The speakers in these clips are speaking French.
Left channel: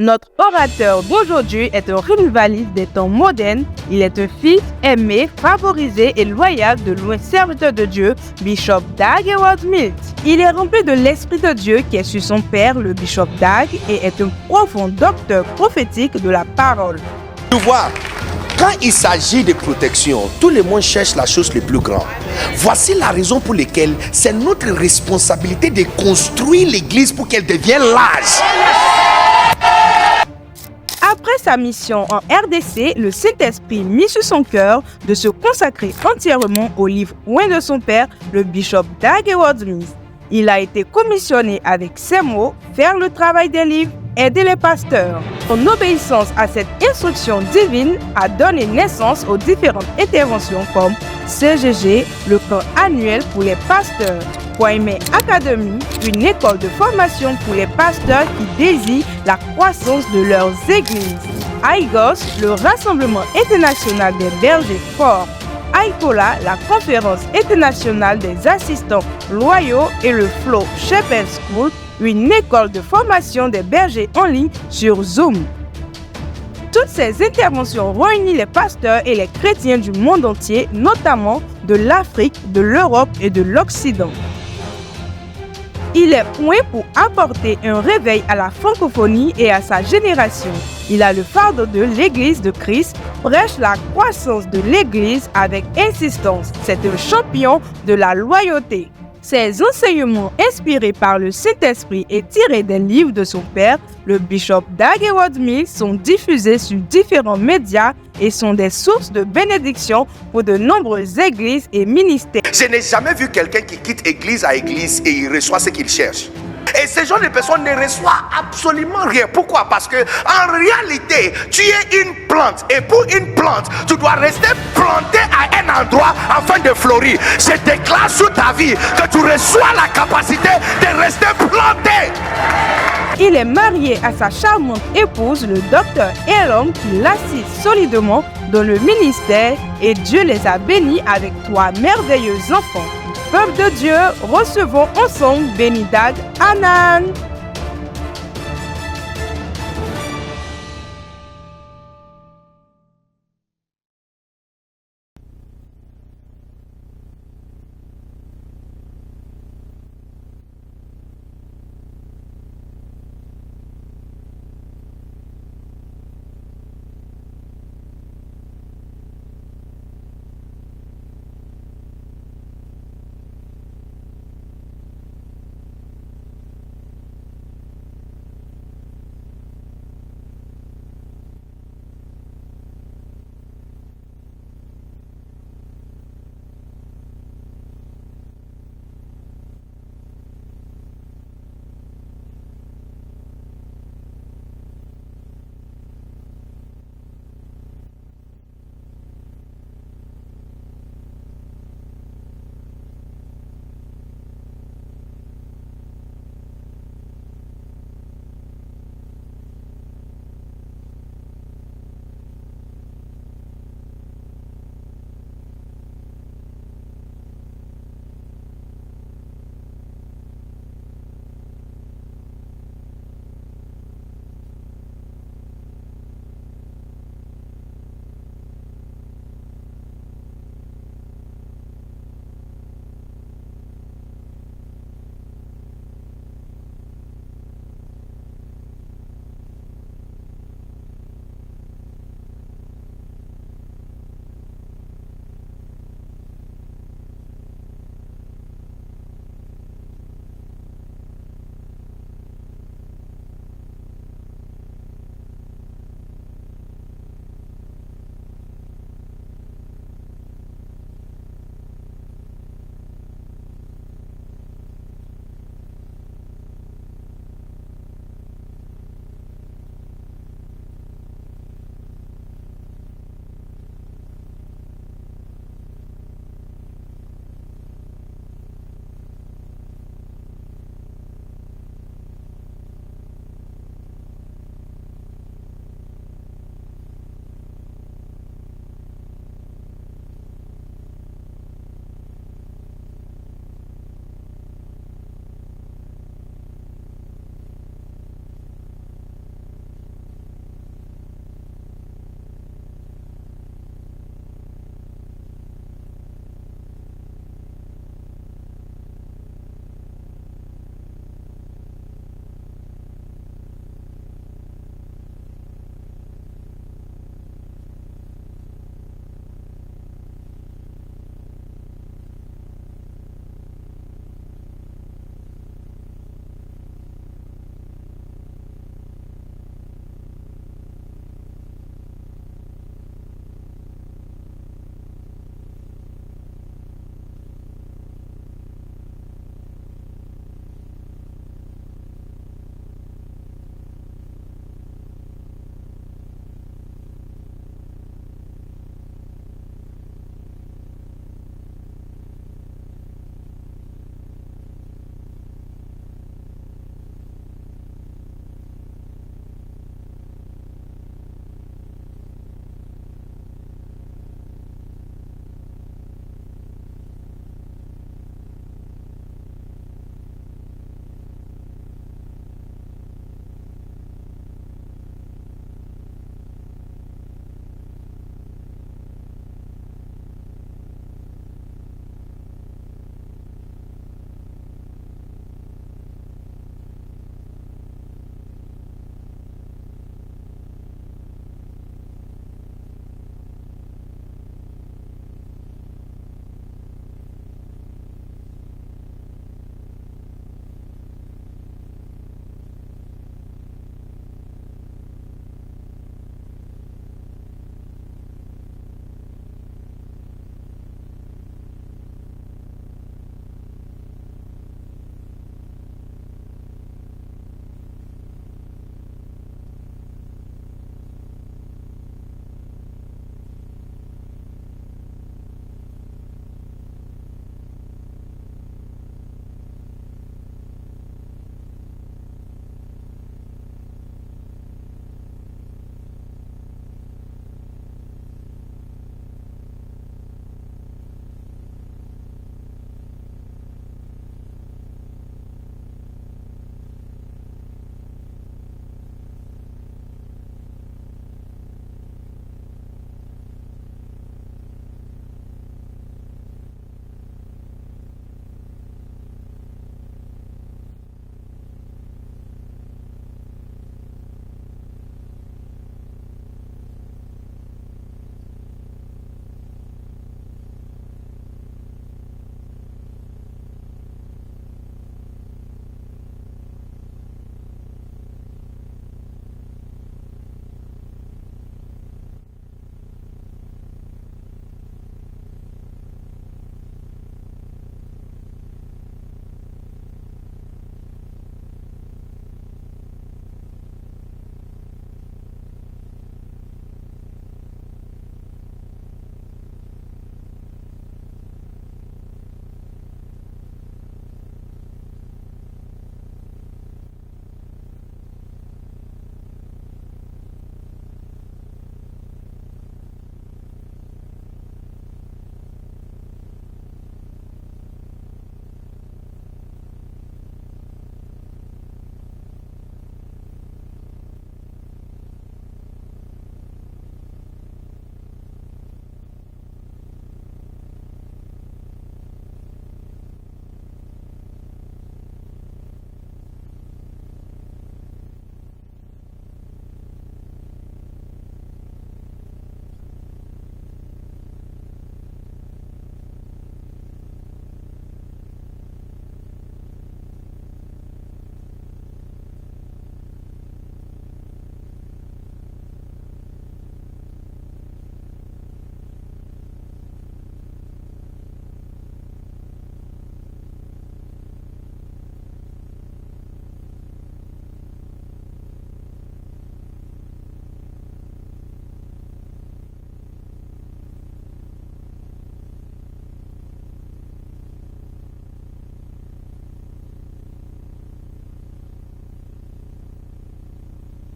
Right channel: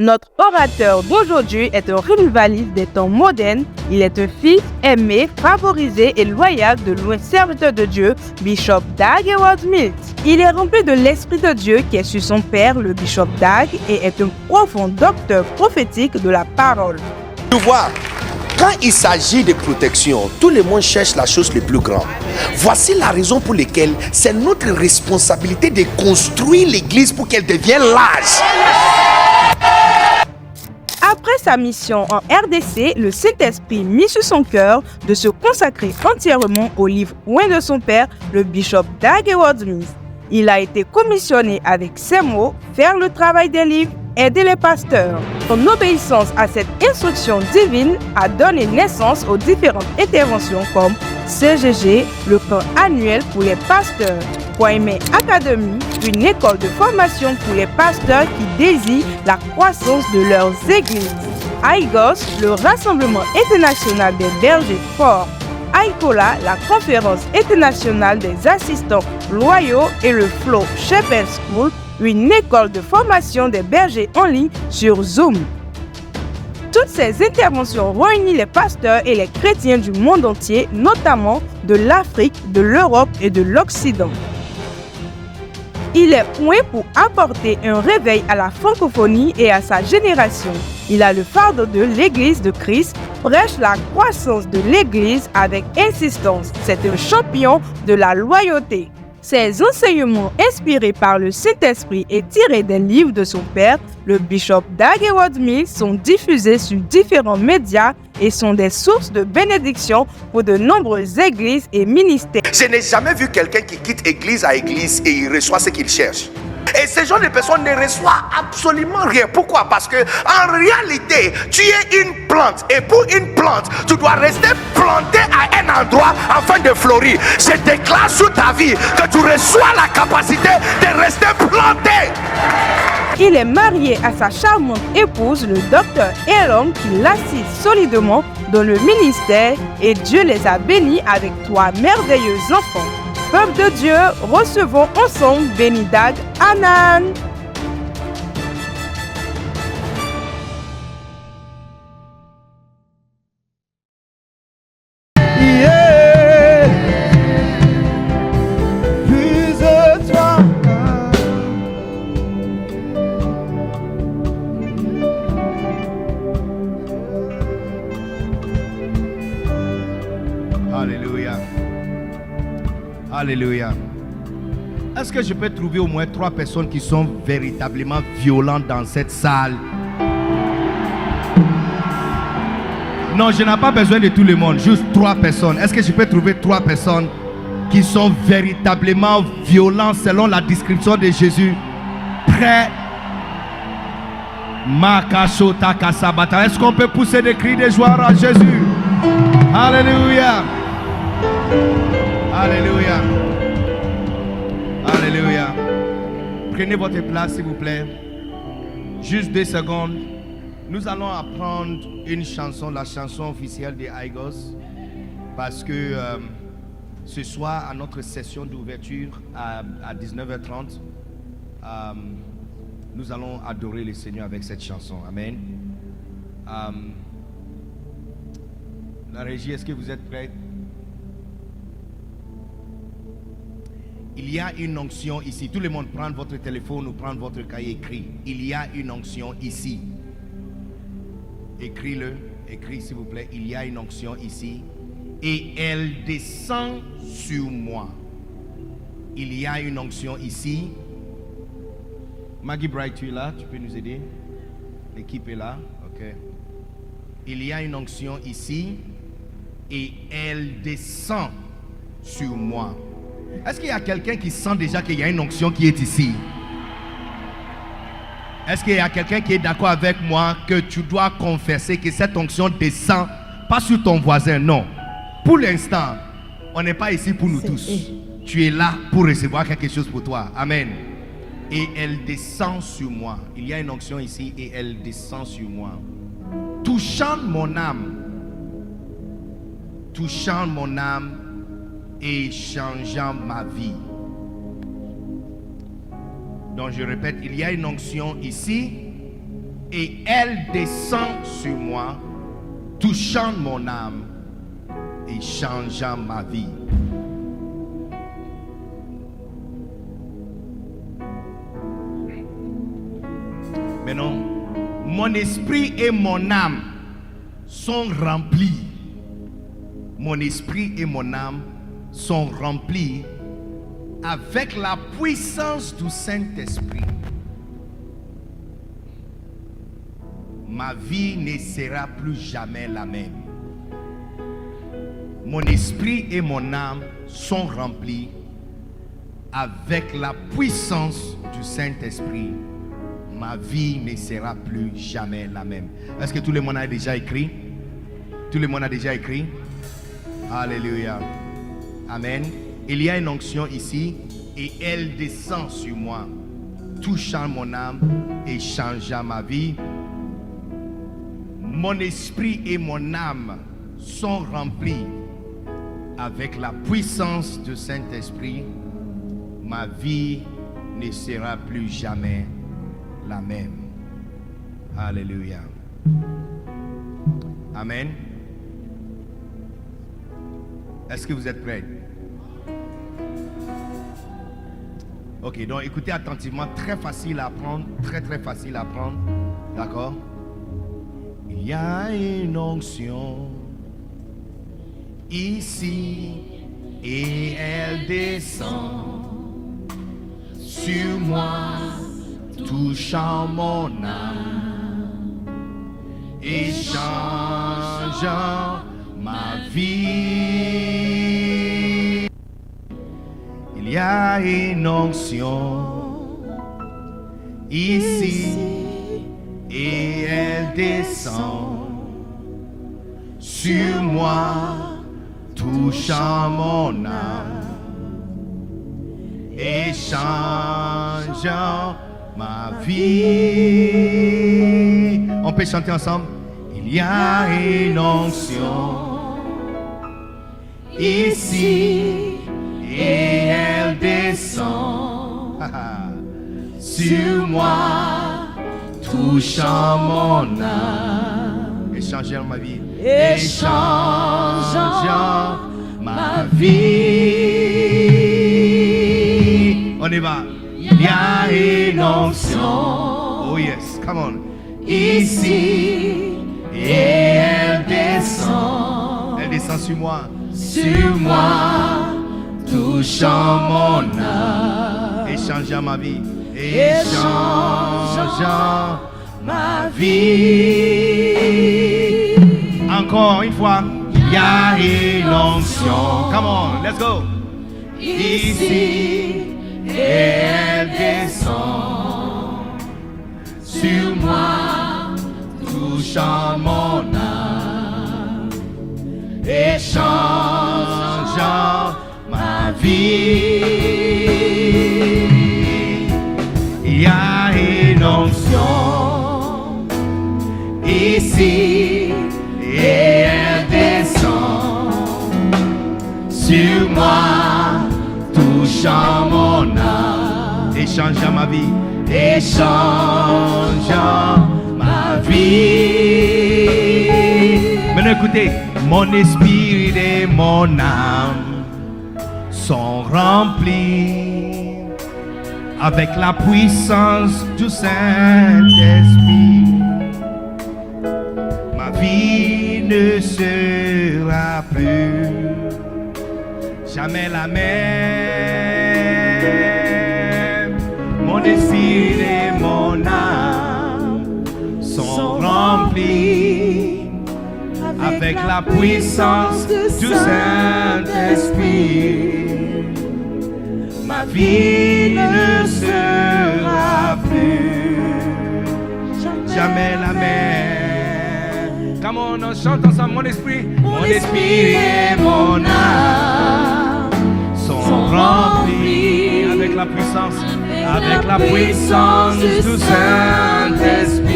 Notre orateur d'aujourd'hui est un revivaliste des temps modernes. Il est un fils aimé, favorisé et loyal de loin serviteur de Dieu, Bishop Dag Heward-Mills. Il est rempli de l'Esprit de Dieu qui est sur son père, le Bishop Dag, et est un profond docteur prophétique de la parole. Tu vois, quand il s'agit de protection, tout le monde cherche la chose la plus grande. Voici la raison pour laquelle c'est notre responsabilité de construire l'église pour qu'elle devienne large. Après sa mission en RDC, le Saint-Esprit mit sur son cœur de se consacrer entièrement au livre Loin de son père, le Bishop Dag Heward-Mills. Il a été commissionné avec ces mots, faire le travail des livres, aider les pasteurs. Son obéissance à cette instruction divine a donné naissance aux différentes interventions comme CGG, le camp annuel pour les pasteurs, Kwame Academy, une école de formation pour les pasteurs qui désirent la croissance de leurs églises, AIGOS, le Rassemblement international des bergers forts, AICOLA, la conférence internationale des assistants loyaux, et le Flow Shepherd School, une école de formation des bergers en ligne sur Zoom. Toutes ces interventions réunissent les pasteurs et les chrétiens du monde entier, notamment de l'Afrique, de l'Europe et de l'Occident. Il est point pour apporter un réveil à la francophonie et à sa génération. Il a le fardeau de l'Église de Christ, prêche la croissance de l'Église avec insistance. C'est un champion de la loyauté. Ses enseignements inspirés par le Saint-Esprit et tirés des livres de son père, le Bishop Dag Heward-Mills, sont diffusés sur différents médias et sont des sources de bénédiction pour de nombreuses églises et ministères. Je n'ai jamais vu quelqu'un qui quitte église à église et il reçoit ce qu'il cherche. Et ces genre de personnes ne reçoivent absolument rien. Pourquoi? Parce que en réalité, tu es une plante. Et pour une plante, tu dois rester planté à un endroit afin de fleurir. Je déclare sur ta vie que tu reçois la capacité de rester planté. Il est marié à sa charmante épouse, le docteur Elom, qui l'assiste solidement dans le ministère, et Dieu les a bénis avec 3 merveilleux enfants. Peuple de Dieu, recevons ensemble Béni Dag Anan. Alléluia. Alléluia. Est-ce que je peux trouver au moins 3 personnes qui sont véritablement violentes dans cette salle? Non, je n'ai pas besoin de tout le monde, juste 3 personnes. Est-ce que je peux trouver 3 personnes qui sont véritablement violentes selon la description de Jésus? Prêts? Est-ce qu'on peut pousser des cris de joie à Jésus? Alléluia. Alléluia. Alléluia. Prenez votre place, s'il vous plaît. Juste 2 secondes. Nous allons apprendre une chanson, la chanson officielle des AIGOS, parce que ce soir, à notre session d'ouverture à 19h30, nous allons adorer le Seigneur avec cette chanson. Amen. La régie, est-ce que vous êtes prêts? Il y a une onction ici. Tout le monde, prendre votre téléphone ou prendre votre cahier, écrit. Il y a une onction ici. Écris-le. Écris, s'il vous plaît. Il y a une onction ici. Et elle descend sur moi. Il y a une onction ici. Maggie Bright, tu es là? Tu peux nous aider? L'équipe est là. Ok. Il y a une onction ici. Et elle descend sur moi. Est-ce qu'il y a quelqu'un qui sent déjà qu'il y a une onction qui est ici? Est-ce qu'il y a quelqu'un qui est d'accord avec moi que tu dois confesser que cette onction descend pas sur ton voisin? Non. Pour l'instant, on n'est pas ici pour nous tous. Tu es là pour recevoir quelque chose pour toi. Amen. Et elle descend sur moi. Il y a une onction ici et elle descend sur moi. Touchant mon âme. Touchant mon âme et changeant ma vie. Donc je répète, il y a une onction ici et elle descend sur moi, touchant mon âme et changeant ma vie. Maintenant, mon esprit et mon âme sont remplis. Mon esprit et mon âme sont remplis avec la puissance du Saint-Esprit. Ma vie ne sera plus jamais la même. Mon esprit et mon âme sont remplis avec la puissance du Saint-Esprit. Ma vie ne sera plus jamais la même. Est-ce que tout le monde a déjà écrit? Tout le monde a déjà écrit? Alléluia. Amen. Il y a une onction ici et elle descend sur moi, touchant mon âme et changeant ma vie. Mon esprit et mon âme sont remplis avec la puissance du Saint-Esprit. Ma vie ne sera plus jamais la même. Alléluia. Amen. Est-ce que vous êtes prêts? Ok, donc écoutez attentivement, très facile à apprendre, très facile à apprendre. D'accord? Il y a une onction ici et elle descend sur moi, touchant mon âme et changeant ma vie. Il y a une onction ici et elle descend sur moi, touchant mon âme et changeant ma vie. On peut chanter ensemble. Il y a une onction ici et elle descend sur moi, touchant mon âme et changeant ma vie. Et changeant ma vie. On y va. Il y a une onction. Oh yes, come on. Ici et elle descend. Elle descend sur moi. Sur moi, touchant mon âme et changeant ma vie. Et changeant ma vie. Encore une fois. Il y a une onction. Come on, let's go. Ici et elle descend sur moi, touchant mon âme et changeant ma vie. Il y a une onction ici et elle descend sur moi, touchant mon âme et changeant ma vie. Et changeant ma vie. Maintenant écoutez, mon esprit et mon âme sont remplis avec la puissance du Saint-Esprit. Ma vie ne sera plus jamais la même. Mon esprit et mon âme sont remplis avec la puissance du Saint-Esprit. Ma vie ne sera plus jamais la même. Come on, on chante ensemble. Mon esprit et mon âme sont remplis avec la puissance du Saint-Esprit.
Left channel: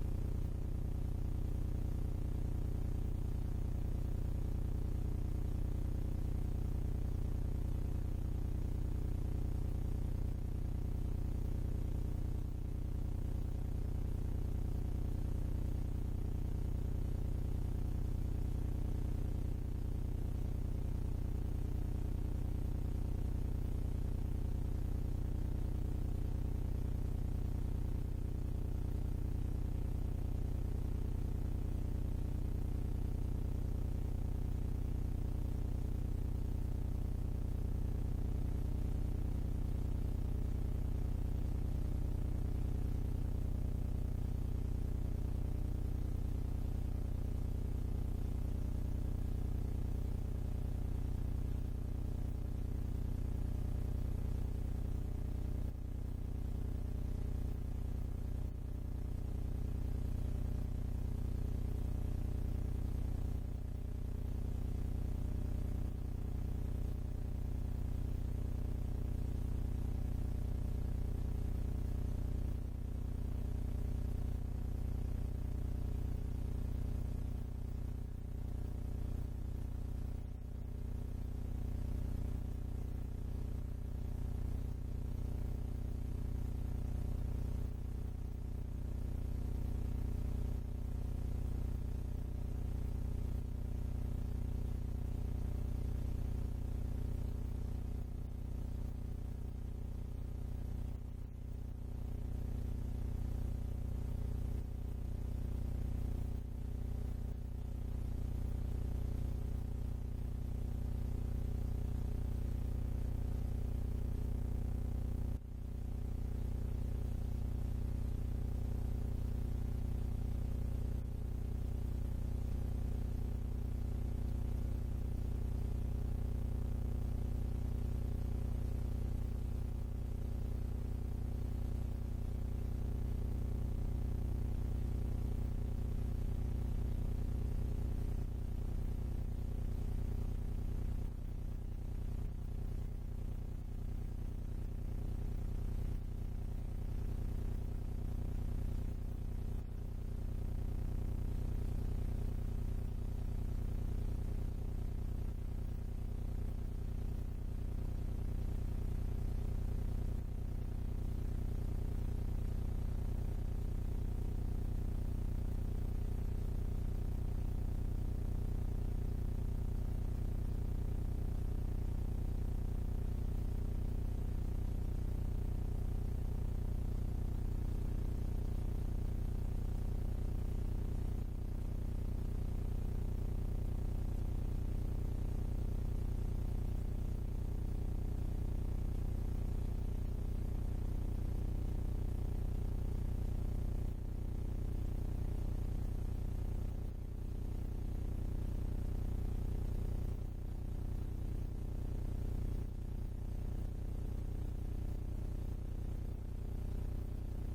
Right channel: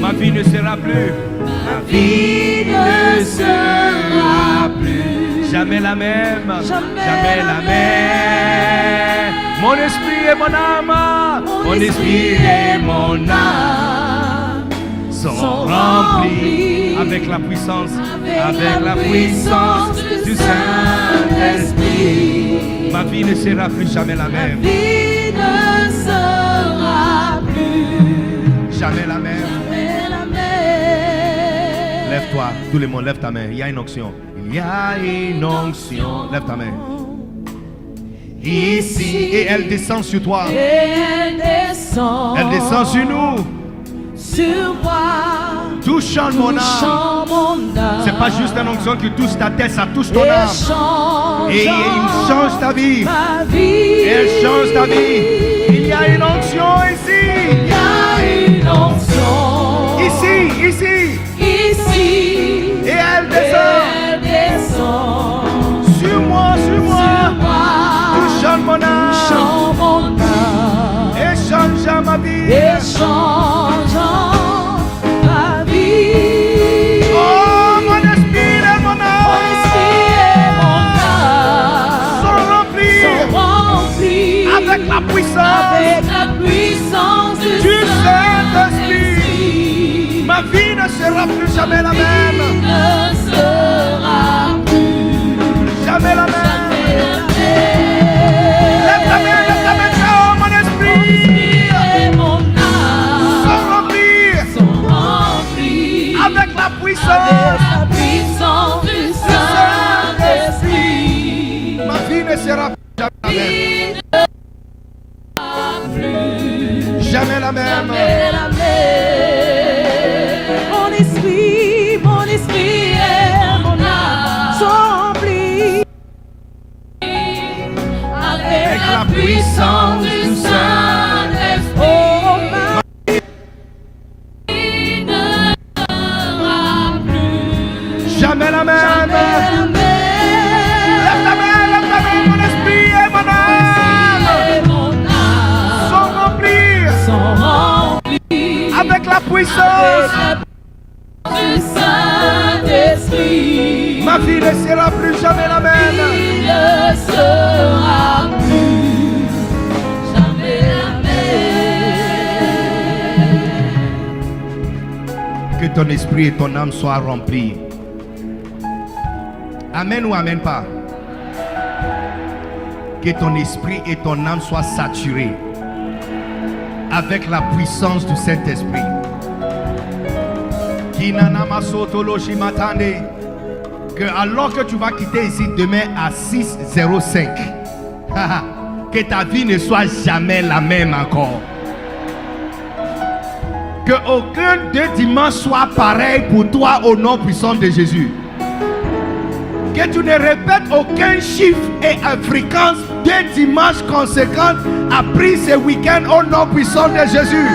Ma vie ne sera plus. Ma vie ne sera plus jamais la même. Jamais la même. Mon esprit et mon âme. Mon esprit et mon âme sont remplis avec la puissance, du Saint-Esprit. Ma vie ne sera plus jamais la même. Ma vie ne sera plus Jamais la même. jamais la même. Lève-toi, tout le monde, lève ta main. Il y a une onction. Il y a une onction. Lève ta main. Ici, et elle descend sur toi. Et elle descend sur nous. sur moi. Touchant mon âme. Touchant mon âme. C'est pas juste une onction qui touche ta tête, ça touche ton Et âme. change Et il change ta vie. ma vie. Elle change ta vie. Il y a une onction ici. Il y a une onction Ici. ici. Et elle Et descend elle descend sur moi. sur moi. Touchant mon âme. Touchant mon âme. Et change ma vie. Et changeant ma vie. Oh, mon esprit et mon Mon âme esprit et mon âme sont remplis sont remplis avec la puissance du du Saint-Esprit. Ma vie ne sera plus jamais la même. Ne sera plus Jamais la même. Lève ta main, oh, mon esprit et mon âme sont remplis sont remplis avec la avec puissance. la puissance du Saint-Esprit. Ma vie ne sera plus jamais la même. Jamais la même. Jamais la même. Mon esprit et mon âme sont remplis avec la puissance du Saint-Esprit. Oh, ma vie ne sera plus Jamais la même. jamais la même. Lève ta main, mon esprit et mon âme Et mon âme sont remplis sont remplis avec la puissance. du Saint-Esprit. Ma vie ne sera plus jamais la même. Il ne sera plus jamais la même. Que ton esprit et ton âme soient remplis. Amen ou amen pas. Que ton esprit et ton âme soient saturés avec la puissance du Saint-Esprit. Que alors que tu vas quitter ici demain à 6:05, que ta vie ne soit jamais la même encore. Que aucun deux dimanches soit pareil pour toi au nom puissant de Jésus. Que tu ne répètes aucun chiffre et une fréquence deux dimanches conséquents après ce week-end au nom puissant de Jésus.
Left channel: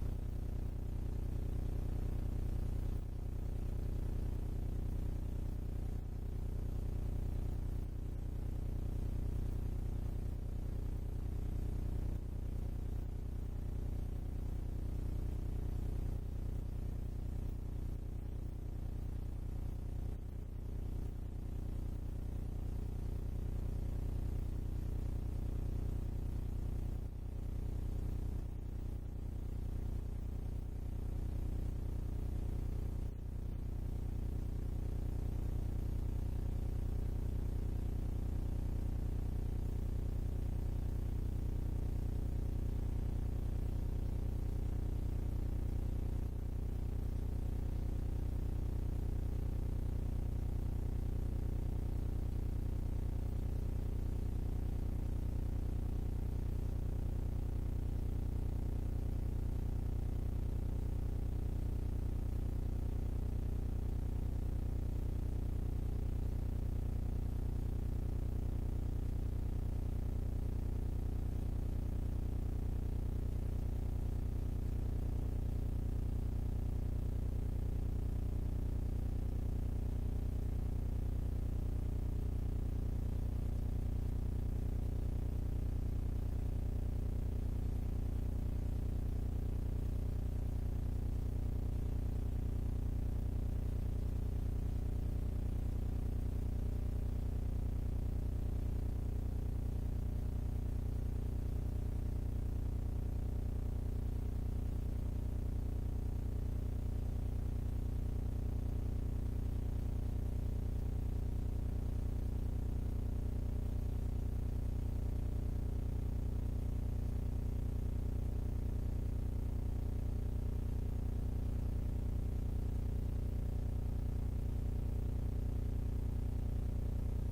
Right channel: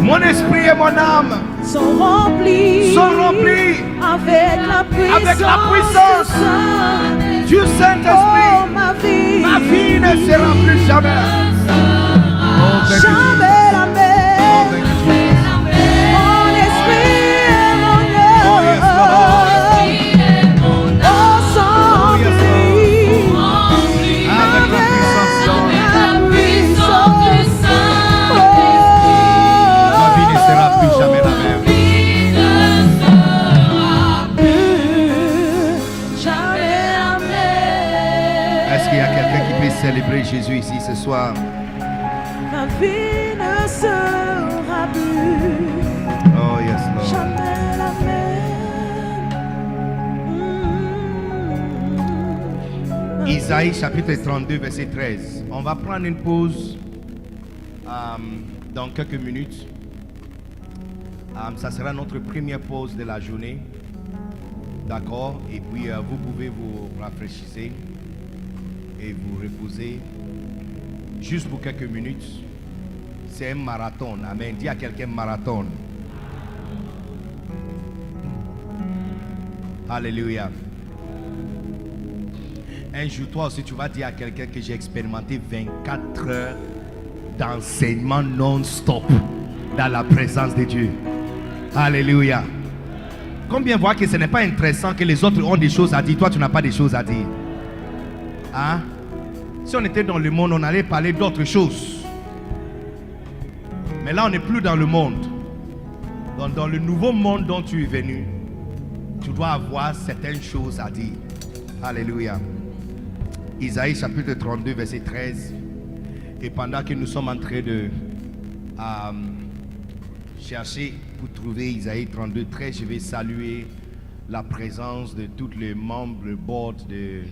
Mon esprit et mon âme Sont remplis avec la puissance du Saint-Esprit. Oh, ma vie ne sera plus jamais. jamais la même. Mon esprit et mon âme sont remplis Avec la puissance avec la puissance du Saint-Esprit. ma vie ne sera plus jamais la même. Est-ce qu'il y a quelqu'un qui peut célébrer Jésus ici ce soir? Ma vie ne sera plus Oh yes, Lord. jamais la même. Isaïe chapitre 32 verset 13. On va prendre une pause dans quelques minutes. Ça sera notre première pause de la journée. D'accord? Et puis vous pouvez vous rafraîchir et vous reposer juste pour quelques minutes. C'est un marathon. Amen. Dis à quelqu'un marathon. Alléluia. Un jour, toi aussi, tu vas dire à quelqu'un que j'ai expérimenté 24 heures d'enseignement non-stop dans la présence de Dieu. Alléluia. Combien voient que ce n'est pas intéressant que les autres ont des choses à dire, toi tu n'as pas des choses à dire? Hein? Si on était dans le monde, on allait parler d'autres choses. Mais là, on n'est plus dans le monde. Dans le nouveau monde dont tu es venu, tu dois avoir certaines choses à dire. Alléluia. Isaïe chapitre 32, verset 13. Et pendant que nous sommes en train de chercher pour trouver Isaïe 32, 13, je vais saluer la présence de tous les membres du board du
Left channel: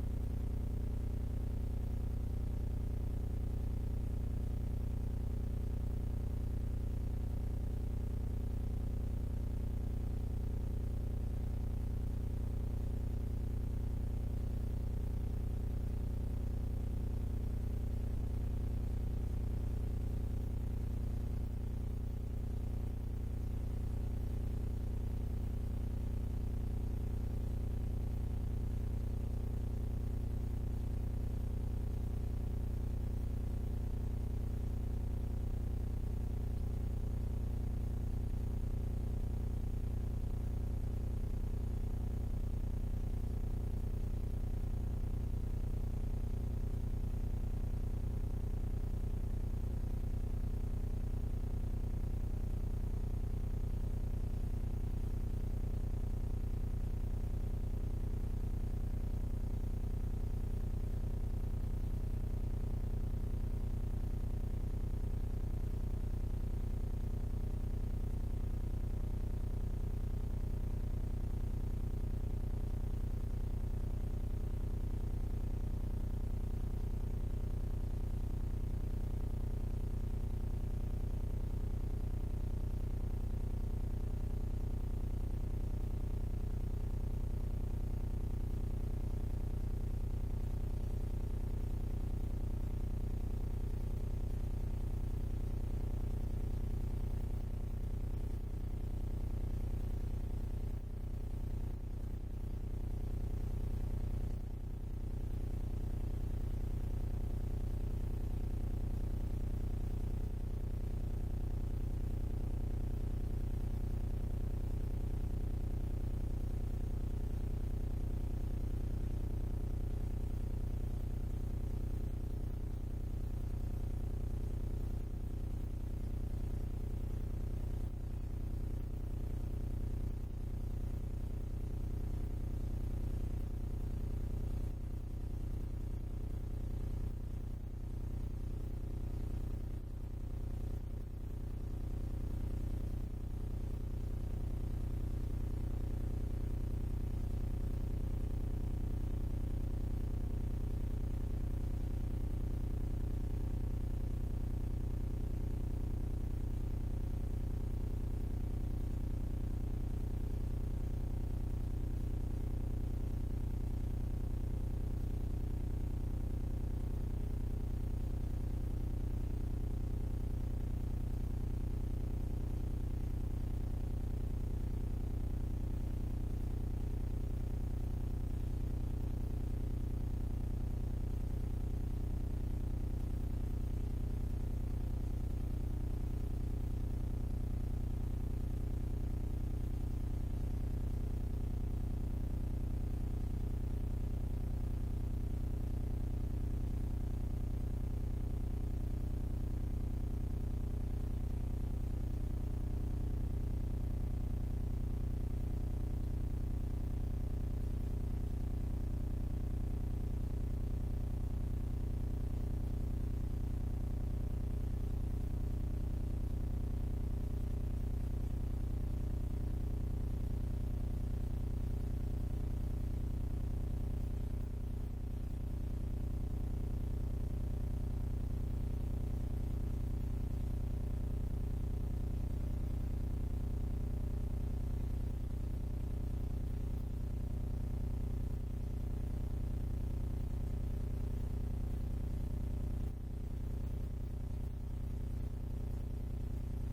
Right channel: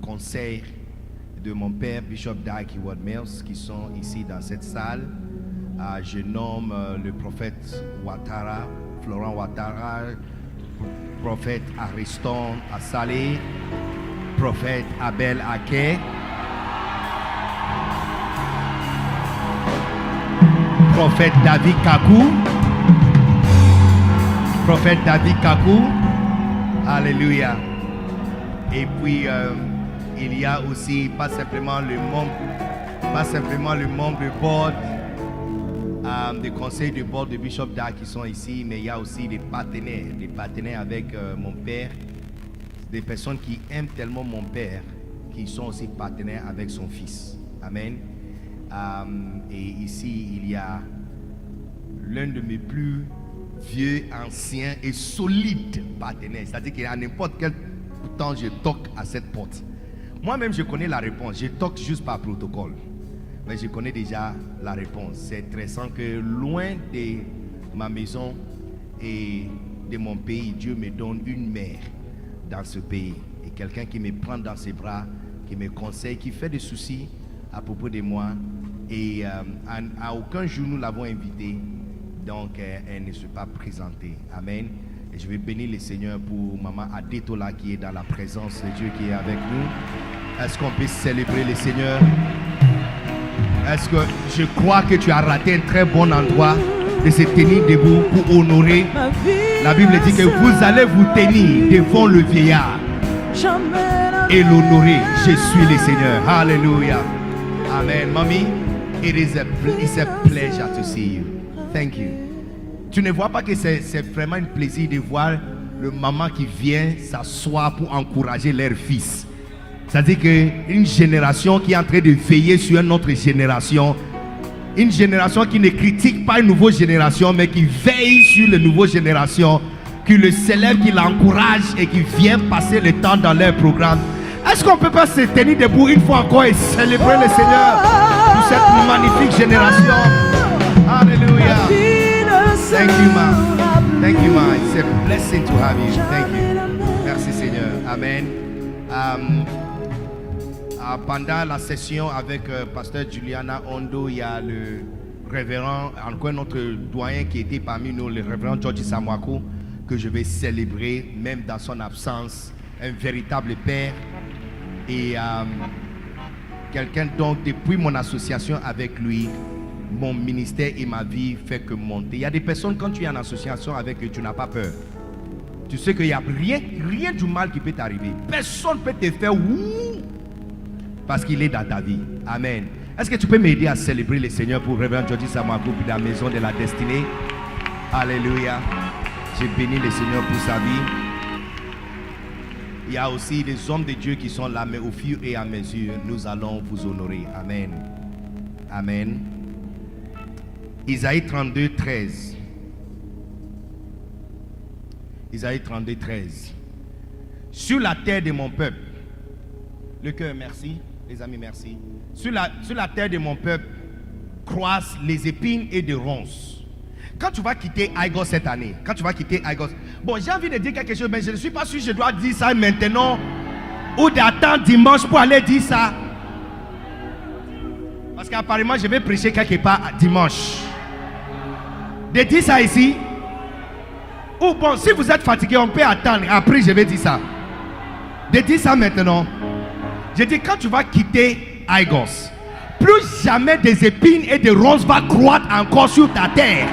conseil de mon père, Bishop Dag Heward-Mills, qui sont ici dans cette salle. Je nomme le prophète Ouattara, Florent Ouattara, prophète Ariston Assalé, prophète Abel Ake, prophète David Kakou, prophète David Kakou, alléluia. Et puis il y a aussi pas simplement le membre du board, des conseils du board de Bishop Dag qui sont ici, mais il y a aussi des partenaires avec mon père, des personnes qui aiment tellement mon père, qui sont aussi partenaires avec son fils. Amen. Et ici, il y a l'un de mes plus vieux, anciens et solides partenaires. C'est-à-dire qu'à n'importe quel temps, je toque à cette porte. Moi-même, je connais la réponse. Je toque juste par protocole. Mais je connais déjà la réponse. C'est intéressant que loin de ma maison et de mon pays, Dieu me donne une mère dans ce pays. Et quelqu'un qui me prend dans ses bras, qui me conseille, qui fait des soucis à propos de moi. Et à aucun jour nous l'avons invitée. Donc elle ne s'est pas présentée. Amen. Et je vais bénir le Seigneur pour Maman Adetola qui est dans la présence de Dieu qui est avec nous. Est-ce qu'on peut célébrer le Seigneur? Est-ce que je crois que tu as raté un très bon endroit de se tenir debout pour honorer? La Bible dit que vous allez vous tenir devant le vieillard et l'honorer. Je suis le Seigneur. Alléluia. Amen. Mommy, it's a pleasure to see you. Thank you. Tu ne vois pas que c'est vraiment un plaisir de voir le maman qui vient s'asseoir pour encourager leur fils. C'est-à-dire qu'une génération qui est en train de veiller sur une autre génération, une génération qui ne critique pas une nouvelle génération, mais qui veille sur les nouvelles générations, qui le célèbre, qui l'encourage et qui vient passer le temps dans leur programme. Est-ce qu'on peut pas se tenir debout une fois encore et célébrer le Seigneur pour cette magnifique génération? Alléluia. Thank you, ma. Thank you, ma. It's a blessing to have you. Thank you. Merci, Seigneur. Amen. Pendant la session avec pasteur Juliana Ondo, il y a le révérend, encore notre doyen qui était parmi nous, le révérend George Samwako, que je vais célébrer même dans son absence, un véritable père et quelqu'un donc depuis mon association avec lui, mon ministère et ma vie fait que monter. Il y a des personnes, quand tu es en association avec eux, tu n'as pas peur. Tu sais qu'il n'y a rien du mal qui peut t'arriver. Personne ne peut te faire ouh parce qu'il est dans ta vie. Amen. Est-ce que tu peux m'aider à célébrer le Seigneur pour Révérend George Samwako de la maison de la destinée? Alléluia. J'ai béni le Seigneur pour sa vie. Il y a aussi des hommes de Dieu qui sont là, mais au fur et à mesure, nous allons vous honorer. Amen. Amen. Isaïe 32, 13. Isaïe 32, 13. Sur la terre de mon peuple, le cœur, merci, les amis, merci. Sur la terre de mon peuple, croissent les épines et des ronces. Quand tu vas quitter Aigos cette année, bon, j'ai envie de dire quelque chose, mais je ne suis pas sûr que je dois dire ça maintenant ou d'attendre dimanche pour aller dire ça. Parce qu'apparemment, je vais prêcher quelque part dimanche. De dire ça ici. Ou bon, si vous êtes fatigué, on peut attendre. Après, je vais dire ça. De dire ça maintenant. Je dis, quand tu vas quitter Aigos, plus jamais des épines et des ronces vont croître encore sur ta terre.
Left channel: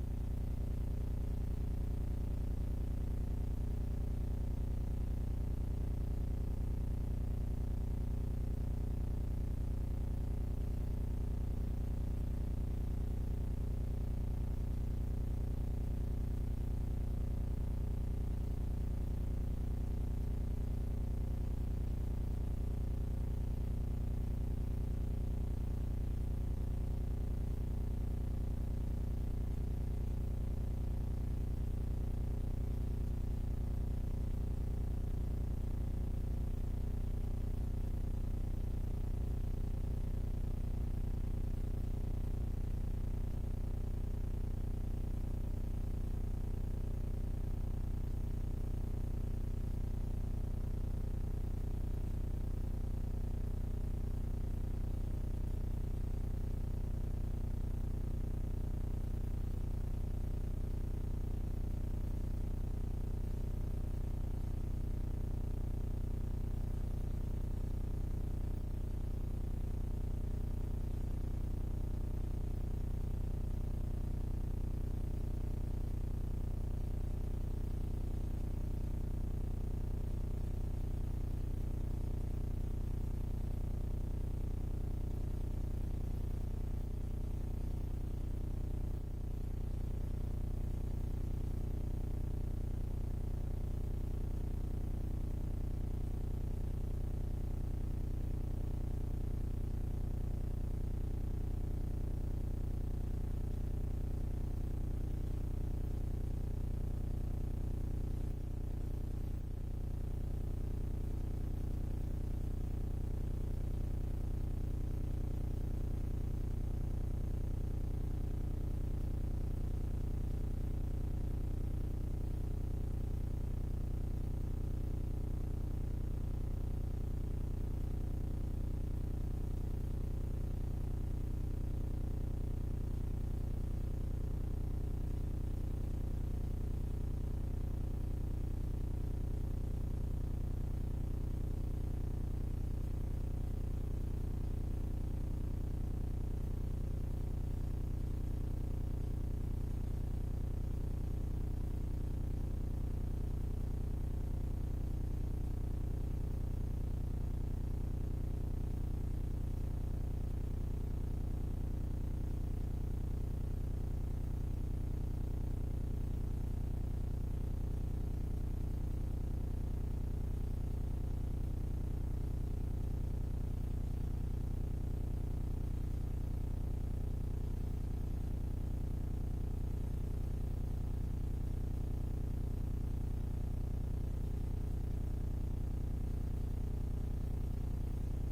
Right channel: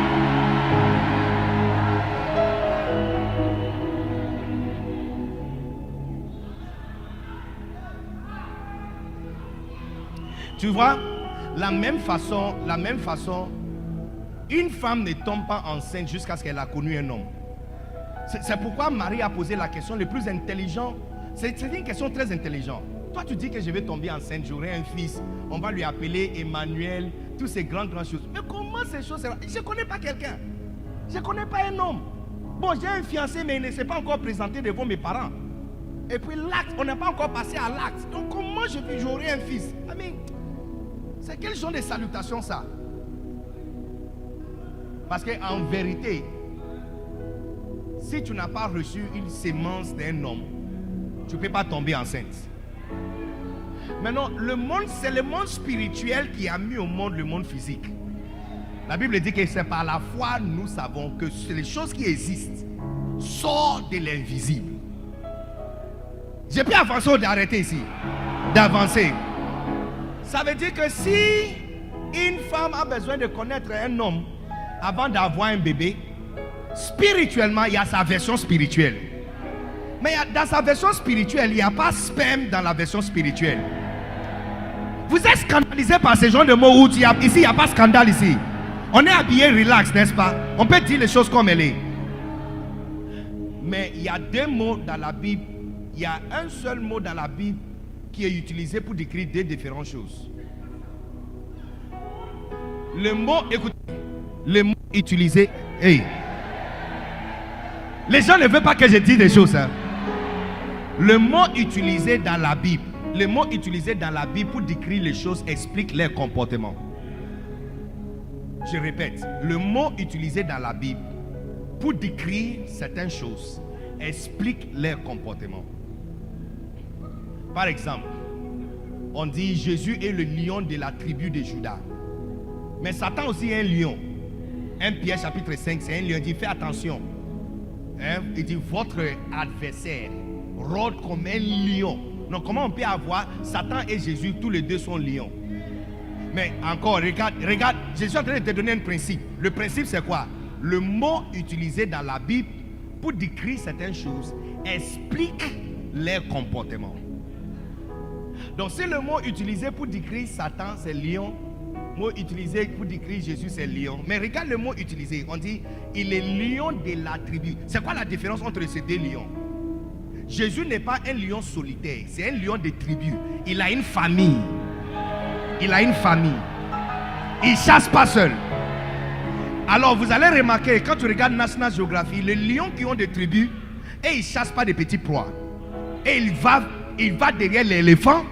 Tu vois, la même façon, une femme ne tombe pas enceinte jusqu'à ce qu'elle a connu un homme. C'est pourquoi Marie a posé la question le plus intelligent. C'est une question très intelligente. Toi, tu dis que je vais tomber enceinte, j'aurai un fils, on va lui appeler Emmanuel, toutes ces grandes choses. Mais comment ces choses? Je ne connais pas quelqu'un. Je ne connais pas un homme. Bon, j'ai un fiancé, mais il ne s'est pas encore présenté devant mes parents. Et puis l'acte, on n'a pas encore passé à l'acte. Donc comment j'aurai un fils? C'est quel genre de salutation ça? Parce qu'en vérité, si tu n'as pas reçu une sémence d'un homme, tu ne peux pas tomber enceinte. Maintenant, le monde, c'est le monde spirituel qui a mis au monde le monde physique. La Bible dit que c'est par la foi nous savons que les choses qui existent sortent de l'invisible. J'ai pu avancer ou d'arrêter ici? D'avancer. Ça veut dire que si une femme a besoin de connaître un homme avant d'avoir un bébé, spirituellement, il y a sa version spirituelle. Mais dans sa version spirituelle, il n'y a pas sperme dans la version spirituelle. Vous êtes scandalisé par ce genre de mots où ici, il n'y a pas de scandale ici. On est habillé relax, n'est-ce pas? On peut dire les choses comme elles sont. Mais il y a deux mots dans la Bible. Il y a un seul mot dans la Bible qui est utilisé pour décrire deux différentes choses. Le mot, écoutez, le mot utilisé, hey. Les gens ne veulent pas que je dise des choses. Hein. Le mot utilisé dans la Bible, le mot utilisé dans la Bible pour décrire les choses explique leur comportement. Je répète, le mot utilisé dans la Bible pour décrire certaines choses explique leur comportement. Par exemple, on dit Jésus est le lion de la tribu de Juda. Mais Satan aussi est un lion. 1 Pierre chapitre 5, c'est un lion. Il dit fais attention. Hein? Il dit votre adversaire rôde comme un lion. Donc comment on peut avoir Satan et Jésus, tous les deux sont lions? Mais encore, regarde, je suis en train de te donner un principe. Le principe c'est quoi? Le mot utilisé dans la Bible pour décrire certaines choses explique leur comportement. Donc si le mot utilisé pour décrire Satan c'est lion, le mot utilisé pour décrire Jésus c'est lion. Mais regarde le mot utilisé, on dit il est lion de la tribu. C'est quoi la différence entre ces deux lions? Jésus n'est pas un lion solitaire, c'est un lion de tribu. Il a une famille. Il a une famille. Il ne chasse pas seul. Alors vous allez remarquer, quand tu regardes National Geographic, les lions qui ont des tribus, et ils ne chassent pas des petits proies. Et il va derrière l'éléphant,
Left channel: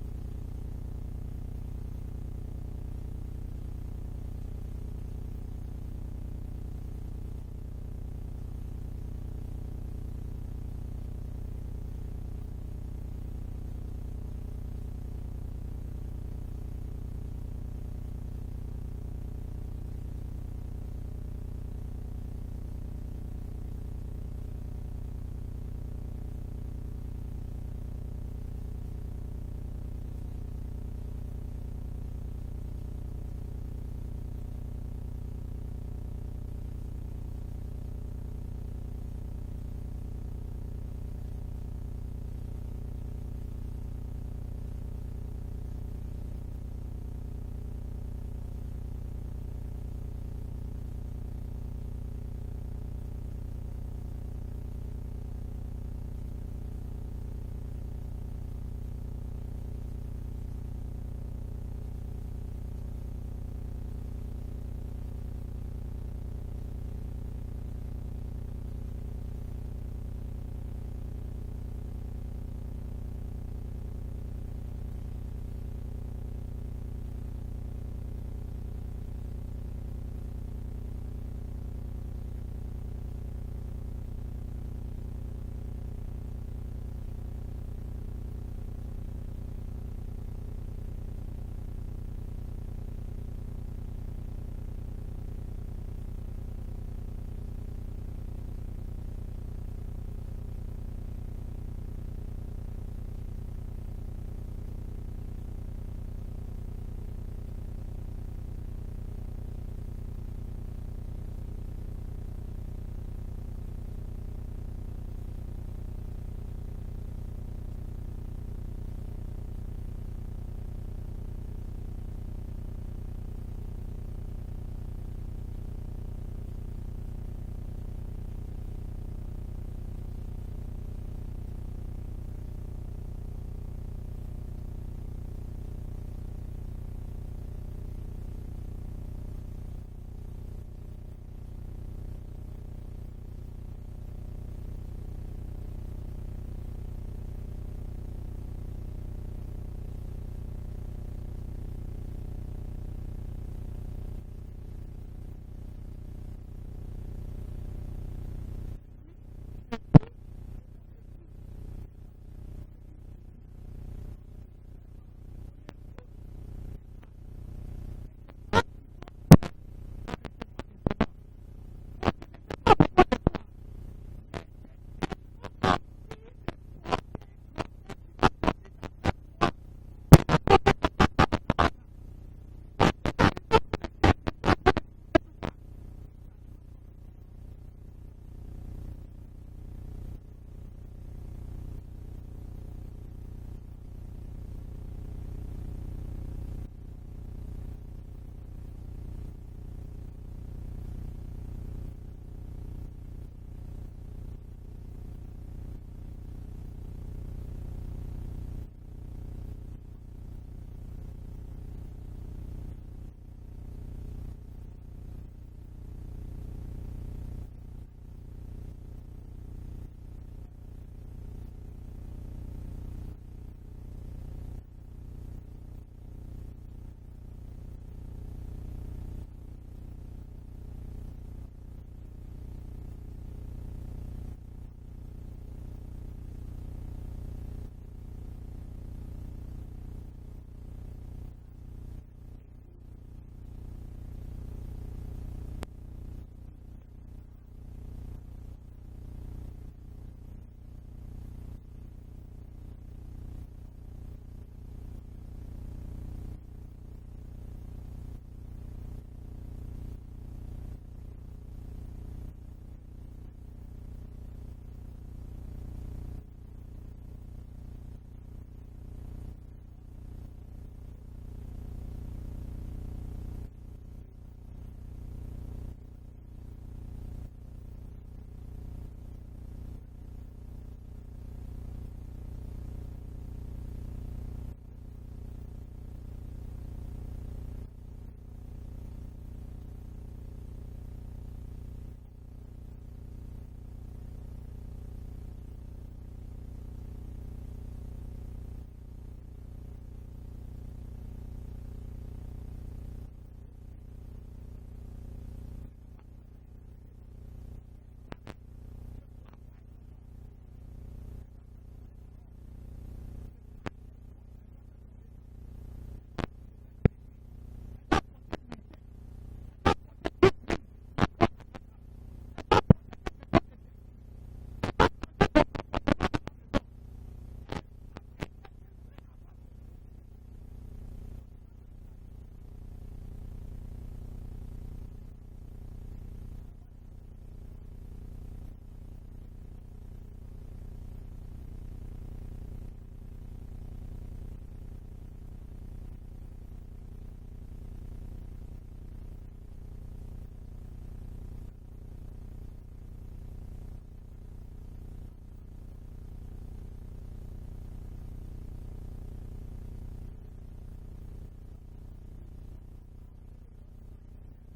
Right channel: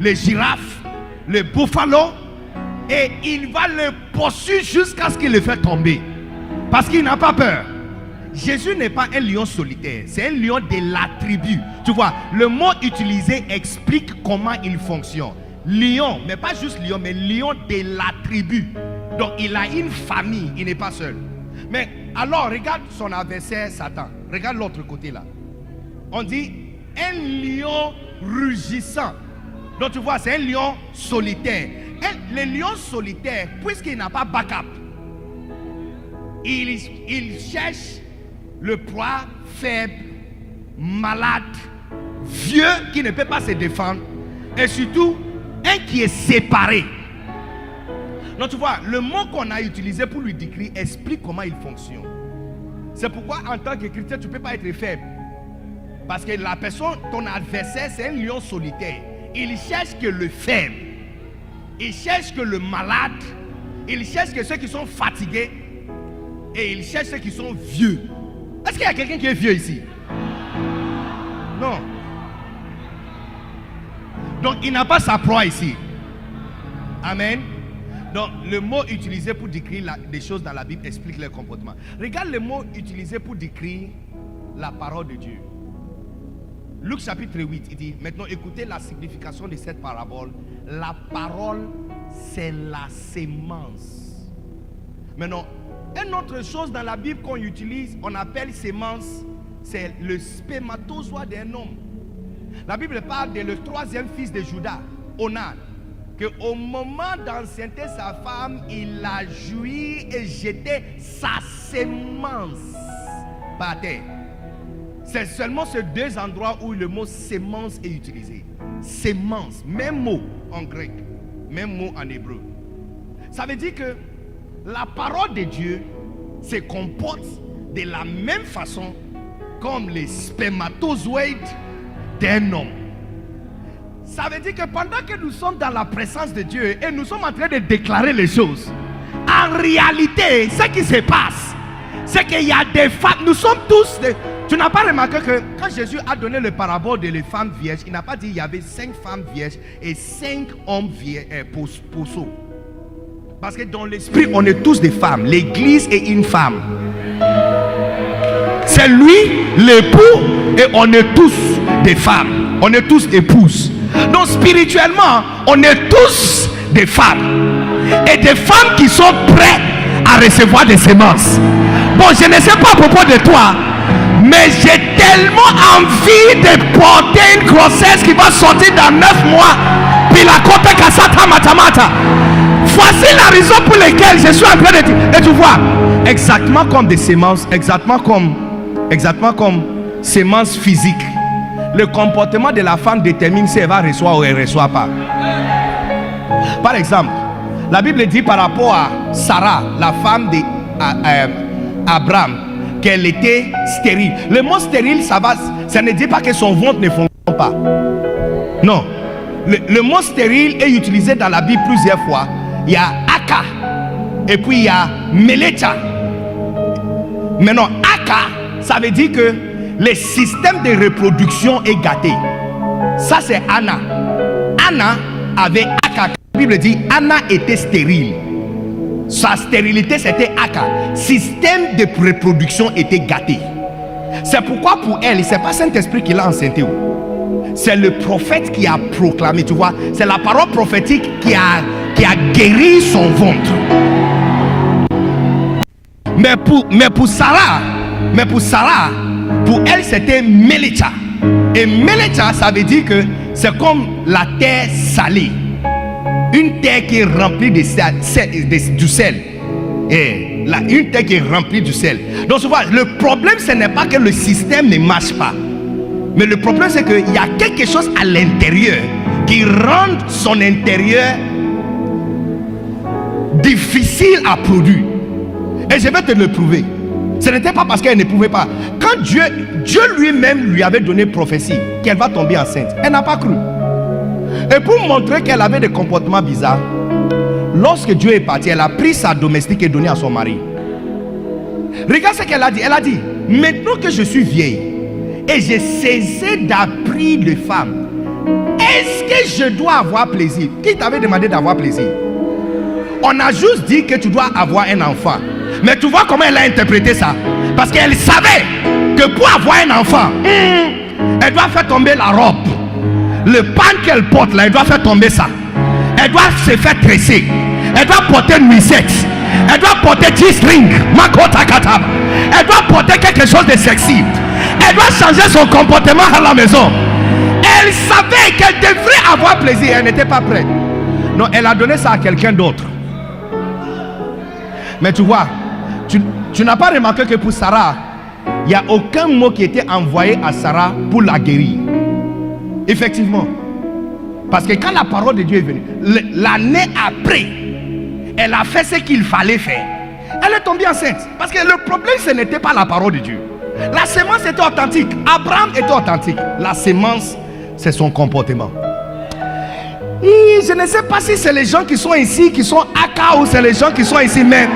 les girafes, les bouffalo, et il va le poursuivre jusqu'à ce qu'il le fait tomber. Parce qu'il n'a pas peur. Jésus n'est pas un lion solitaire, c'est un lion de la tribu. Tu vois, le mot utilisé explique comment il fonctionne. Lion, mais pas juste lion, mais lion de la tribu. Donc il a une famille, il n'est pas seul. Mais alors regarde son adversaire Satan. Regarde l'autre côté là. On dit un lion rugissant. Donc tu vois, c'est un lion solitaire. Et le lion solitaire, puisqu'il n'a pas backup, il cherche le proie faible, malade, vieux qui ne peut pas se défendre, et surtout un qui est séparé. Donc tu vois, le mot qu'on a utilisé pour lui décrire explique comment il fonctionne. C'est pourquoi en tant que chrétien tu ne peux pas être faible. Parce que la personne, ton adversaire, c'est un lion solitaire. Il cherche que le faible, il cherche que le malade, il cherche que ceux qui sont fatigués, et il cherche ceux qui sont vieux. Est-ce qu'il y a quelqu'un qui est vieux ici? Non. Donc il n'a pas sa proie ici. Amen. Donc le mot utilisé pour décrire des choses dans la Bible explique leur comportement. Regarde le mot utilisé pour décrire la parole de Dieu. Luc chapitre 8, il dit, maintenant écoutez la signification de cette parabole. La parole, c'est la sémence. Maintenant, une autre chose dans la Bible qu'on utilise, on appelle sémence, c'est le spermatozoïde d'un homme. La Bible parle de le troisième fils de Judas, Onan, qu'au moment d'enceinte sa femme, il a joui et jeté sa sémence par terre. C'est seulement ces deux endroits où le mot sémence est utilisé. Sémence, même mot en grec, même mot en hébreu. Ça veut dire que la parole de Dieu se comporte de la même façon comme les spermatozoïdes d'un homme. Ça veut dire que pendant que nous sommes dans la présence de Dieu et nous sommes en train de déclarer les choses, en réalité, ce qui se passe, c'est qu'il y a des femmes, nous sommes tous des... Tu n'as pas remarqué que quand Jésus a donné le parabole de les femmes vierges, il n'a pas dit qu'il y avait 5 femmes vierges et 5 hommes pousseaux. Parce que dans l'esprit, on est tous des femmes. L'église est une femme. C'est lui, l'époux, et on est tous des femmes. On est tous épouses. Donc spirituellement, on est tous des femmes. Et des femmes qui sont prêtes à recevoir des semences. Bon, je ne sais pas à propos de toi, mais j'ai tellement envie de porter une grossesse qui va sortir dans 9 mois. Puis la côte Kasata Matamata. Voici la raison pour laquelle je suis en train de dire. Et tu vois, exactement comme des semences, exactement comme semences physiques. Le comportement de la femme détermine si elle va recevoir ou elle ne reçoit pas. Par exemple, la Bible dit par rapport à Sarah, la femme d'Abraham, qu'elle était stérile. Le mot stérile, ça ne dit pas que son ventre ne fonctionne pas. Non. Le mot stérile est utilisé dans la Bible plusieurs fois. Il y a Aka et puis il y a Melecha. Maintenant, Aka, ça veut dire que le système de reproduction est gâté. Ça, c'est Anna. Anna avait Aka. La Bible dit Anna était stérile. Sa stérilité, c'était Aka. Système de reproduction était gâté. C'est pourquoi pour elle, ce n'est pas Saint-Esprit qui l'a enceintée. C'est le prophète qui a proclamé, tu vois. C'est la parole prophétique qui a guéri son ventre. Mais pour Sarah, pour elle, c'était Melecha. Et Melecha, ça veut dire que c'est comme la terre salée. Une terre qui est remplie du sel. Et là, une terre qui est remplie du sel. Donc, tu vois, le problème, ce n'est pas que le système ne marche pas. Mais le problème, c'est qu'il y a quelque chose à l'intérieur qui rend son intérieur difficile à produire. Et je vais te le prouver. Ce n'était pas parce qu'elle ne pouvait pas. Quand Dieu lui-même lui avait donné prophétie qu'elle va tomber enceinte, elle n'a pas cru. Et pour montrer qu'elle avait des comportements bizarres, lorsque Dieu est parti, elle a pris sa domestique et donné à son mari. Regarde ce qu'elle a dit. Elle a dit, maintenant que je suis vieille et j'ai cessé d'appris les femmes, est-ce que je dois avoir plaisir? Qui t'avait demandé d'avoir plaisir? On a juste dit que tu dois avoir un enfant. Mais tu vois comment elle a interprété ça? Parce qu'elle savait que pour avoir un enfant, elle doit faire tomber la robe. Le pan qu'elle porte là, elle doit faire tomber ça. Elle doit se faire tresser. Elle doit porter une nuisette. Elle doit porter G-string. Elle doit porter quelque chose de sexy. Elle doit changer son comportement à la maison. Elle savait qu'elle devrait avoir plaisir. Elle n'était pas prête. Non, elle a donné ça à quelqu'un d'autre. Mais tu vois, tu n'as pas remarqué que pour Sarah, il n'y a aucun mot qui était envoyé à Sarah pour la guérir. Effectivement. Parce que quand la parole de Dieu est venue, l'année après, elle a fait ce qu'il fallait faire. Elle est tombée enceinte. Parce que le problème, ce n'était pas la parole de Dieu. La sémence était authentique. Abraham était authentique. La sémence, c'est son comportement. Et je ne sais pas si c'est les gens qui sont ici, qui sont Aka, ou c'est les gens qui sont ici, mais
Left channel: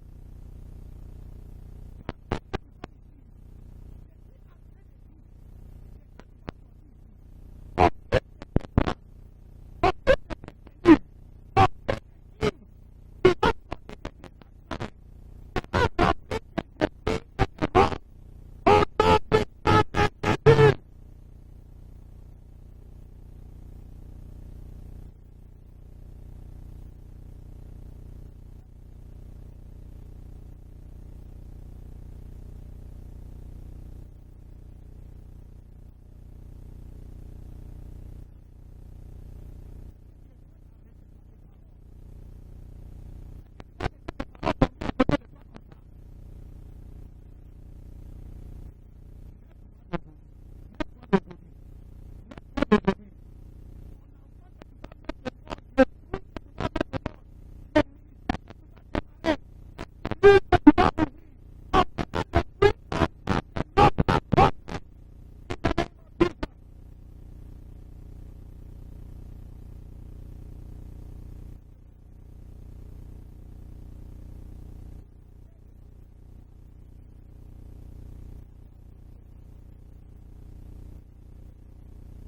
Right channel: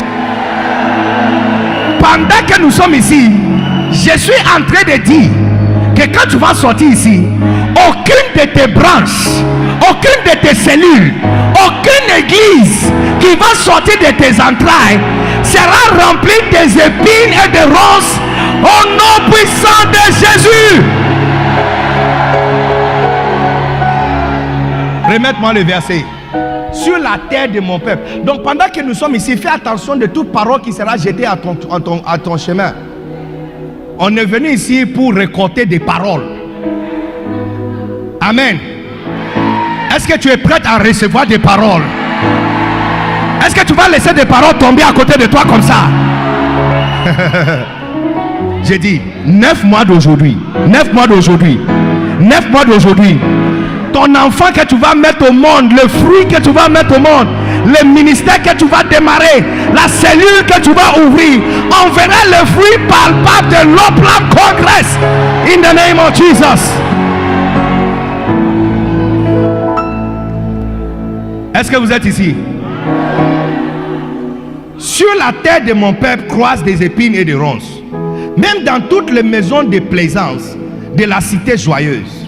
pendant que nous sommes ici, je suis en train de dire que quand tu vas sortir ici, aucune de tes branches, aucune de tes cellules, aucune église qui va sortir de tes entrailles sera remplie des épines et des ronces au nom puissant de Jésus. Remette-moi le verset. Sur la terre de mon peuple. Donc pendant que nous sommes ici, fais attention de toute parole qui sera jetée à ton chemin. On est venu ici pour récolter des paroles. Amen. Est-ce que tu es prêt à recevoir des paroles? Est-ce que tu vas laisser des paroles tomber à côté de toi comme ça? J'ai dit 9 mois d'aujourd'hui. 9 mois d'aujourd'hui. 9 mois d'aujourd'hui. Ton enfant que tu vas mettre au monde, le fruit que tu vas mettre au monde, le ministère que tu vas démarrer, la cellule que tu vas ouvrir, on verra le fruit palpable de l'Oplam Congress. In the name of Jesus. Est-ce que vous êtes ici? Sur la terre de mon peuple croissent des épines et des ronces. Même dans toutes les maisons de plaisance de la cité joyeuse.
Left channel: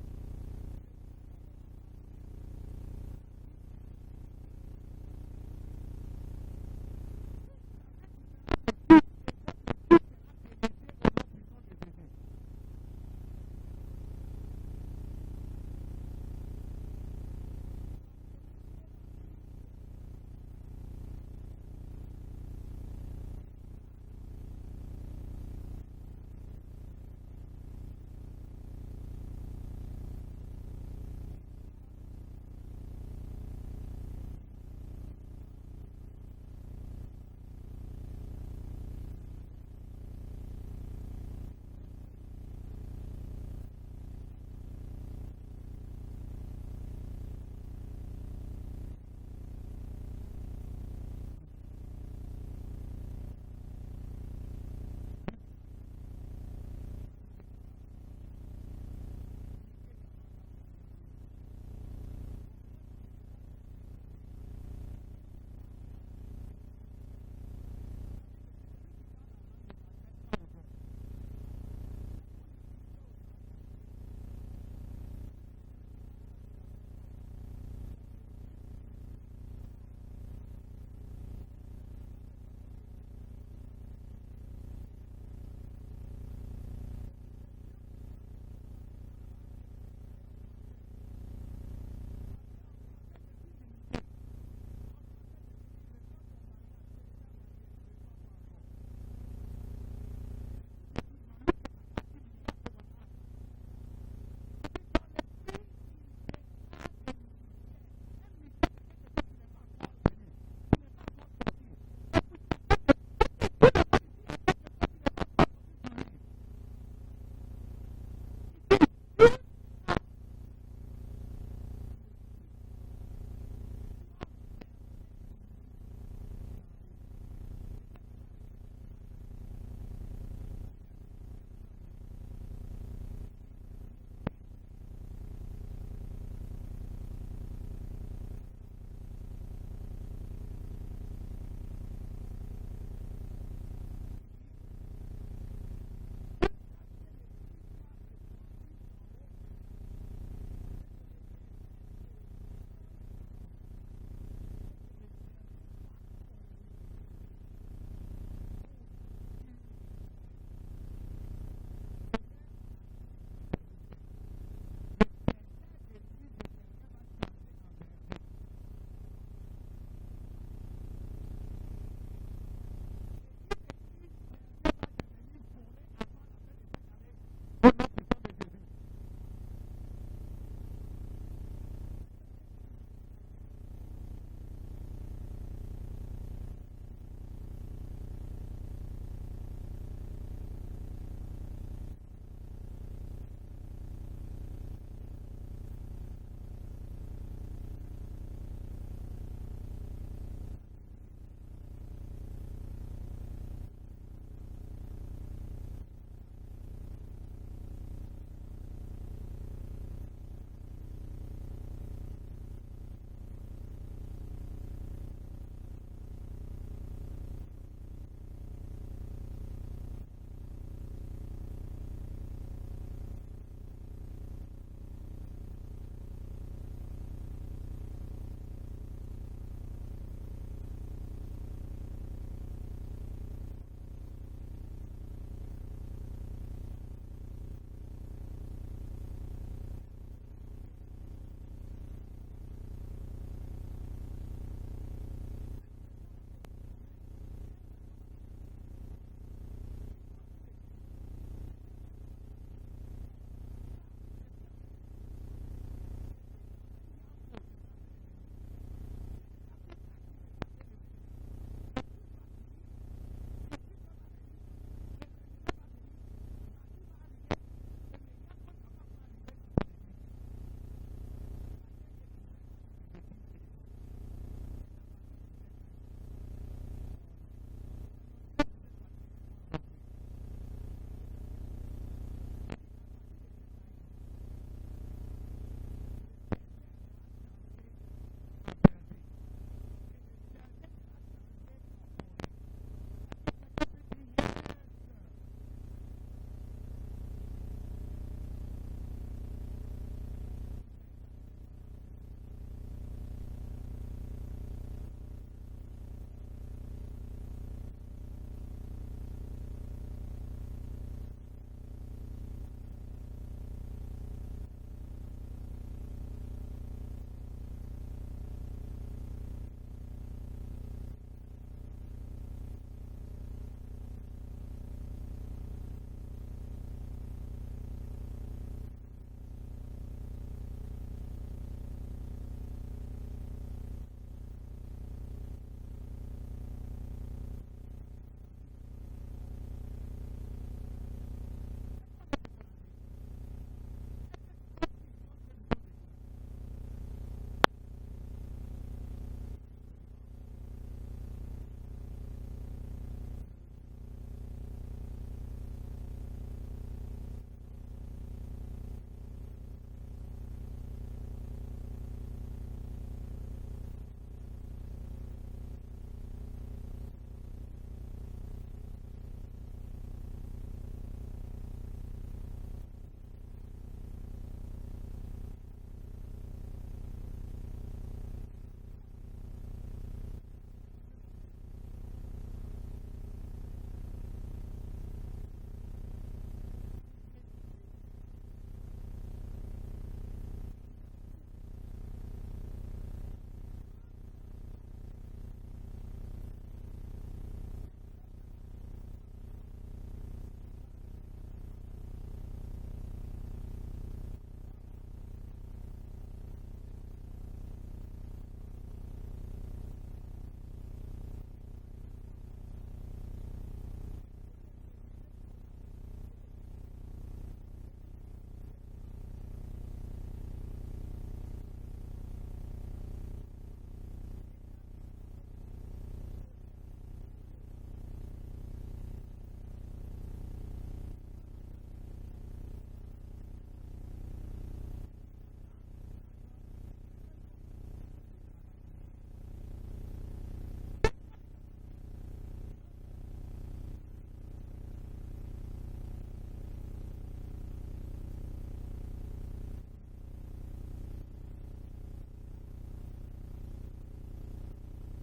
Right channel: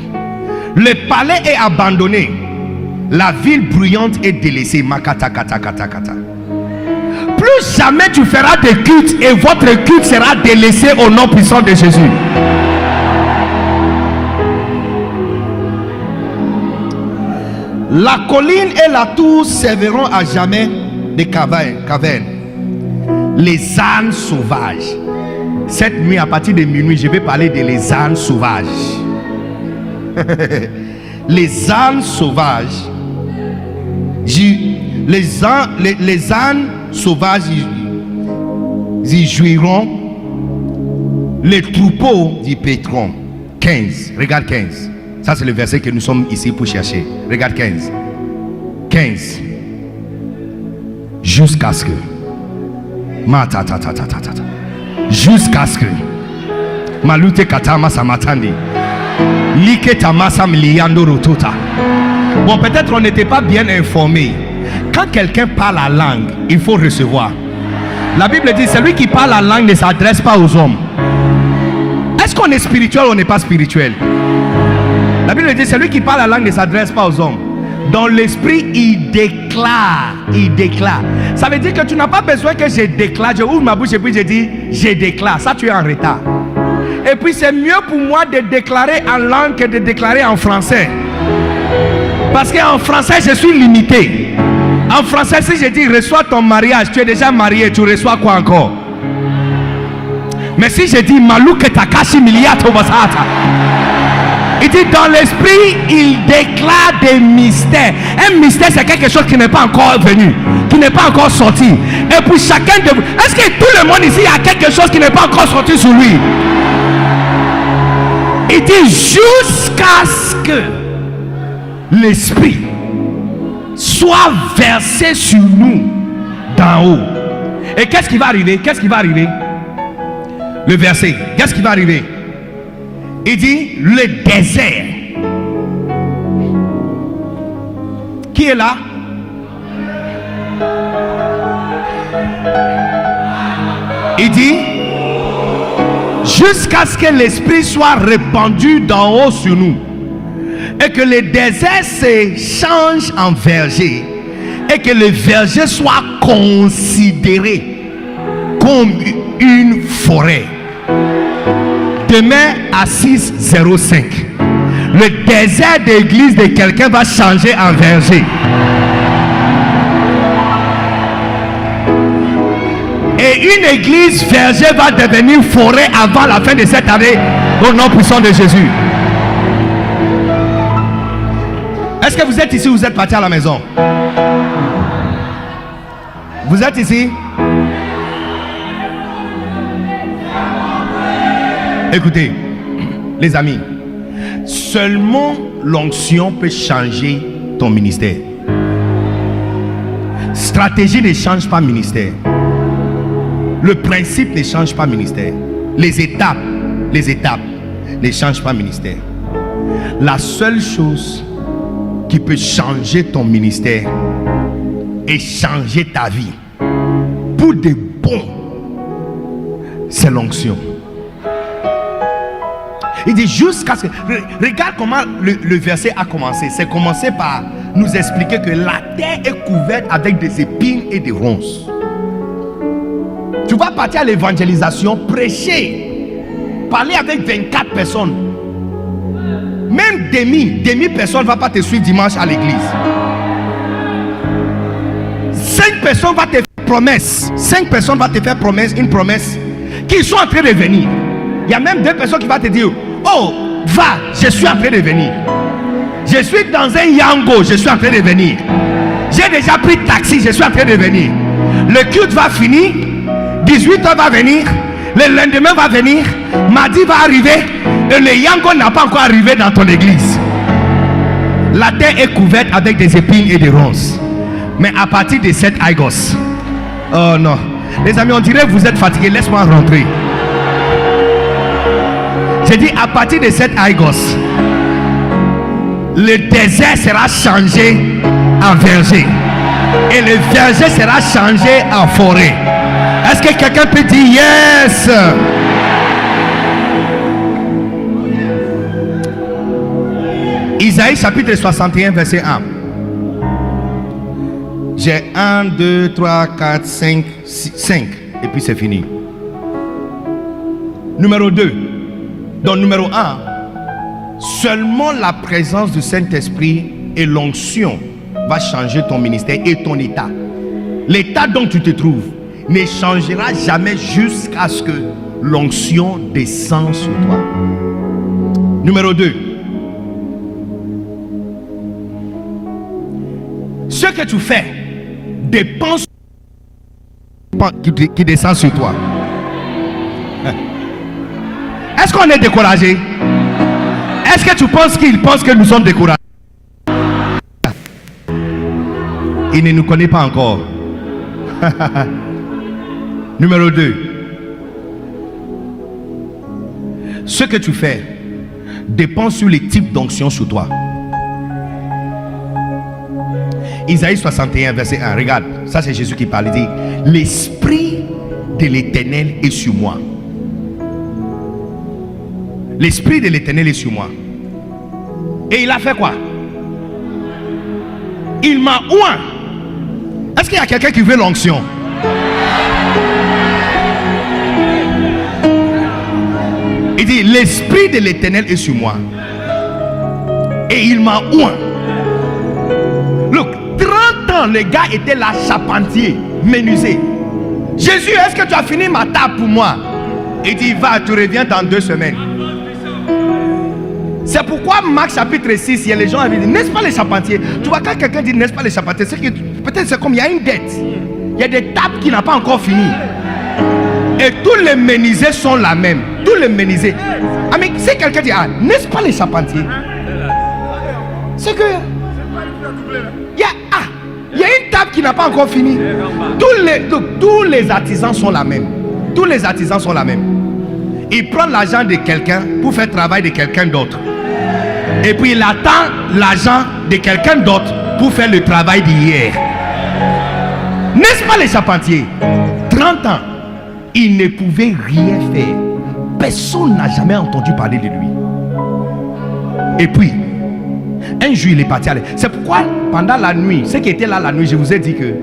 Le palais est abandonné. La ville bruyante est délaissée. Makata kata kata kata. Plus jamais tu feras des cultes et votre culte sera délaissé au nom puissant de Jésus. La colline et la tour serviront à jamais de cavernes. Les ânes sauvages. Cette nuit, à partir de minuit, je vais parler de les ânes sauvages. Les ânes sauvages. Les ânes sauvages, ils jouiront. Les troupeaux d'y pétront. 15. Regarde 15. Ça, c'est le verset que nous sommes ici pour chercher. Regarde 15. 15. Jusqu'à ce que. Jusqu'à ce que. Malute katama samatandi. Like tamasa miliando rotota. Bon, peut-être on n'était pas bien informé. Quand quelqu'un parle la langue, il faut recevoir. La Bible dit, celui qui parle la langue ne s'adresse pas aux hommes. Est-ce qu'on est spirituel ou on n'est pas spirituel? La Bible dit, celui qui parle la langue ne s'adresse pas aux hommes. Dans l'esprit, il déclare. Il déclare. Ça veut dire que tu n'as pas besoin que je déclare. Je ouvre ma bouche et puis je dis, je déclare. Ça, tu es en retard. Et puis, c'est mieux pour moi de déclarer en langue que de déclarer en français. Parce qu'en français, je suis limité. En français, si je dis, reçois ton mariage, tu es déjà marié, tu reçois quoi encore? Mais si je dis, Malouke Takashi Miliato Basata. Il dit dans l'esprit, il déclare des mystères. Un mystère, c'est quelque chose qui n'est pas encore venu, qui n'est pas encore sorti. Et pour chacun de vous, est-ce que tout le monde ici a quelque chose qui n'est pas encore sorti sur lui? Il dit jusqu'à ce que l'esprit soit versé sur nous d'en haut. Et qu'est-ce qui va arriver? Qu'est-ce qui va arriver? Le verset, qu'est-ce qui va arriver? Il dit le désert. Qui est là? Il dit jusqu'à ce que l'esprit soit répandu d'en haut sur nous et que le désert se change en verger et que le verger soit considéré comme une forêt. Demain à 6:05, le désert d'église de quelqu'un va changer en verger. Et une église verger va devenir forêt avant la fin de cette année au nom puissant de Jésus. Est-ce que vous êtes ici ou vous êtes parti à la maison? Vous êtes ici? Écoutez, les amis, seulement l'onction peut changer ton ministère. Stratégie ne change pas ministère. Le principe ne change pas ministère. Les étapes ne changent pas ministère. La seule chose qui peut changer ton ministère et changer ta vie pour de bon, c'est l'onction. Il dit jusqu'à ce que... Regarde comment le verset a commencé. C'est commencé par nous expliquer que la terre est couverte avec des épines et des ronces. Tu vas partir à l'évangélisation, prêcher, parler avec 24 personnes. Même demi personne ne va pas te suivre dimanche à l'église. 5 personnes vont te faire promesse. 5 personnes vont te faire une promesse qu'ils sont en train de venir. Il y a même 2 personnes qui vont te dire, oh, va, je suis en train de venir. Je suis dans un Yango, je suis en train de venir. J'ai déjà pris taxi, je suis en train de venir. Le culte va finir, 18h va venir, le lendemain va venir, mardi va arriver, et le Yango n'a pas encore arrivé dans ton église. La terre est couverte avec des épines et des ronces. Mais à partir de cette Aigos, oh non, les amis, on dirait que vous êtes fatigués, laisse-moi rentrer. J'ai dit à partir de cette Aigos, le désert sera changé en verger. Et le verger sera changé en forêt. Est-ce que quelqu'un peut dire yes? Isaïe chapitre 61 verset 1. J'ai 1, 2, 3, 4, 5, 5 et puis c'est fini. Numéro 2. Donc numéro 1. Seulement la présence du Saint-Esprit et l'onction va changer ton ministère et ton état. L'état dont tu te trouves ne changera jamais jusqu'à ce que l'onction descende sur toi. Numéro 2. Ce que tu fais dépend qui descend sur toi. Est-ce qu'on est découragé? Est-ce que tu penses qu'il pense que nous sommes découragés? Il ne nous connaît pas encore. Numéro 2. Ce que tu fais dépend sur les types d'onction sur toi. Isaïe 61 verset 1. Regarde, ça c'est Jésus qui parle. Il dit: l'Esprit de l'Éternel est sur moi. L'Esprit de l'Éternel est sur moi. Et il a fait quoi? Il m'a oint. Est-ce qu'il y a quelqu'un qui veut l'onction? Il dit: l'Esprit de l'Éternel est sur moi. Et il m'a oint. Look, 30 ans, le gars était là, charpentier, menuisier. Jésus, est-ce que tu as fini ma table pour moi? Il dit: va, tu reviens dans 2 semaines. C'est pourquoi Marc chapitre 6, il y a les gens qui disent: n'est-ce pas les charpentiers? Tu vois, quand quelqu'un dit n'est-ce pas les charpentiers, c'est que peut-être c'est comme il y a une dette. Il y a des tables qui n'ont pas encore fini. Et tous les menuisiers sont la même. Tous les menuisiers. Ah, mais si quelqu'un dit: ah, n'est-ce pas les charpentiers? C'est que il y a une table qui n'a pas encore fini. Tous les artisans sont la même. Tous les artisans sont la même. Il prend l'argent de quelqu'un pour faire le travail de quelqu'un d'autre. Et puis il attend l'argent de quelqu'un d'autre pour faire le travail d'hier. N'est-ce pas les charpentiers? 30 ans, il ne pouvait rien faire. Personne n'a jamais entendu parler de lui. Et puis, un jour il est parti aller. C'est pourquoi pendant la nuit, ceux qui étaient là la nuit, je vous ai dit que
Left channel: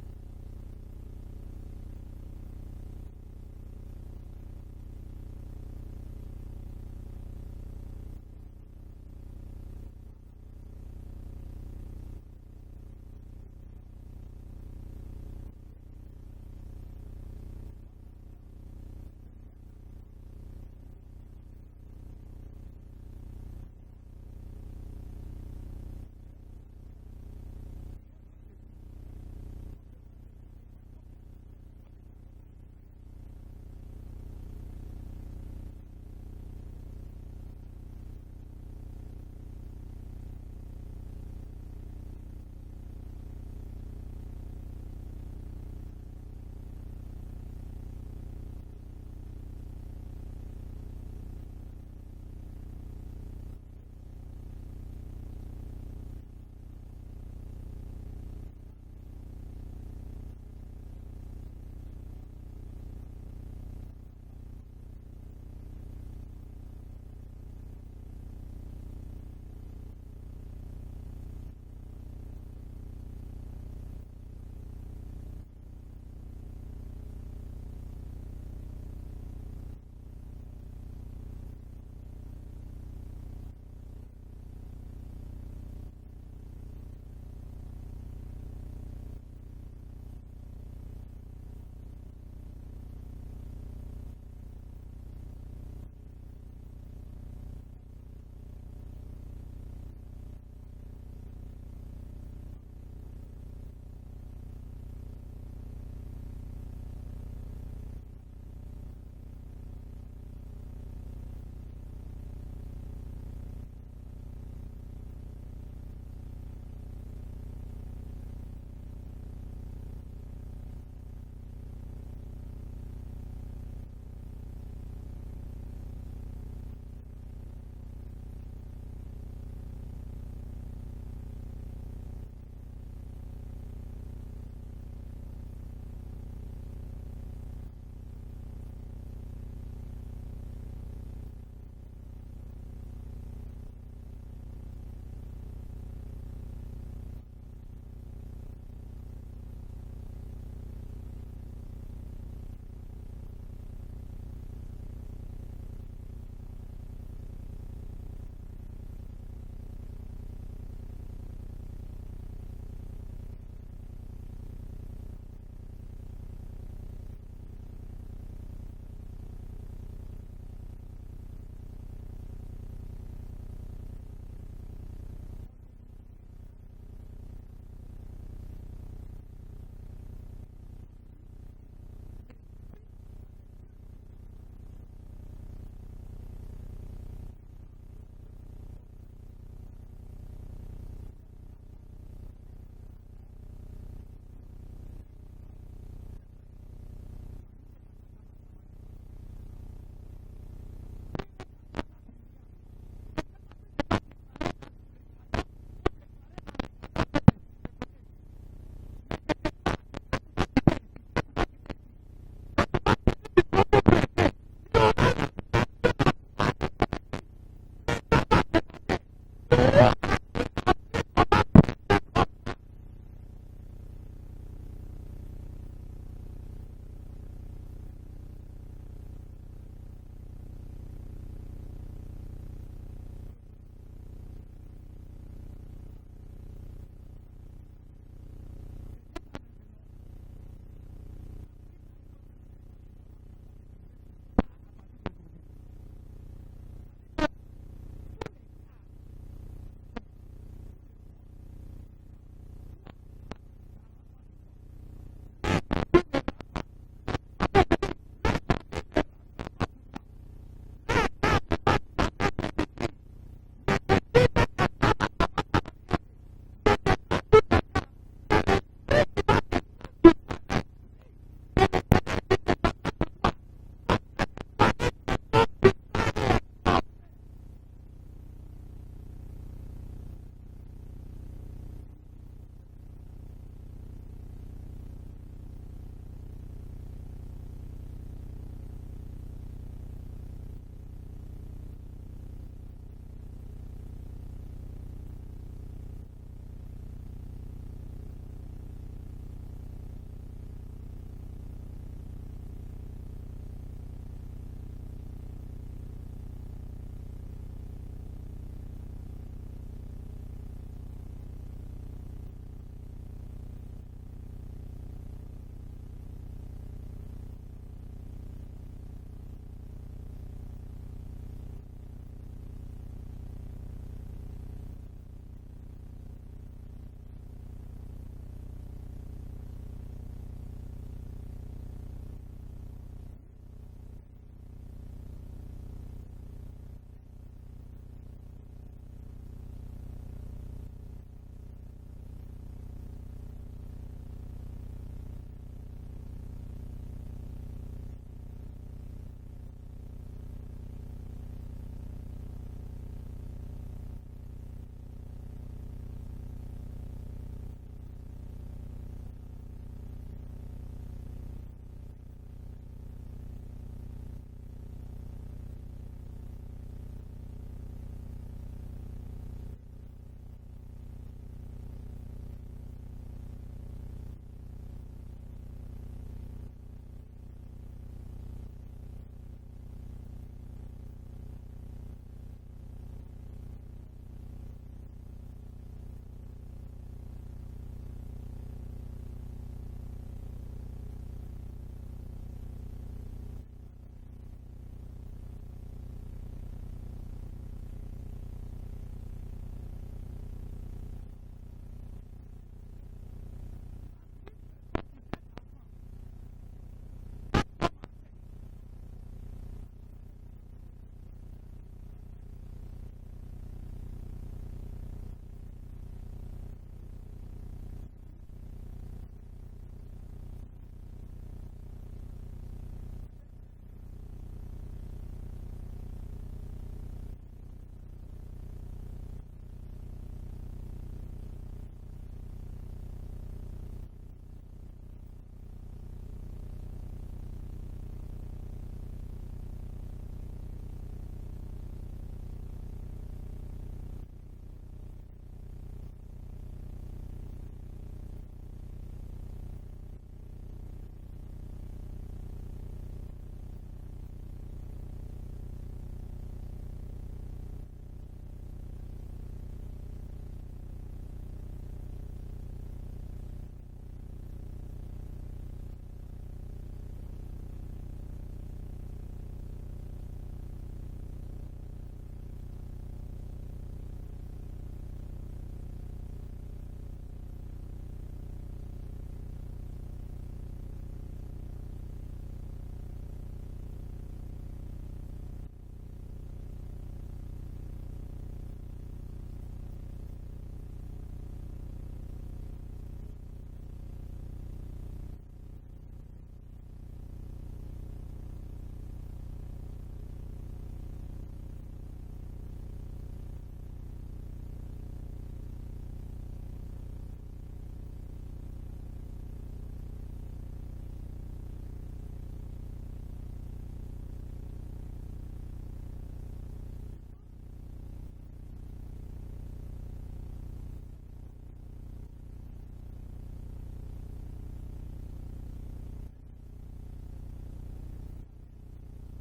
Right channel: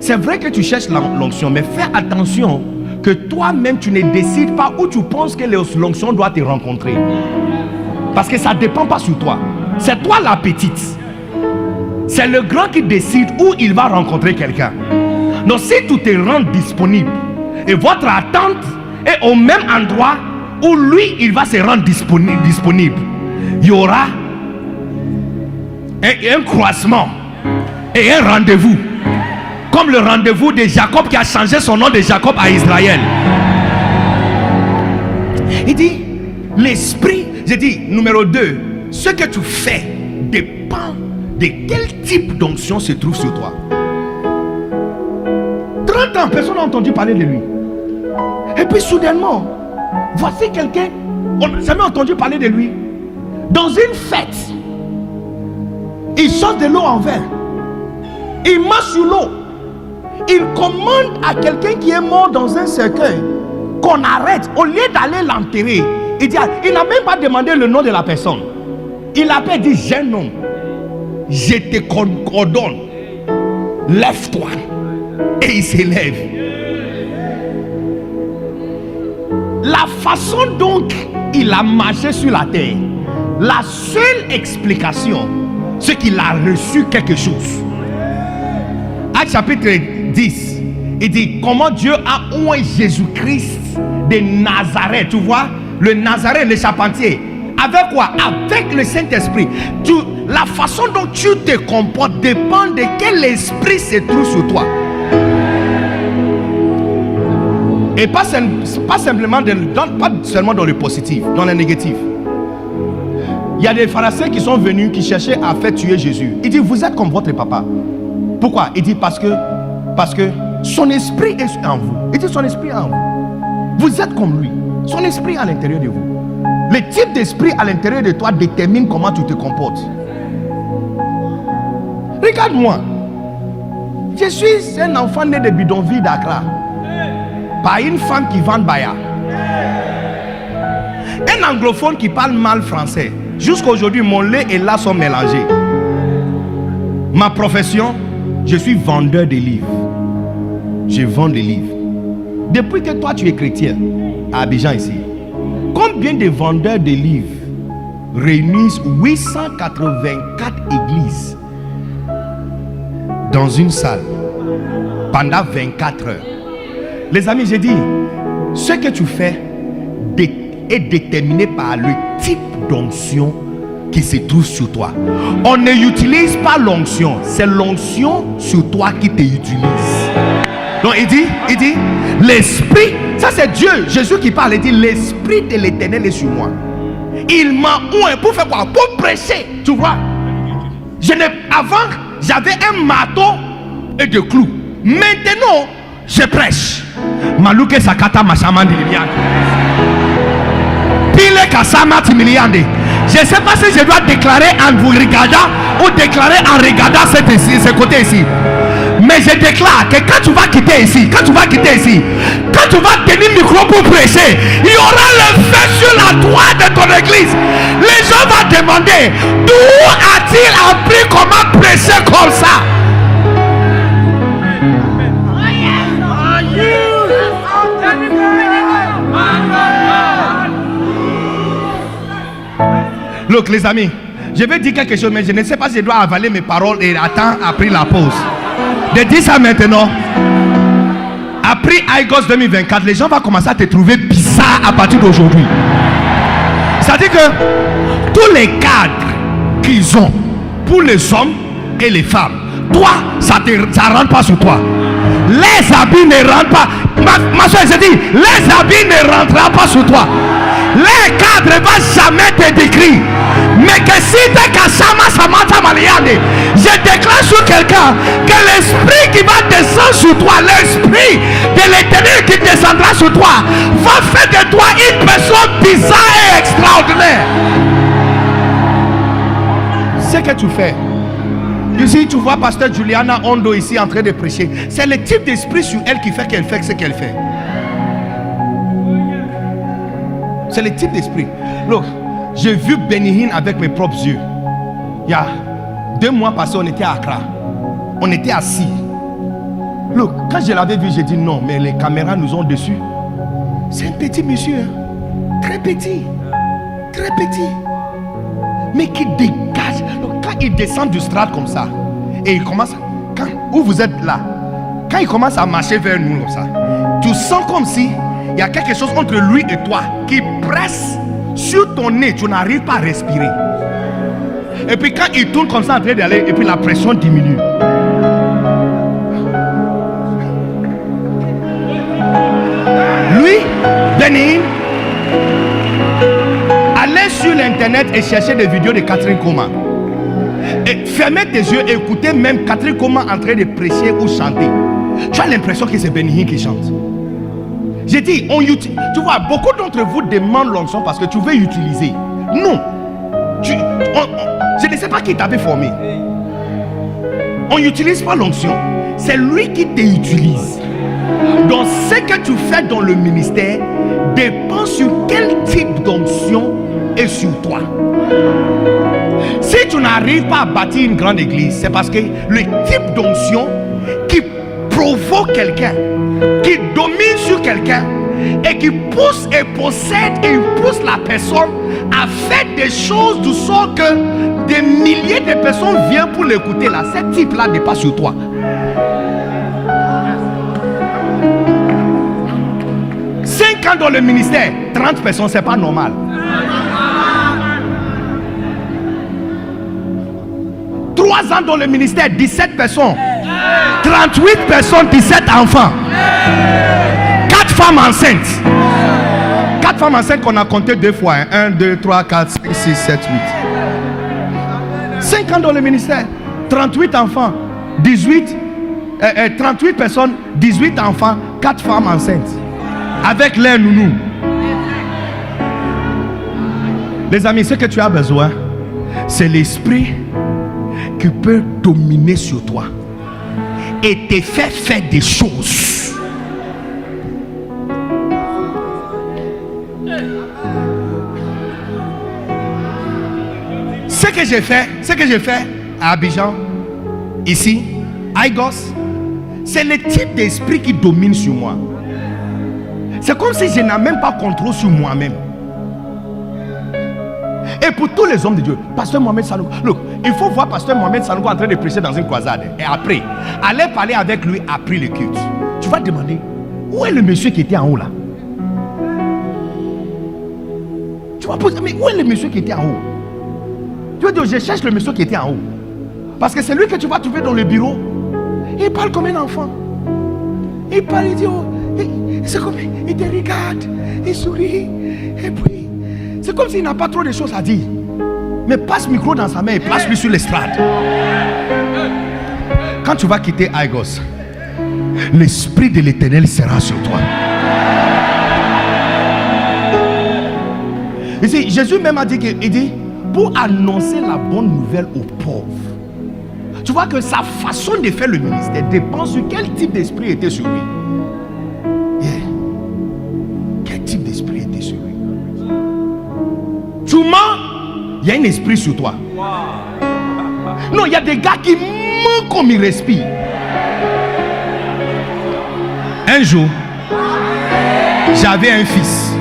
c'est vrai que tu cherches l'onction, mais fais attention que toi-même tu ne décides pas où tu penses que l'onction doit te rencontrer. Parce que ça ne dépend pas sur toi. C'est toi la petite. C'est le grand qui décide où il va rencontrer quelqu'un. Donc si tu te rends disponible et votre attente est au même endroit où lui il va se rendre disponible, il y aura un croisement et un rendez-vous. Comme le rendez-vous de Jacob qui a changé son nom de Jacob à Israël. Il dit: l'esprit, j'ai dit numéro 2, ce que tu fais dépend de quel type d'onction se trouve sur toi. 30 ans, personne n'a entendu parler de lui. Et puis soudainement, voici quelqu'un, on n'a jamais entendu parler de lui. Dans une fête, il sort de l'eau en verre. Il marche sur l'eau. Il commande à quelqu'un qui est mort dans un cercueil qu'on arrête. Au lieu d'aller l'enterrer, il n'a même pas demandé le nom de la personne. Il appelle, dit: jeune homme, je te coordonne, lève-toi. Et il s'élève. La façon dont il a marché sur la terre, la seule explication, c'est qu'il a reçu quelque chose. Acte chapitre 10, il dit comment Dieu a oint Jésus-Christ de Nazareth. Tu vois, le Nazareth, le charpentier. Avec quoi? Avec le Saint-Esprit. La façon dont tu te comportes dépend de quel esprit se trouve sur toi. Et pas seulement pas seulement dans le positif, dans le négatif. Il y a des pharisiens qui sont venus, qui cherchaient à faire tuer Jésus. Il dit: vous êtes comme votre papa. Pourquoi? Il dit parce que son esprit est en vous. Il dit: son esprit est en vous. Vous êtes comme lui. Son esprit est à l'intérieur de vous. Le type d'esprit à l'intérieur de toi détermine comment tu te comportes. Regarde-moi. Je suis un enfant né de bidonville d'Accra. Par une femme qui vend Baya. Un anglophone qui parle mal français. Jusqu'à aujourd'hui, mon lait et là sont mélangés. Ma profession, je suis vendeur de livres. Je vends des livres. Depuis que toi tu es chrétien, à Abidjan ici, combien de vendeurs de livres réunissent 884 églises dans une salle pendant 24 heures? Les amis, j'ai dit, ce que tu fais est déterminé par le type d'onction qui se trouve sur toi. On ne utilise pas l'onction, c'est l'onction sur toi qui te utilise. Donc il dit, l'esprit, ça c'est Dieu, Jésus qui parle, il dit, l'esprit de l'Éternel est sur moi. Il m'a oint pour faire quoi? Pour prêcher, tu vois. Avant, j'avais un marteau et des clous. Maintenant, je prêche. Malouke sakata mashamandi limiande. Pile kasama timiliande. Je ne sais pas si je dois déclarer en vous regardant ou déclarer en regardant ce côté ici. Mais je déclare que quand tu vas quitter ici, quand tu vas tenir le micro pour prêcher, il y aura le feu sur la droite de ton église. Les gens vont demander d'où a-t-il appris comment prêcher comme ça? Look, les amis, je vais dire quelque chose, mais je ne sais pas si je dois avaler mes paroles et attendre après la pause. De dire ça maintenant, après IGOS 2024, les gens vont commencer à te trouver bizarre à partir d'aujourd'hui. C'est-à-dire que tous les cadres qu'ils ont pour les hommes et les femmes, toi, ça ne rentre pas sur toi. Les habits ne rentrent pas. Ma soeur, je dis, les habits ne rentreront pas sur toi. Les cadres ne vont jamais te décrire. Mais que si tu es Kassama Samata Maliane, je déclare sur quelqu'un que l'esprit qui va descendre sur toi, l'esprit de l'Éternel qui descendra sur toi, va faire de toi une personne bizarre et extraordinaire. Ce que tu fais. Ici, tu vois Pasteur Juliana Ondo ici en train de prêcher. C'est le type d'esprit sur elle qui fait ce qu'elle fait. C'est le type d'esprit. Look, j'ai vu Benny Hinn avec mes propres yeux. Il y a 2 mois passés, on était à Accra. On était assis. Look, quand je l'avais vu, j'ai dit non, mais les caméras nous ont dessus. C'est un petit monsieur, hein? Très petit. Très petit. Mais qui dégage. Donc, quand il descend du strat comme ça, et il commence, où vous êtes là, quand il commence à marcher vers nous comme ça, tu sens comme si il y a quelque chose entre lui et toi qui presse sur ton nez, tu n'arrives pas à respirer. Et puis quand il tourne comme ça en train d'aller, et puis la pression diminue. Lui, Benny Hinn, allez sur l'internet et cherchez des vidéos de Catherine Koma. Et fermez tes yeux et écoutez même Catherine Koma en train de prêcher ou chanter. Tu as l'impression que c'est Benny Hinn qui chante. J'ai dit, tu vois, beaucoup d'entre vous demandent l'onction parce que tu veux utiliser. Non. Je ne sais pas qui t'avait formé. On n'utilise pas l'onction. C'est lui qui t'utilise. Donc, ce que tu fais dans le ministère dépend sur quel type d'onction est sur toi. Si tu n'arrives pas à bâtir une grande église, c'est parce que le type d'onction qui provoque quelqu'un, qui domine sur quelqu'un et qui pousse et possède et pousse la personne à faire des choses du sort que des milliers de personnes viennent pour l'écouter là. Ce type là n'est pas sur toi. Cinq ans dans le ministère, 30 personnes, c'est pas normal. 3 ans dans le ministère, 17 personnes. 38 personnes, 17 enfants. 4 femmes enceintes. 4 femmes enceintes qu'on a compté 2 fois. 1, 2, 3, 4, 5, 6, 7, 8. 5 ans dans le ministère. 38 enfants. 38 personnes, 18 enfants, 4 femmes enceintes. Avec l'air nounou. Les amis, ce que tu as besoin, c'est l'esprit qui peut dominer sur toi et te fait faire des choses. Ce que j'ai fait à Abidjan, ici, Aigos, c'est le type d'esprit qui domine sur moi. C'est comme si je n'ai même pas contrôle sur moi-même. Et pour tous les hommes de Dieu, Pasteur Mohamed Sanogo, look, il faut voir Pasteur Mohamed Sanogo en train de prêcher dans une croisade. Et après, aller parler avec lui après le culte. Tu vas demander, où est le monsieur qui était en haut là? Tu vas poser, mais où est le monsieur qui était en haut? Tu vas dire, je cherche le monsieur qui était en haut. Parce que c'est lui que tu vas trouver dans le bureau. Il parle comme un enfant. Il parle, il dit, oh, c'est comme, il te regarde, il sourit. Et puis, c'est comme s'il n'a pas trop de choses à dire. Mais passe le micro dans sa main et place-lui sur l'estrade. Quand tu vas quitter Aigos, l'Esprit de l'Éternel sera sur toi. Ici, Jésus même a dit, il dit, pour annoncer la bonne nouvelle aux pauvres. Tu vois que sa façon de faire le ministère dépend sur quel type d'esprit était sur lui. Yeah. Quel type d'esprit était sur lui? Tu mens, il y a un esprit sur toi. Non, il y a des gars qui mentent comme ils respirent. Un jour, j'avais un fils.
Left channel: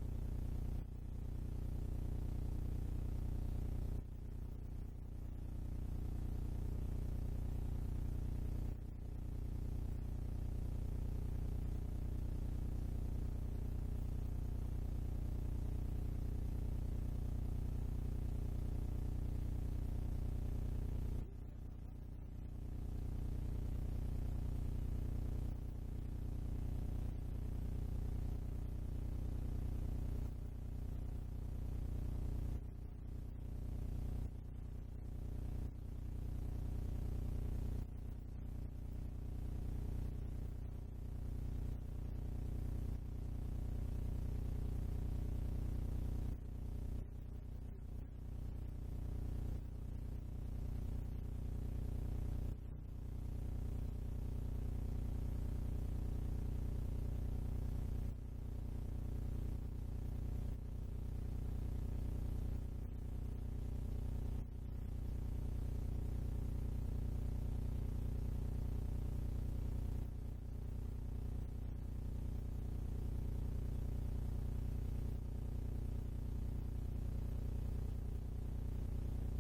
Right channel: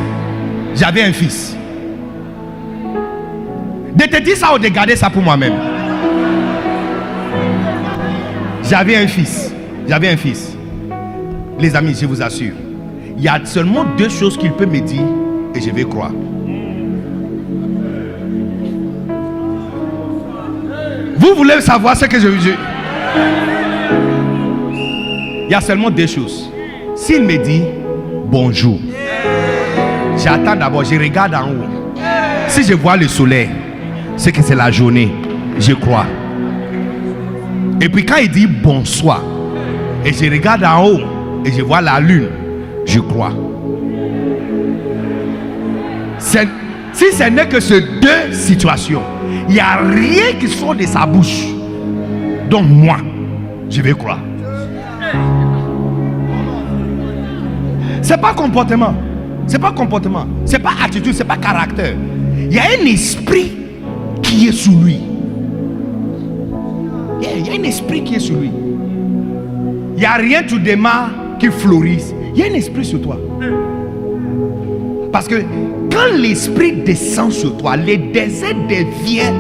De te dire ça ou de garder ça pour moi-même. J'avais un fils. Les amis, je vous assure, il y a seulement deux choses qu'il peut me dire et je vais croire. Vous voulez savoir ce que je veux dire? Il y a seulement deux choses. S'il me dit bonjour, j'attends d'abord, je regarde en haut. Si je vois le soleil, c'est que c'est la journée, je crois. Et puis quand il dit bonsoir, et je regarde en haut, et je vois la lune, je crois. Si ce n'est que ces deux situations, il n'y a rien qui sort de sa bouche. Donc moi, je vais croire. C'est pas comportement, c'est pas attitude, c'est pas caractère. Il y a un esprit qui est sur lui. Il y a un esprit qui est sur lui. Il n'y a rien tu démarres qui fleurisse. Il y a un esprit sur toi. Parce que quand l'esprit descend sur toi, le désert devient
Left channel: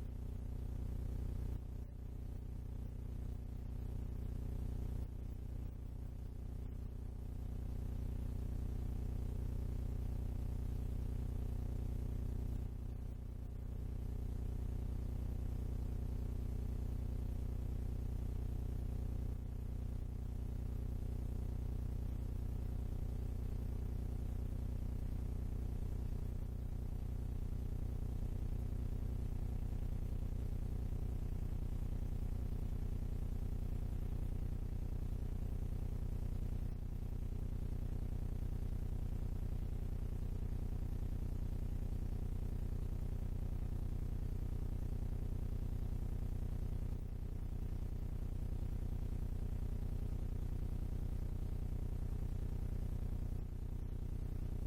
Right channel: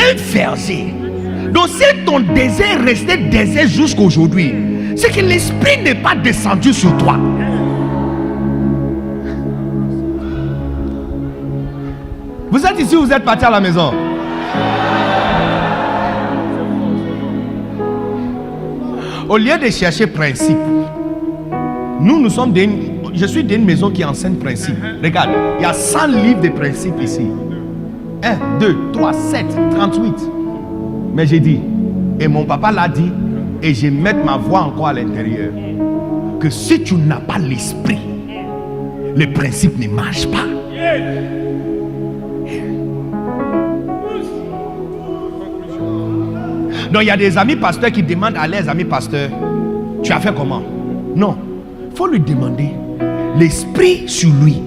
un verger. Donc si ton désert restait désert jusqu'à aujourd'hui, c'est que l'esprit n'est pas descendu sur toi. Vous êtes ici, vous êtes parti à la maison. Au lieu de chercher principe, je suis d'une maison qui enseigne principe. Regarde, il y a 100 livres de principes ici. 1, 2, 3, 7, 38. Mais j'ai dit, et mon papa l'a dit, et je mets ma voix encore à l'intérieur, que si tu n'as pas l'esprit, le principe ne marche pas. Donc il y a des amis pasteurs qui demandent à leurs amis pasteurs, tu as fait comment? Non, il faut lui demander l'esprit sur lui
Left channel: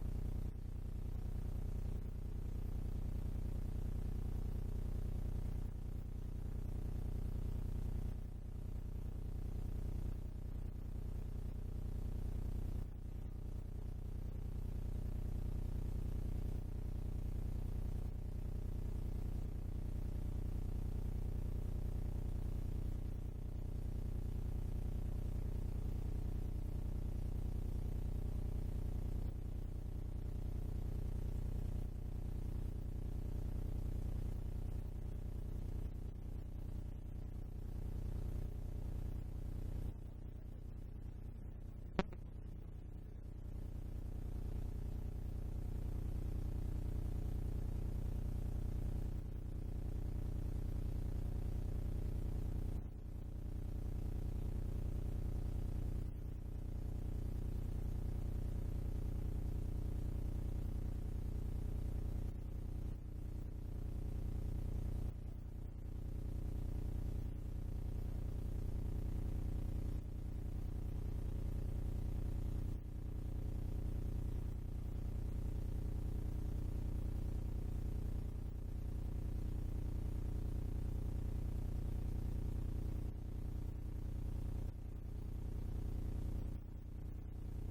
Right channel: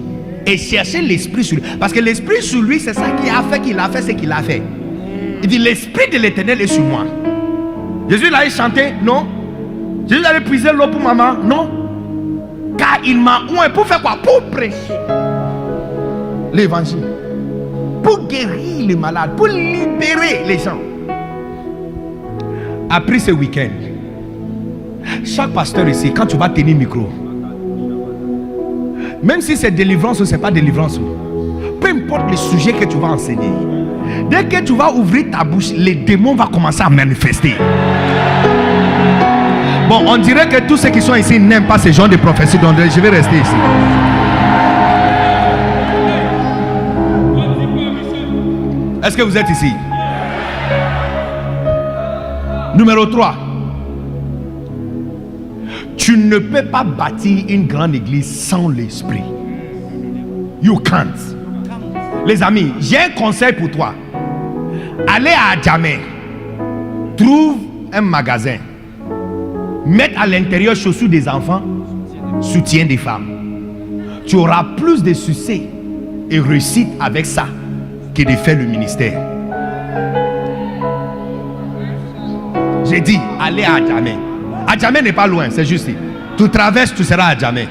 et chercher l'esprit sur lui. Parce que l'esprit sur lui, c'est ça qui a fait qu'il a fait ce qu'il a fait. Il dit l'esprit de l'Éternel est sur moi. Jésus allait chanter? Non. Jésus allait puiser l'eau pour maman? Non. Car il m'a oint pour faire quoi? Pour prêcher l'évangile, pour guérir les malades, pour libérer les gens. Après ce week-end, chaque pasteur ici, quand tu vas tenir le micro, même si c'est délivrance ou c'est pas délivrance, peu importe le sujet que tu vas enseigner, dès que tu vas ouvrir ta bouche, les démons vont commencer à manifester. Bon, on dirait que tous ceux qui sont ici n'aiment pas ce genre de prophétie, donc je vais rester ici. Est-ce que vous êtes ici? Numéro 3. Tu ne peux pas bâtir une grande église sans l'esprit. You can't. Les amis, j'ai un conseil pour toi. Allez à Adjamé. Trouve un magasin. mettre à l'intérieur chaussures des enfants, soutien des femmes. Tu auras plus de succès et réussite avec ça que de faire le ministère. J'ai dit, allez à Adjamé. Adjamé n'est pas loin, c'est juste. Tu traverses, tu seras à Adjamé.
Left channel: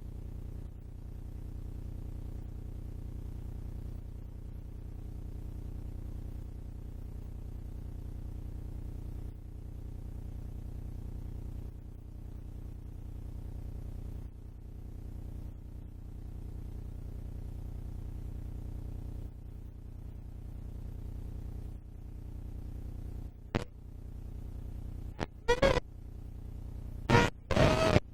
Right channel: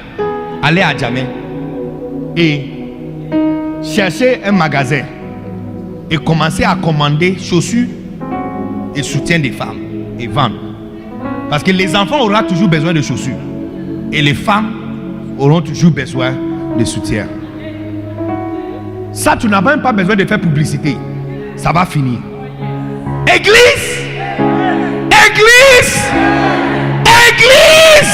Allez à Adjamé et chercher un magasin et commencer à commander chaussures et soutien des femmes et vendre. Parce que les enfants auront toujours besoin de chaussures et les femmes auront toujours besoin de soutien. Ça, tu n'as même pas besoin de faire publicité. Ça va finir. Église! Église! Église!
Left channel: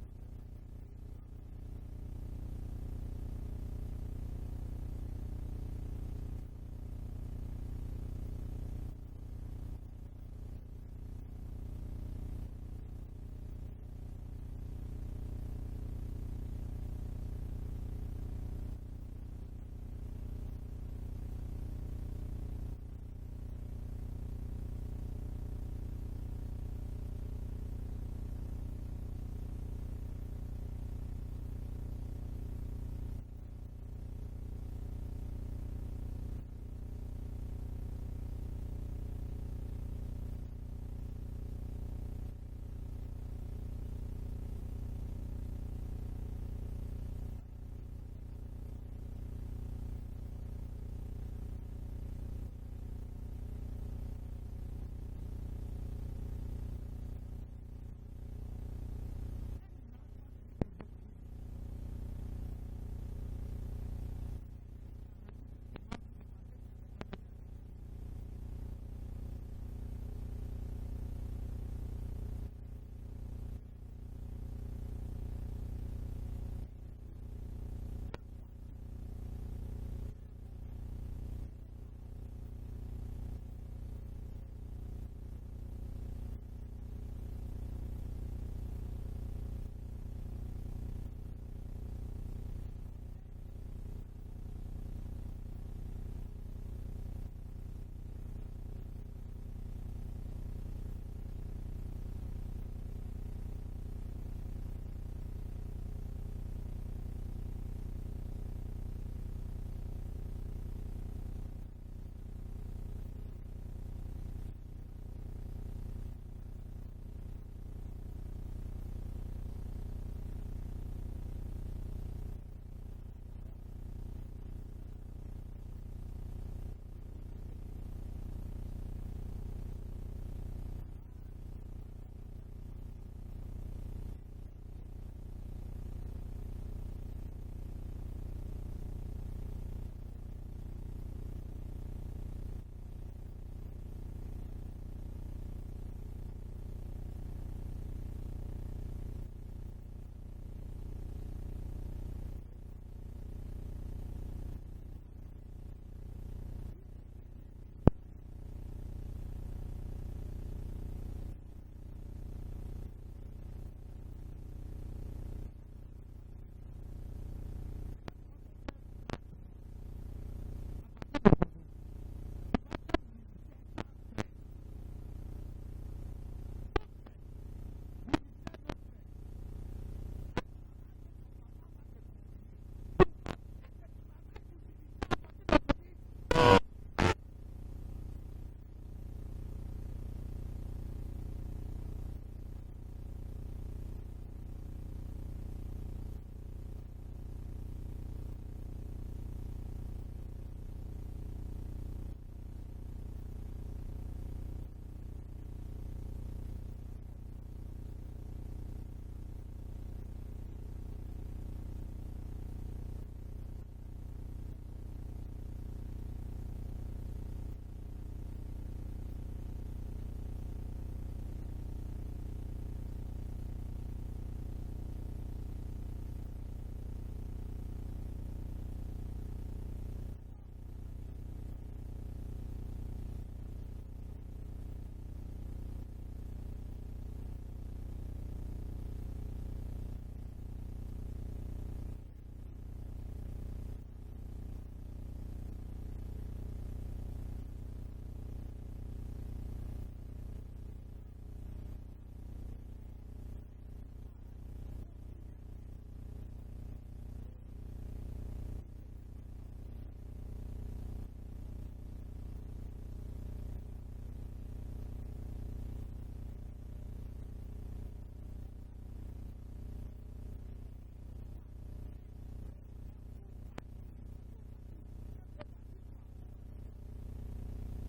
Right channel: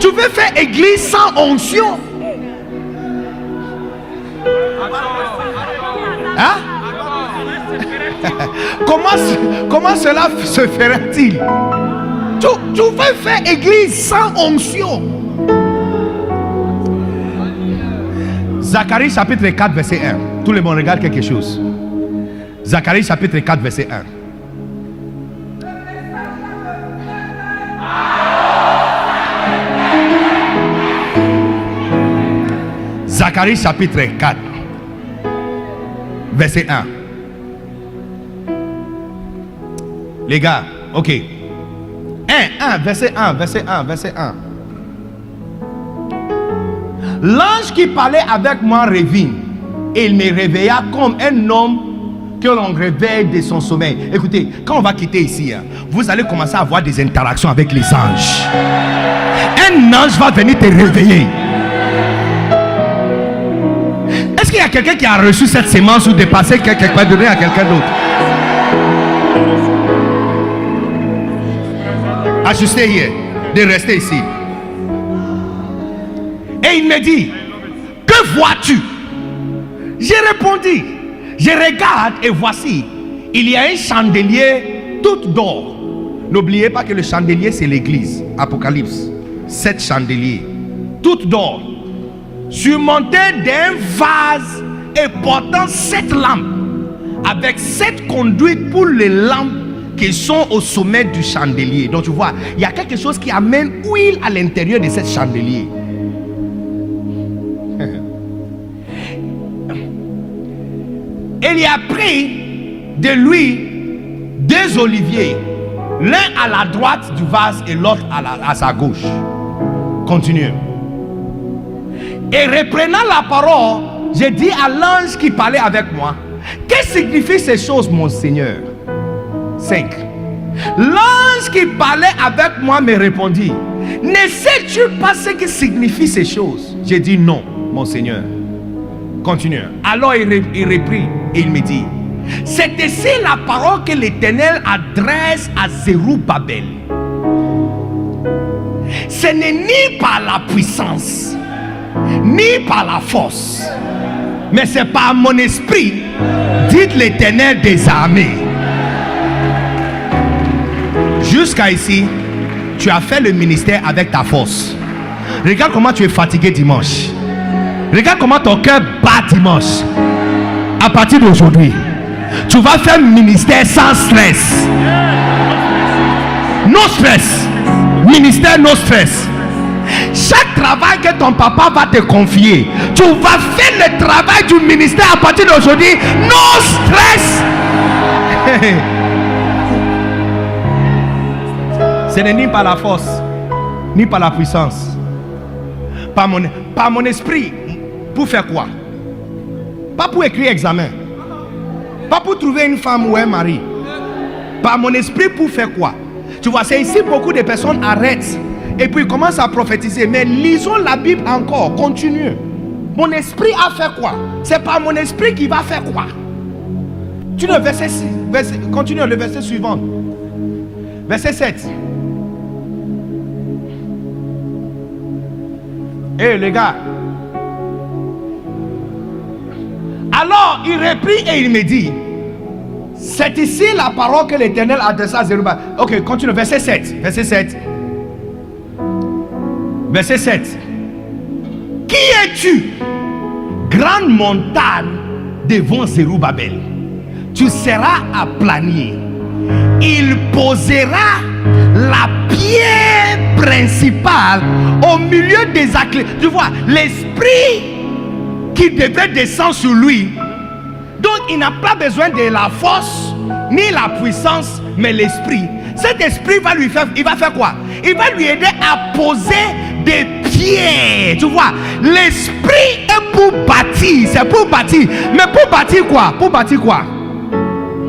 Tu veux faire église sans onction? Hein? Comment cela se fera-t-il? Tu veux faire église sans onction? Zacharie chapitre 4 verset 1. Tout le monde regarde quelque chose. Zacharie chapitre 4 verset 1. Zacharie chapitre 4 verset 1. Les gars, ok. 1, verset 1. L'ange qui parlait avec moi revint et il me réveilla comme un homme que l'on réveille de son sommeil. Écoutez, quand on va quitter ici, vous allez commencer à avoir des interactions avec les anges. Un ange va venir te réveiller. Est-ce qu'il y a quelqu'un qui a reçu cette sémence ou de passer quelque part, donner à quelqu'un d'autre? Ajustez hier, de rester ici. Et il me dit, que vois-tu? J'ai répondu, je regarde et voici, il y a un chandelier tout d'or. N'oubliez pas que le chandelier c'est l'église. Apocalypse, 7 chandeliers, tout d'or, surmonté d'un vase et portant 7 lampes, avec 7 conduites pour les lampes qui sont au sommet du chandelier. Donc tu vois, il y a quelque chose qui amène huile à l'intérieur de ce chandelier. Il y a pris de lui 2 oliviers, l'un à la droite du vase et l'autre à sa gauche. Continue. Et reprenant la parole, j'ai dit à l'ange qui parlait avec moi, que signifient ces choses, mon Seigneur? 5. L'ange qui parlait avec moi me répondit, ne sais-tu pas ce que signifient ces choses? J'ai dit non, mon Seigneur. Continue. Alors il reprit et il me dit, c'est ici la parole que l'Éternel adresse à Zerubbabel. Ce n'est ni par la puissance, ni par la force, mais c'est par mon esprit, dit l'Éternel des armées. Jusqu'à ici, tu as fait le ministère avec ta force. Regarde comment tu es fatigué dimanche. Regarde comment ton cœur bat dimanche. À partir d'aujourd'hui, tu vas faire le ministère sans stress. No stress. Ministère no stress. Chaque travail que ton papa va te confier, tu vas faire le travail du ministère à partir d'aujourd'hui. No stress. Ce n'est ni par la force, ni par la puissance. Par mon esprit. Pour faire quoi? Pas pour écrire examen. Pas pour trouver une femme ou un mari. Par mon esprit pour faire quoi? Tu vois, c'est ici beaucoup de personnes arrêtent et puis commencent à prophétiser. Mais lisons la Bible encore, continue. Mon esprit a fait quoi? C'est par mon esprit qui va faire quoi? Tu le verset continue le verset suivant. Verset 7. Hé les gars. Alors il reprit et il me dit, c'est ici la parole que l'Éternel adressa à Zerubbabel. Ok, continue, verset 7. Verset 7. Verset 7. Qui es-tu, grande montagne devant Zerubbabel. Tu seras aplani. Il posera la pierre principale au milieu des acclés. Tu vois, l'esprit qui devait descendre sur lui. Donc il n'a pas besoin de la force ni la puissance, mais l'esprit. Cet esprit va lui faire, il va faire quoi? Il va lui aider à poser des pierres. Tu vois, l'esprit est pour bâtir, c'est pour bâtir. Mais pour bâtir quoi? Pour bâtir quoi?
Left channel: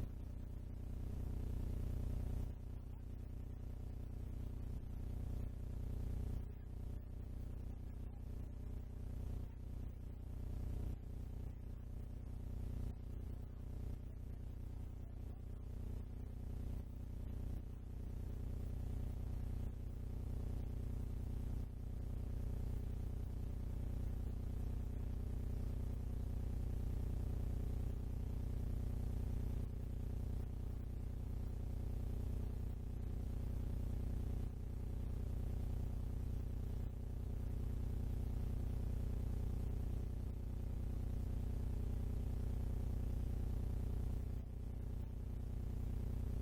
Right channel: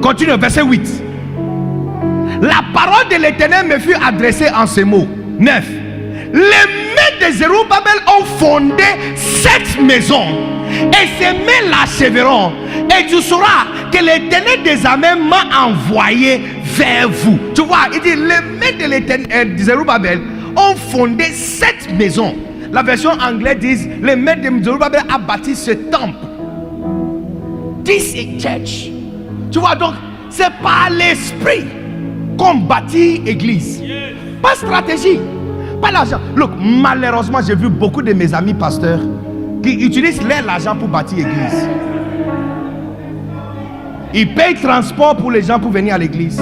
Continue, verset 8. La parole de l'Éternel me fut adressée en ces mots. 9. Les mains de Zerubbabel ont fondé cette maison, et ces mains l'achèveront. Et tu sauras que l'Éternel des armées m'a envoyé vers vous. Tu vois, il dit les mains de l'Éternel de Zerubbabel ont fondé cette maison. La version anglaise dit les mains de Zerubbabel a bâti ce temple. This is church. Tu vois, donc c'est par l'esprit qu'on bâtit église. Pas stratégie, pas l'argent. Look, malheureusement, j'ai vu beaucoup de mes amis pasteurs qui utilisent l'argent pour bâtir église. Ils payent transport pour les gens pour venir à l'église.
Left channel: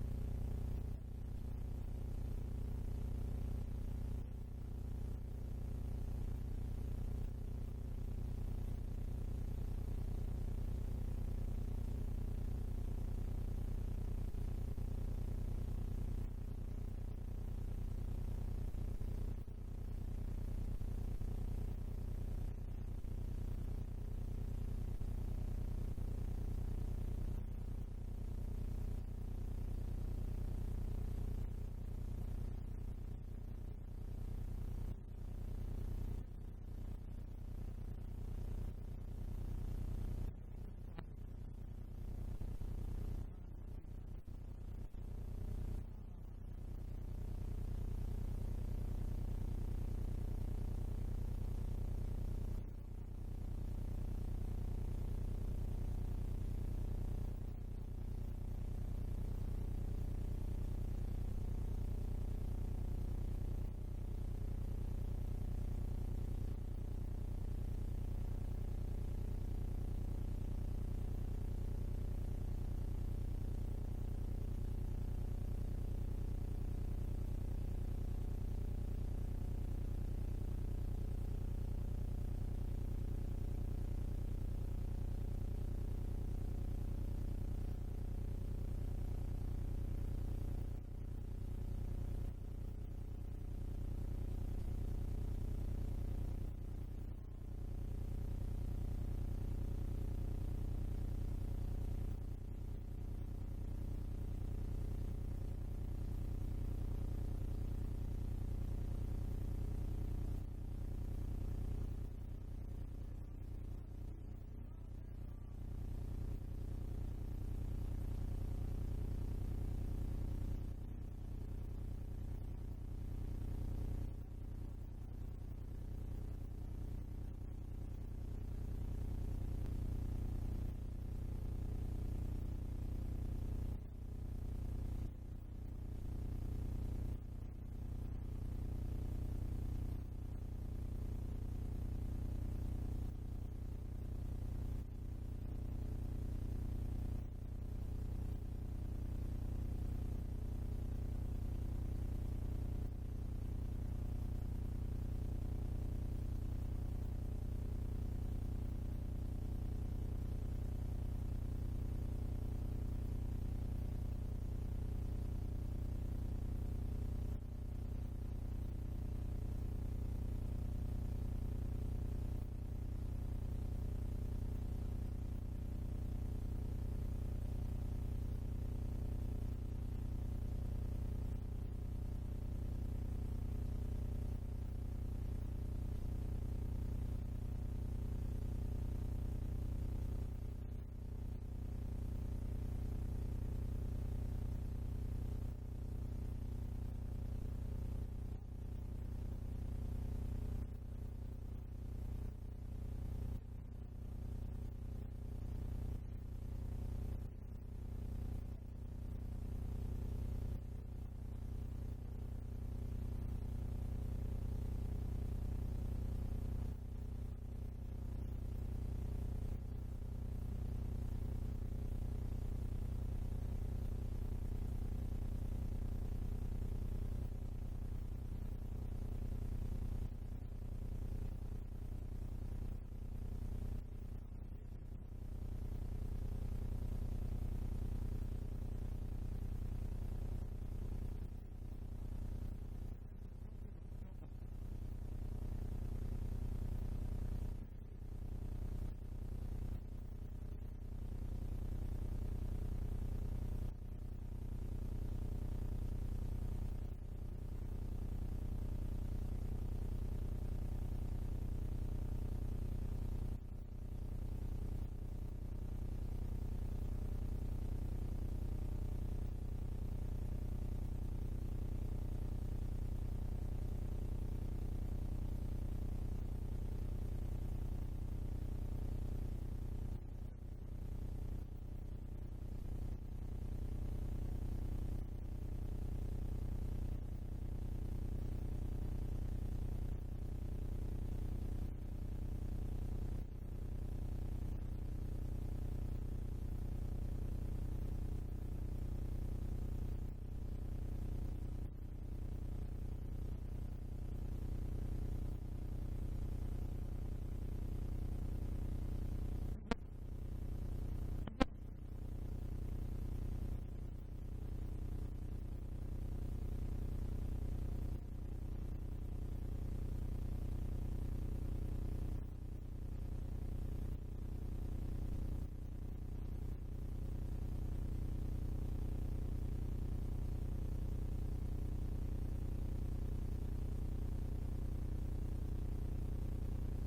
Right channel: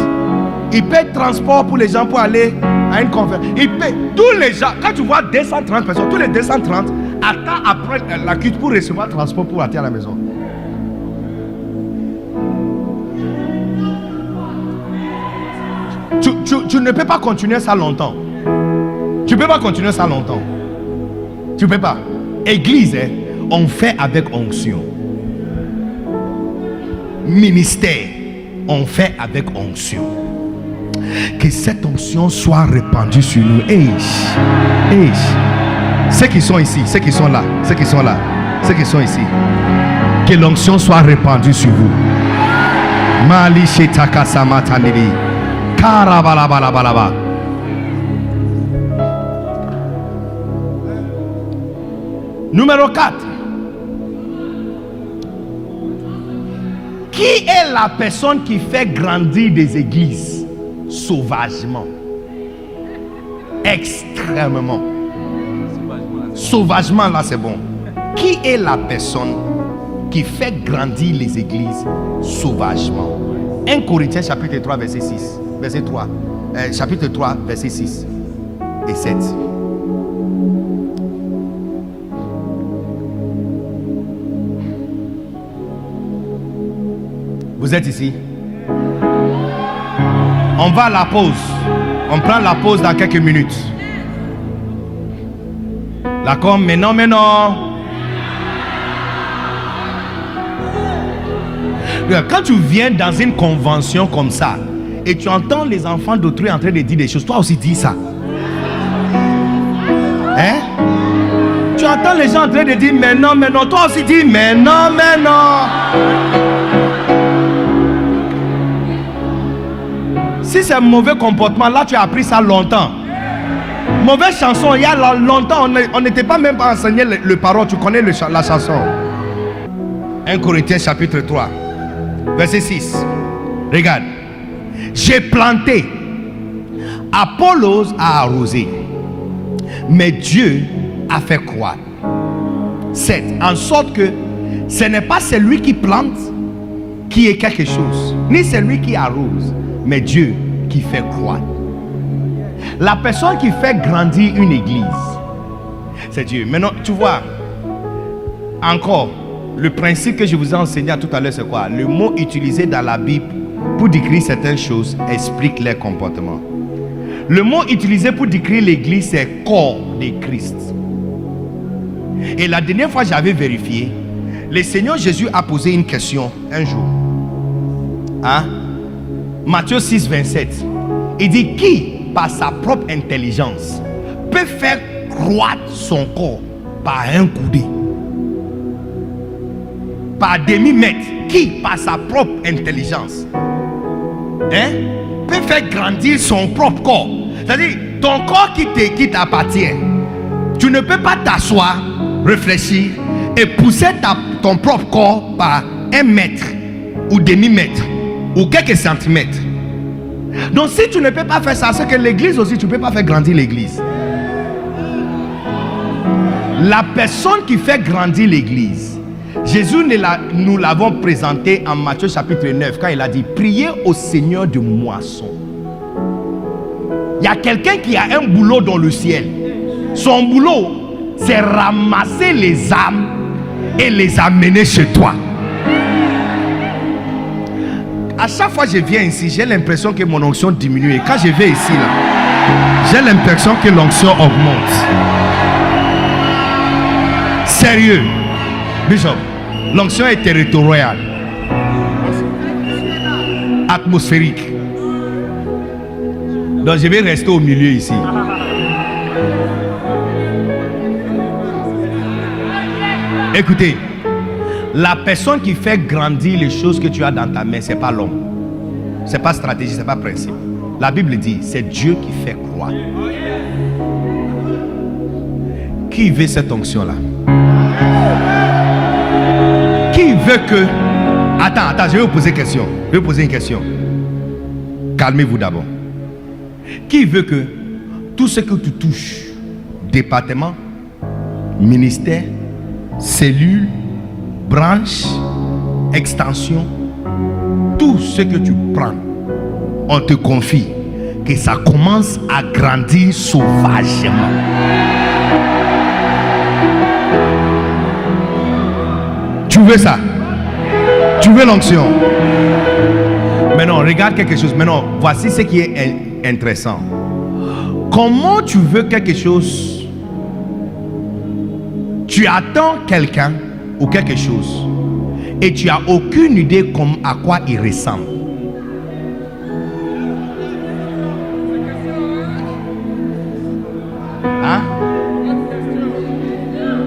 Ils payent transport pour les gens pour aller à une conférence. Ils payent tous les gens. Quand tu vois 230 personnes, tous les 230 attendent après la cuite pour recevoir le transport pour aller à la maison. Tu ne peux pas continuer ça longtemps. Tu ne peux pas continuer ça longtemps. Tu ne peux pas. Église, on fait avec onction. Ministère, on fait avec onction. Que cette onction soit répandue sur nous. Ceux qui sont ici, ceux qui sont là, ceux qui sont là, ceux qui sont ici, que l'onction soit répandue sur vous. Mali shetaka samatanili. Karabalabalaba. Numéro 4. Qui est la personne qui fait grandir des églises sauvagement? Extrêmement. Sauvagement, là c'est bon. Qui est la personne qui fait grandir les églises sauvagement? 1 Corinthiens chapitre 3 verset 6. Verset 3. Chapitre 3 verset 6 et 7. Vous êtes ici? On va à la pause. On prend la pause dans quelques minutes. D'accord? Mais non. Quand tu viens dans une convention comme ça et tu entends les enfants d'autrui en train de dire des choses, toi aussi dis ça. Hein? Tu entends les gens en train de dire mais non, toi aussi dis mais non. Si c'est un mauvais comportement, là tu as appris ça longtemps. Mauvaise chanson, il y a longtemps, on n'était pas même pas enseigné le parole, tu connais la chanson. 1 Corinthiens chapitre 3, verset 6. Regarde. J'ai planté, Apollos a arrosé, mais Dieu a fait croître. 7. En sorte que ce n'est pas celui qui plante qui est quelque chose, ni celui qui arrose, mais Dieu qui fait croître. La personne qui fait grandir une église, c'est Dieu. Maintenant, tu vois, encore, le principe que je vous ai enseigné tout à l'heure, c'est quoi? Le mot utilisé dans la Bible pour décrire certaines choses explique les comportements. Le mot utilisé pour décrire l'église, c'est corps de Christ. Et la dernière fois, j'avais vérifié, le Seigneur Jésus a posé une question un jour. Hein? Matthieu 6, 27. Il dit, qui, par sa propre intelligence, peut faire croître son corps par un coudé? Par demi-mètre. Qui, par sa propre intelligence, peut faire grandir son propre corps? C'est-à-dire, ton corps qui t'appartient, tu ne peux pas t'asseoir, réfléchir et pousser ton propre corps par 1 mètre ou demi-mètre ou quelques centimètres. Donc si tu ne peux pas faire ça, c'est que l'église aussi, tu ne peux pas faire grandir l'église. La personne qui fait grandir l'église, Jésus nous l'avons présenté en Matthieu chapitre 9 quand il a dit priez au Seigneur de moisson. Il y a quelqu'un qui a un boulot dans le ciel. Son boulot, c'est ramasser les âmes et les amener chez toi. À chaque fois que je viens ici, j'ai l'impression que mon onction diminue. Et quand je vais ici, là, j'ai l'impression que l'onction augmente. Sérieux. Bishop, l'onction est territoriale, atmosphérique. Donc je vais rester au milieu ici. Écoutez, la personne qui fait grandir les choses que tu as dans ta main, c'est pas l'homme. C'est pas stratégie, c'est pas principe. La Bible dit, c'est Dieu qui fait croire. Qui veut cette onction-là? Qui veut que... Attends, je vais vous poser une question. Je vais vous poser une question. Calmez-vous d'abord. Qui veut que tout ce que tu touches, département, ministère, cellule, branche, extension, tout ce que tu prends, on te confie que ça commence à grandir sauvagement. Tu veux ça? Tu veux l'onction? Maintenant, regarde quelque chose. Maintenant, voici ce qui est intéressant. Comment tu veux quelque chose? Tu attends quelqu'un ou quelque chose et tu n'as aucune idée à quoi il ressemble. Hein?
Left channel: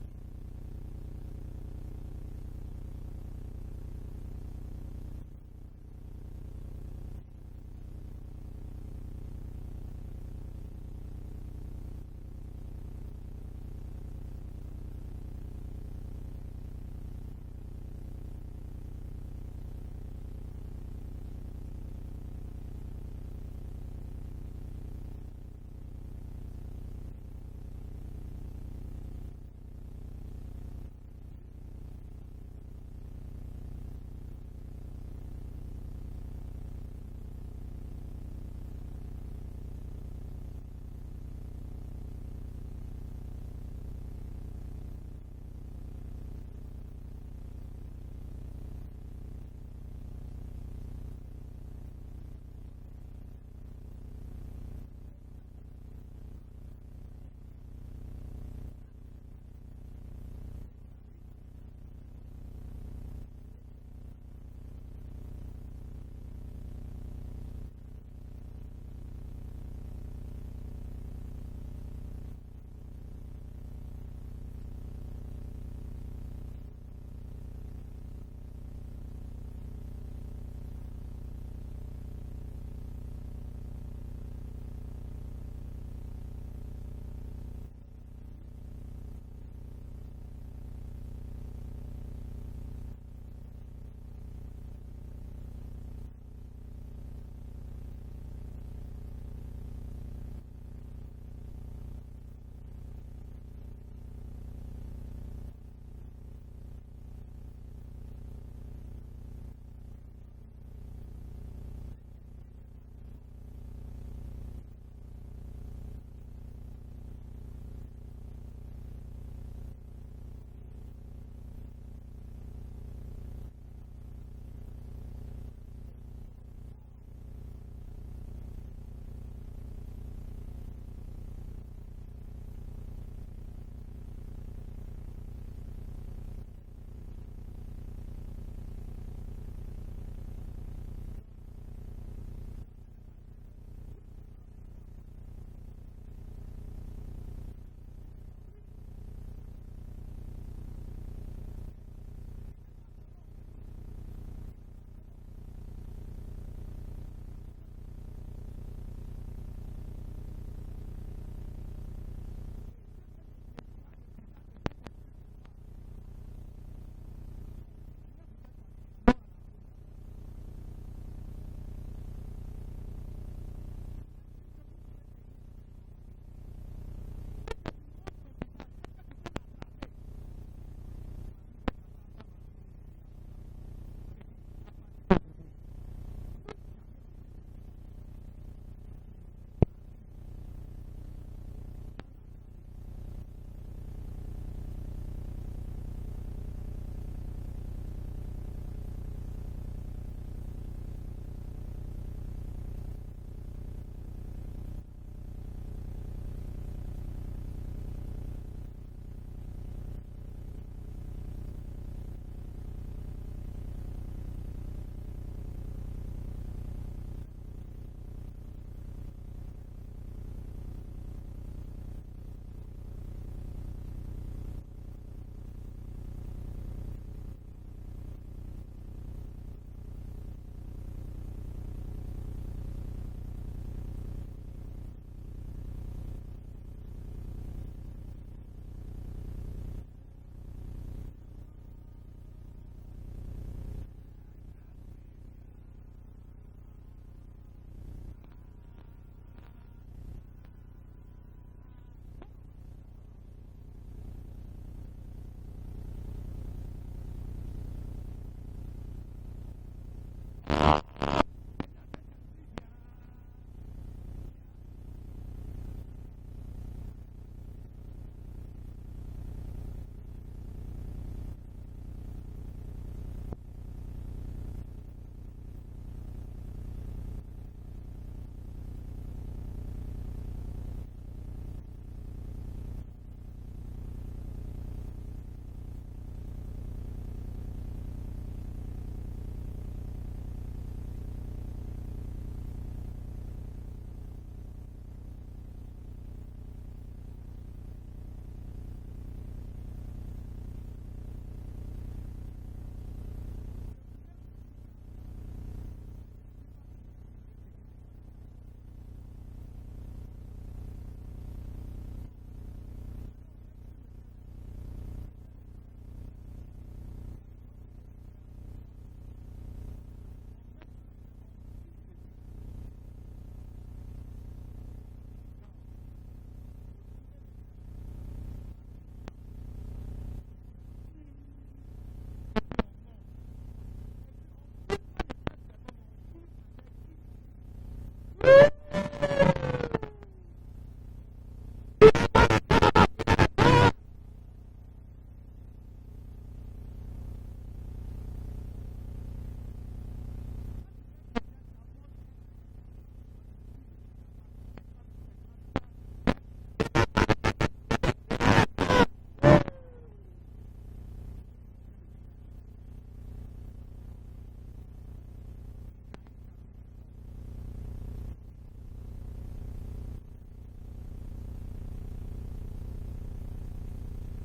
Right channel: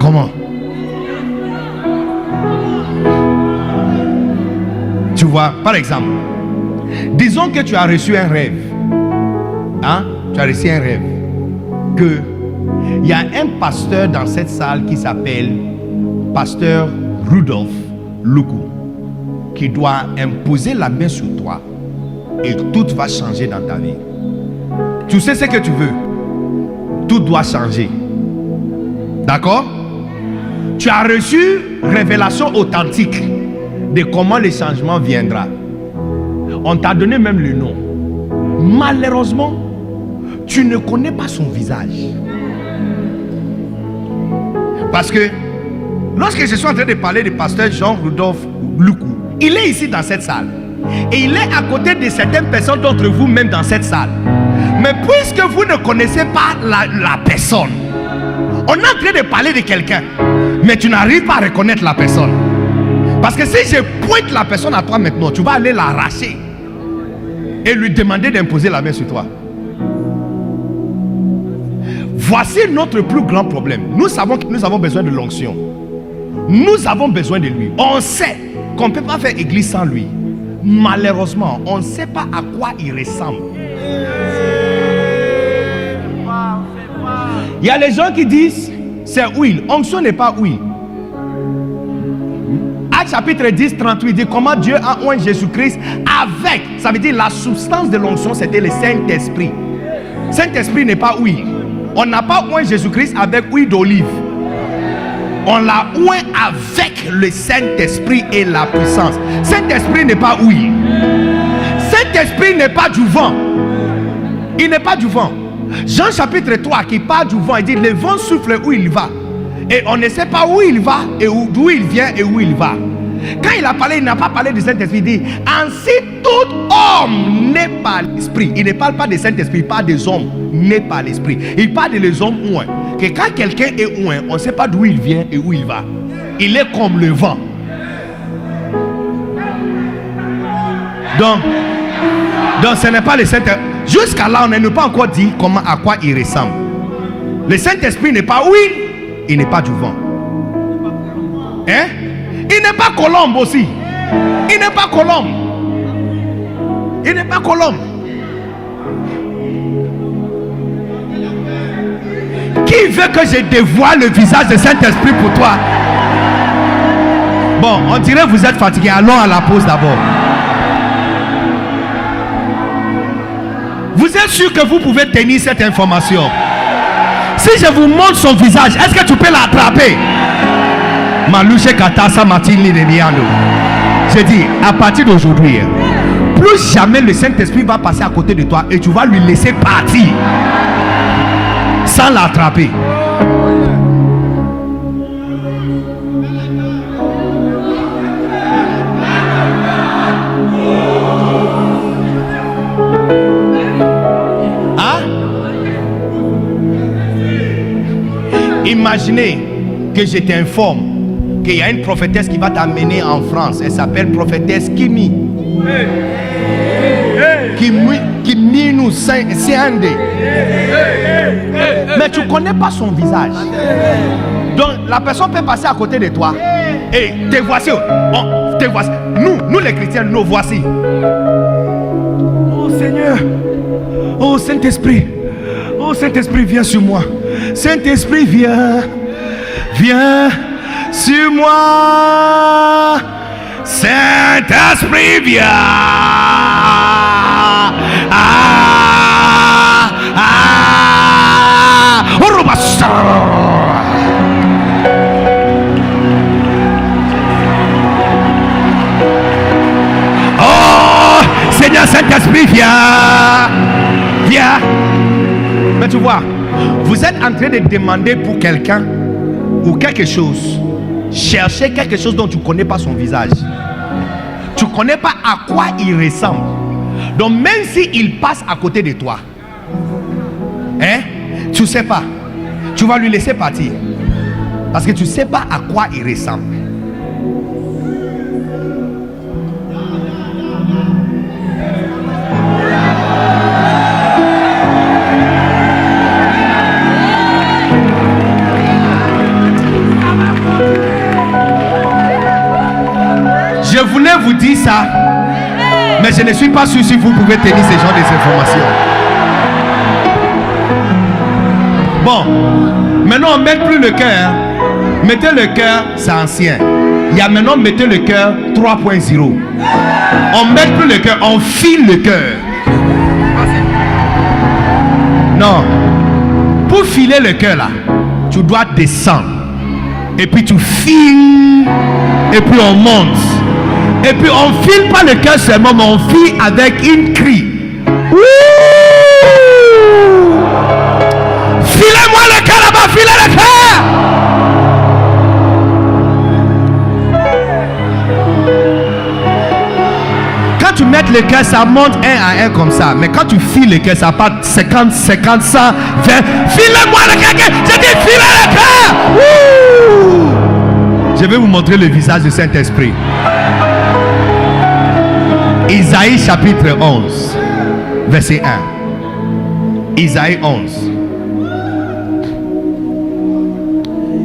Comment? Tu vois, par exemple, disons que tu as reçu un rêve. Hein? Tu as reçu un rêve. Que il y a un pasteur dans cette salle qui s'appelle Pasteur Rudolf Luku, qui doit imposer la main sur toi et tout va changer dans ta vie. Tu sais ce que tu veux. Tout doit changer. D'accord? Tu as reçu révélation authentique de comment le changement viendra. On t'a donné même le nom. Malheureusement, tu ne connais pas son visage. Parce que lorsque je suis en train de parler du pasteur Jean-Rudolf Luku, il est ici dans cette salle. Et il est à côté de certaines personnes d'entre vous même dans cette salle. Mais puisque vous ne connaissez pas la personne, on est en train de parler de quelqu'un, mais tu n'arrives pas à reconnaître la personne. Parce que si je pointe la personne à toi maintenant, tu vas aller l'arracher et lui demander d'imposer la main sur toi. Voici notre plus grand problème. Nous savons que nous avons besoin de l'onction. Nous avons besoin de lui. On sait qu'on ne peut pas faire église sans lui. Malheureusement, on ne sait pas à quoi il ressemble. Il y a les gens qui disent c'est huile. Onction n'est pas huile. Actes chapitre 10, 38 dit comment Dieu a oint Jésus-Christ avec, ça veut dire la substance de l'onction, c'était le Saint-Esprit. Saint-Esprit n'est pas huile. On n'a pas oint Jésus-Christ avec huile d'olive. On l'a oint avec le Saint-Esprit et la puissance. Saint-Esprit n'est pas huile. Saint-Esprit n'est pas du vent. Il n'est pas du vent. Jean chapitre 3 qui parle du vent, il dit le vent souffle où il va. Et on ne sait pas où il va et d'où il vient et où il va. Quand il a parlé, il n'a pas parlé du Saint-Esprit. Il dit ainsi tout homme n'est pas l'esprit. Il ne parle pas du Saint-Esprit, il parle des hommes n'est pas l'esprit. Il parle des hommes oints. Que quand quelqu'un est oint, on ne sait pas d'où il vient et où il va. Il est comme le vent. Donc ce n'est pas le Saint-Esprit. Jusqu'à là, on n'a pas encore dit à quoi il ressemble. Le Saint-Esprit n'est pas huile, il n'est pas du vent. Hein? Il n'est pas colombe aussi. Il n'est pas colombe. Il n'est pas colombe. Qui veut que je dévoile le visage du Saint-Esprit pour toi? Bon, on dirait que vous êtes fatigué. Allons à la pause d'abord. Vous êtes sûr que vous pouvez tenir cette information? Si je vous montre son visage, est-ce que tu peux l'attraper? Malouche Katasa Martini Nemiano. J'ai dit, à partir d'aujourd'hui, plus jamais le Saint-Esprit va passer à côté de toi et tu vas lui laisser partir sans l'attraper. Hein? Imaginez que je t'informe qu'il y a une prophétesse qui va t'amener en France. Elle s'appelle prophétesse Kimi. Kimi nous Siande. Mais tu ne connais pas son visage. Donc la personne peut passer à côté de toi. Et te voici. Te voici. Nous les chrétiens, nous voici. Oh Seigneur. Oh Saint-Esprit. Oh Saint-Esprit, viens sur moi. Saint-Esprit, viens. Viens sur moi. Saint-Esprit, viens. Oh, Seigneur Saint-Esprit, viens. Viens. Mais tu vois, vous êtes en train de demander pour quelqu'un ou quelque chose. Chercher quelque chose dont tu ne connais pas son visage. Tu ne connais pas à quoi il ressemble. Donc même s'il passe à côté de toi, hein, tu ne sais pas. Tu vas lui laisser partir. Parce que tu ne sais pas à quoi il ressemble. Je voulais vous dire ça, mais je ne suis pas sûr si vous pouvez tenir ce genre d'informations. Bon, maintenant on ne met plus le cœur. Mettez le cœur, c'est ancien. Il y a maintenant, mettez le cœur 3.0. On ne met plus le cœur, on file le cœur. Non. Pour filer le cœur là, tu dois descendre. Et puis tu files. Et puis on monte. Et puis on file pas le cœur seulement, mais on file avec une cri. Filez-moi le cœur là-bas, filez le cœur. Quand tu mets le cœur, ça monte un à un comme ça. Mais quand tu files le cœur, ça part 50, 50, 100, 20. Filez-moi le cœur. J'ai dit filez le cœur. Je vais vous montrer le visage du Saint-Esprit. Isaïe chapitre 11, verset 1. Isaïe 11.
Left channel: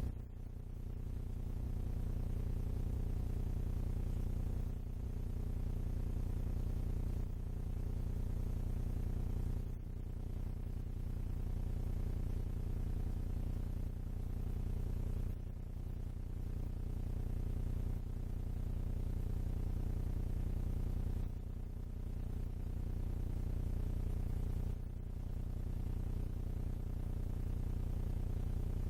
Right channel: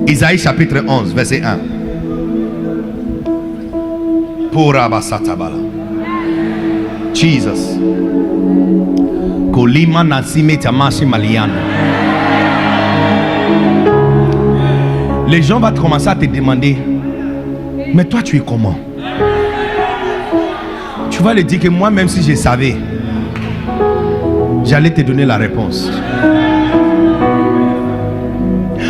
Isaïe chapitre 11, verset 1. Pour Abasatabala. Jesus. Kolima Nasime Tamashi Maliano. Les gens vont commencer à te demander, mais toi tu es comment? Tu vas leur dire que moi, même si je savais, j'allais te donner la réponse.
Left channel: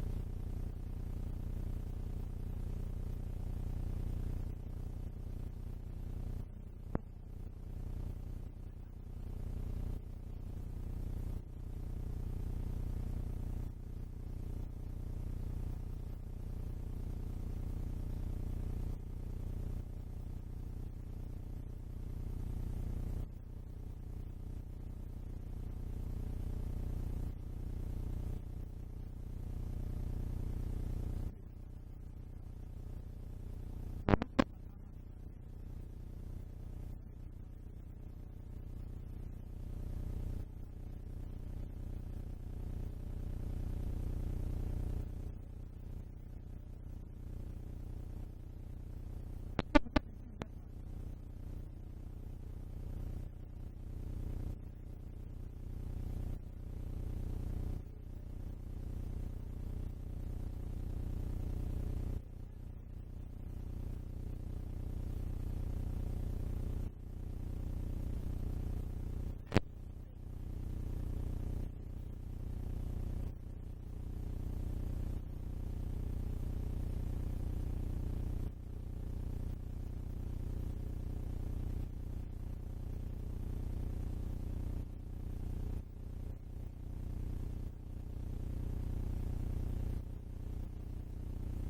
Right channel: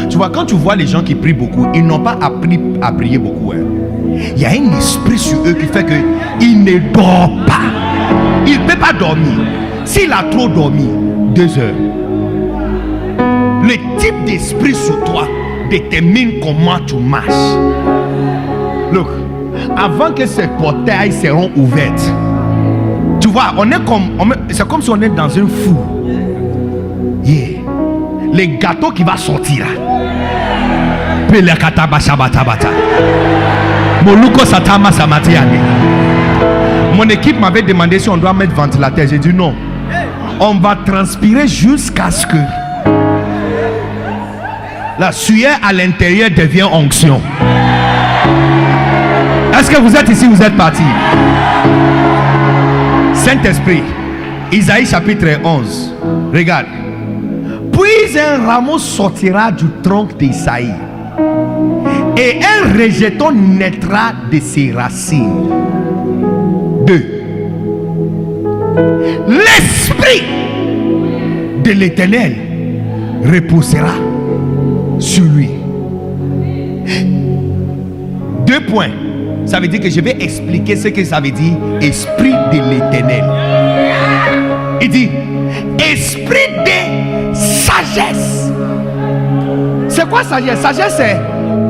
Tu vois, quand tu vois les gens qui prient beaucoup, ils n'ont pas appris à prier beaucoup. Hein. Il y a un esprit sur eux qui fait qu'ils ne dorment pas. Il ne peut pas dormir. S'il a trop dormi, 2 heures. Le type d'esprit sur toi détermine comment tu marches. Look, avant que ces portails seront ouvertes, tu vois, c'est comme si on est dans un four. Yeah. Les gâteaux qui vont sortir là. Mon équipe m'avait demandé si on doit mettre ventilateur. J'ai dit non. On va transpirer jusqu'à ce que la sueur à l'intérieur devient onction. Est-ce que vous êtes ici, vous êtes partis? Saint-Esprit, Isaïe chapitre 11. Regarde. Puis un rameau sortira du tronc d'Isaïe, et un rejeton naîtra de ses racines. 2. L'esprit de l'Éternel reposera sur lui. 2 points. Ça veut dire que je vais expliquer ce que ça veut dire esprit de l'éternel. Il dit esprit de sagesse. C'est quoi sagesse? Sagesse, c'est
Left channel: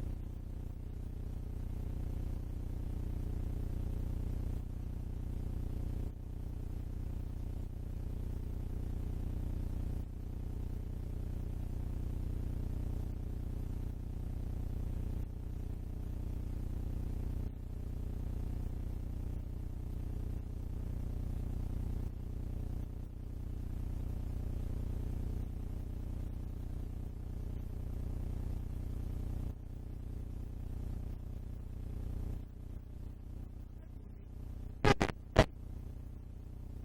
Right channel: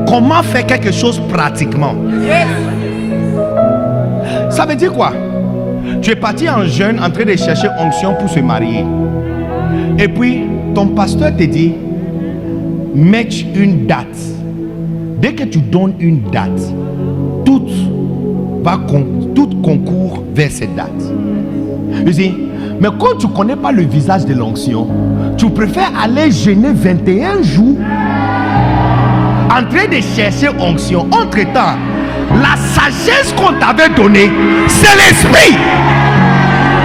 comment faire quelque chose pratiquement. Ça veut dire quoi? Tu es parti en jeûne en train de chercher onction pour se marier. Et puis ton pasteur te dit mets une date. Dès que tu donnes une date, tout concourt vers cette date. Je dis, mais quand tu ne connais pas le visage de l'onction, tu préfères aller jeûner 21 jours en train de chercher onction. Entre-temps, la sagesse qu'on t'avait donnée, c'est l'esprit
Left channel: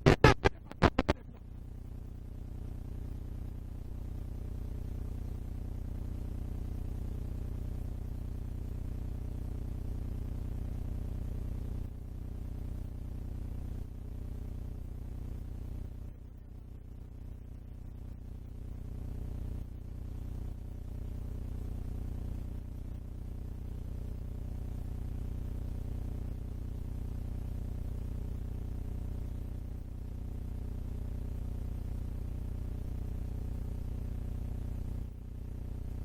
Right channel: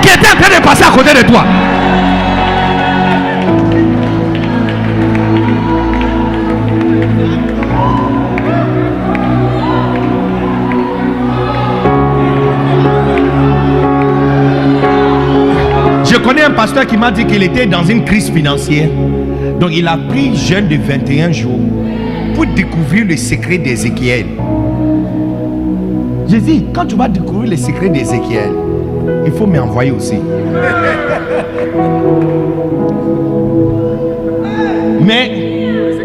qui était en train de passer à côté de toi. Je connais un pasteur qui m'a dit qu'il était dans une crise financière. Donc il a pris jeûne de 21 jours pour découvrir le secret d'Ézéchiel. J'ai dit, quand tu vas découvrir le secret d'Ézéchiel, il faut m'envoyer aussi. Mais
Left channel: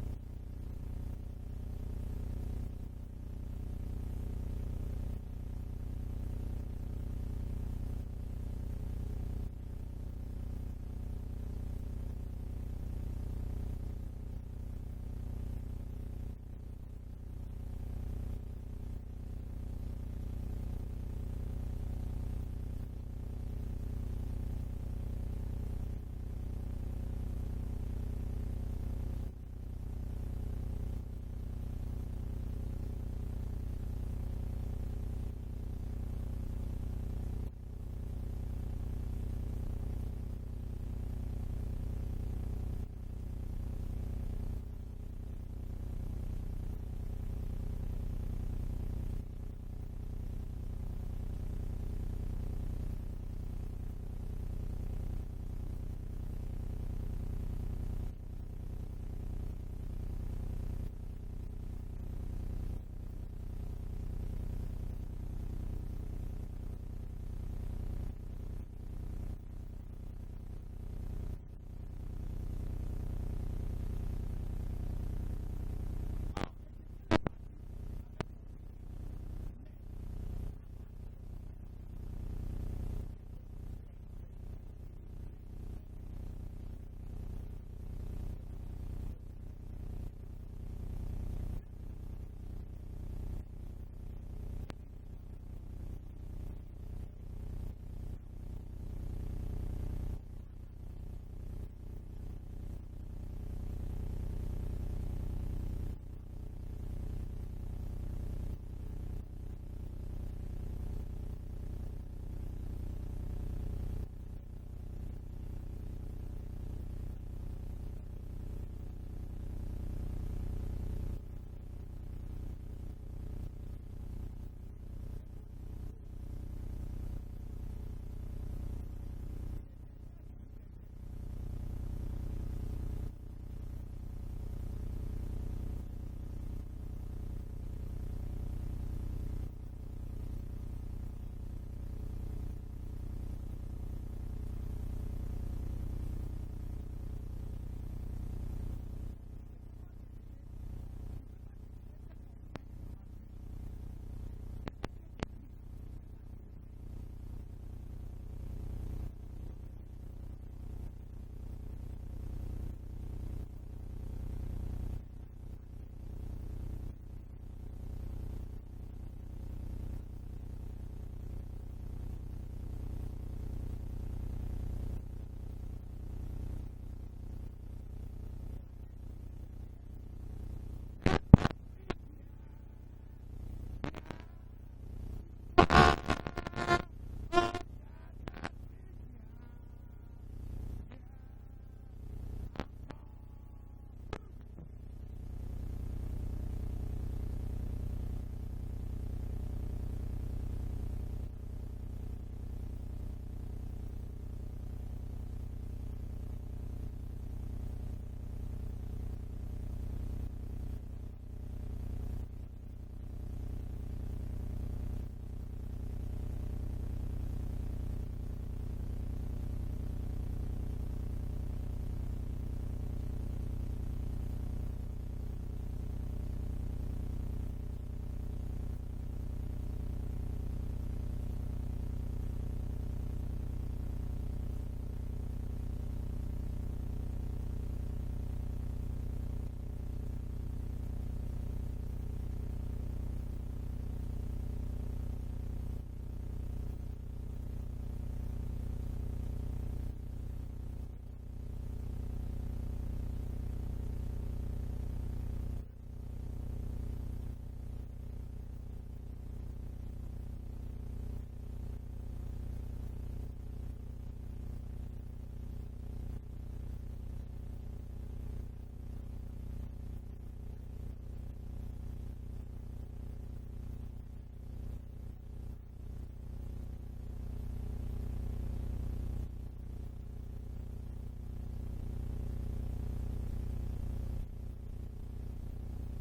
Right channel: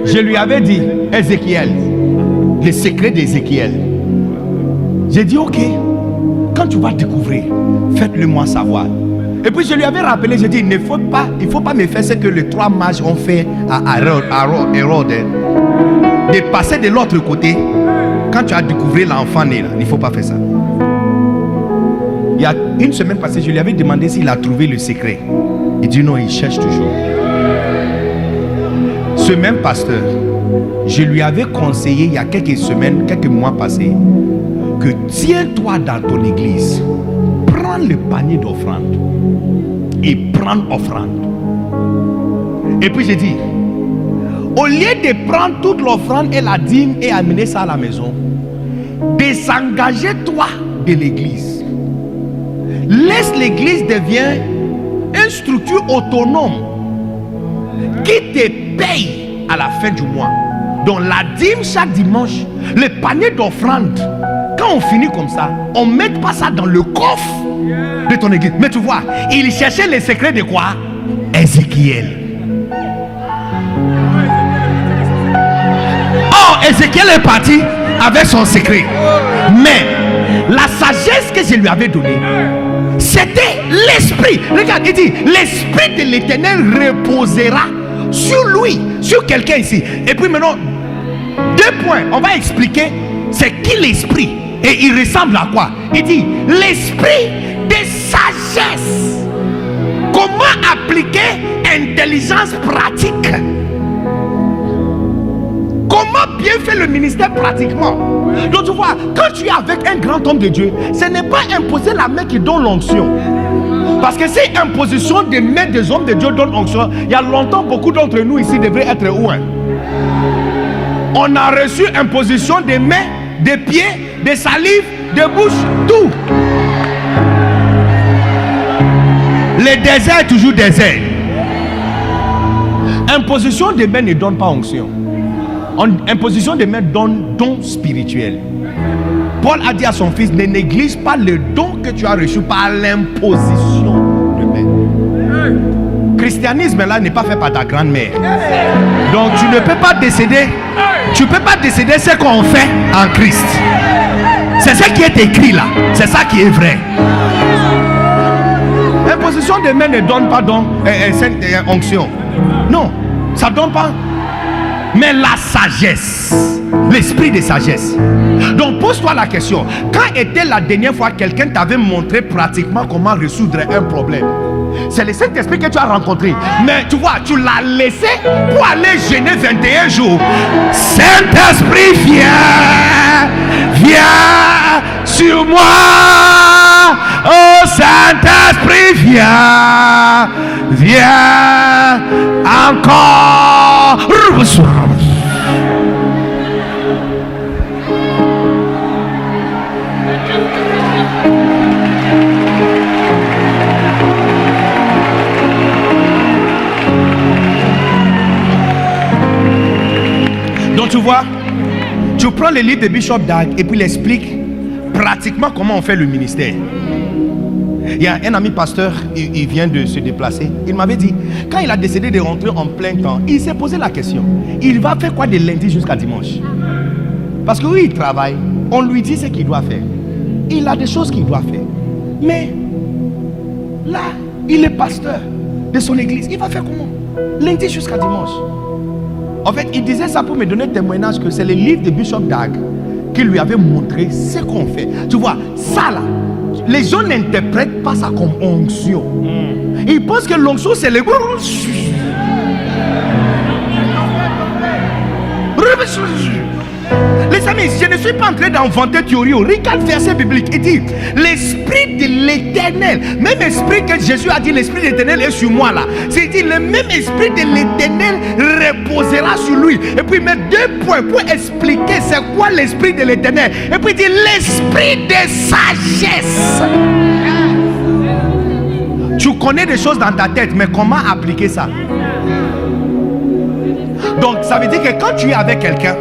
je lui avais dit, Ézéchiel, le secret d'Ézéchiel. J'ai dit, ok, quand tu vas découvrir, faites-le moi savoir. Et puis je lui avais rappelé, j'ai dit, il ne faut pas me faire ce que les 3 mages ont fait à Hérode. De passer de l'autre côté, quand tu as découvert l'enfant né là, il ne faut pas faire ça. Il y a une semaine passée, je lui avais demandé s'il a trouvé le secret. Il dit non, il cherche toujours. Ce même pasteur, je lui avais conseillé il y a quelques semaines, quelques mois passés, que tiens-toi dans ton église, prends le panier d'offrande et prends offrande. Et puis j'ai dit, au lieu de prendre toute l'offrande et la dîme et amener ça à la maison, désengagez-toi de l'église. Laisse l'église devenir une structure autonome qui te paye à la fin du mois. Donc la dîme chaque dimanche, le panier d'offrande, quand on finit comme ça, on ne met pas ça dans le coffre de ton église. Mais tu vois, il cherchait les secrets de quoi? Ézéchiel. Oh, Ézéchiel est parti avec son secret. Mais la sagesse que je lui avais donnée, c'était l'esprit. Regarde, il dit, l'esprit de l'Éternel reposera sur lui, sur quelqu'un ici. Et puis maintenant, 2 points, on va expliquer c'est qui l'esprit et il ressemble à quoi. Il dit, l'esprit de sagesse. Comment appliquer intelligence pratique? Comment bien faire le ministère pratiquement? Donc tu vois, quand tu es avec un grand homme de Dieu, ce n'est pas imposer la main qui donne l'onction. Parce que si imposition des mains des hommes de Dieu donne onction, il y a longtemps beaucoup d'entre nous ici devraient être où? On a reçu imposition des mains, des pieds, des salives, des bouches, tout. Le désert est toujours désert. Imposition des mains ne donne pas onction. Imposition des mains donne don spirituel. Paul a dit à son fils, ne néglige pas le don que tu as reçu par l'imposition de mains. Christianisme là n'est pas fait par ta grand-mère. Donc tu ne peux pas décéder. Tu ne peux pas décéder ce qu'on fait en Christ. C'est ce qui est écrit là. C'est ça qui est vrai. Imposition des mains ne donne pas don, onction. Non, ça ne donne pas. Mais la sagesse, l'esprit de sagesse. Donc pose-toi la question, quand était la dernière fois quelqu'un t'avait montré pratiquement comment résoudre un problème? C'est le Saint-Esprit que tu as rencontré. Mais tu vois, tu l'as laissé pour aller jeûner 21 jours. Saint-Esprit, viens sur moi. Oh Saint-Esprit, viens encore. Donc tu vois, Tu prends le livre de Bishop Dag et puis il explique pratiquement comment on fait le ministère. Il y a un ami pasteur, il vient de se déplacer. Il m'avait dit, quand il a décidé de rentrer en plein temps, il s'est posé la question, il va faire quoi de lundi jusqu'à dimanche? Parce que oui, il travaille, on lui dit ce qu'il doit faire. Il a des choses qu'il doit faire. Mais là, il est pasteur de son église. Il va faire comment? Lundi jusqu'à dimanche. En fait, il disait ça pour me donner témoignage que c'est le livre de Bishop Dag qui lui avait montré ce qu'on fait. Tu vois, ça là, les gens n'interprètent pas ça comme onction. Ils pensent que l'onction c'est le... Les amis, je ne suis pas en train d'inventer théorie. Regarde verset biblique. Il dit, l'esprit de l'éternel, même esprit que Jésus a dit, l'esprit de l'éternel est sur moi là. C'est dit, le même esprit de l'éternel reposera sur lui. Et puis il met 2 points pour expliquer c'est quoi l'esprit de l'éternel. Et puis il dit, l'esprit de sagesse. Tu connais des choses dans ta tête, mais comment appliquer ça? Donc ça veut dire que quand tu es avec quelqu'un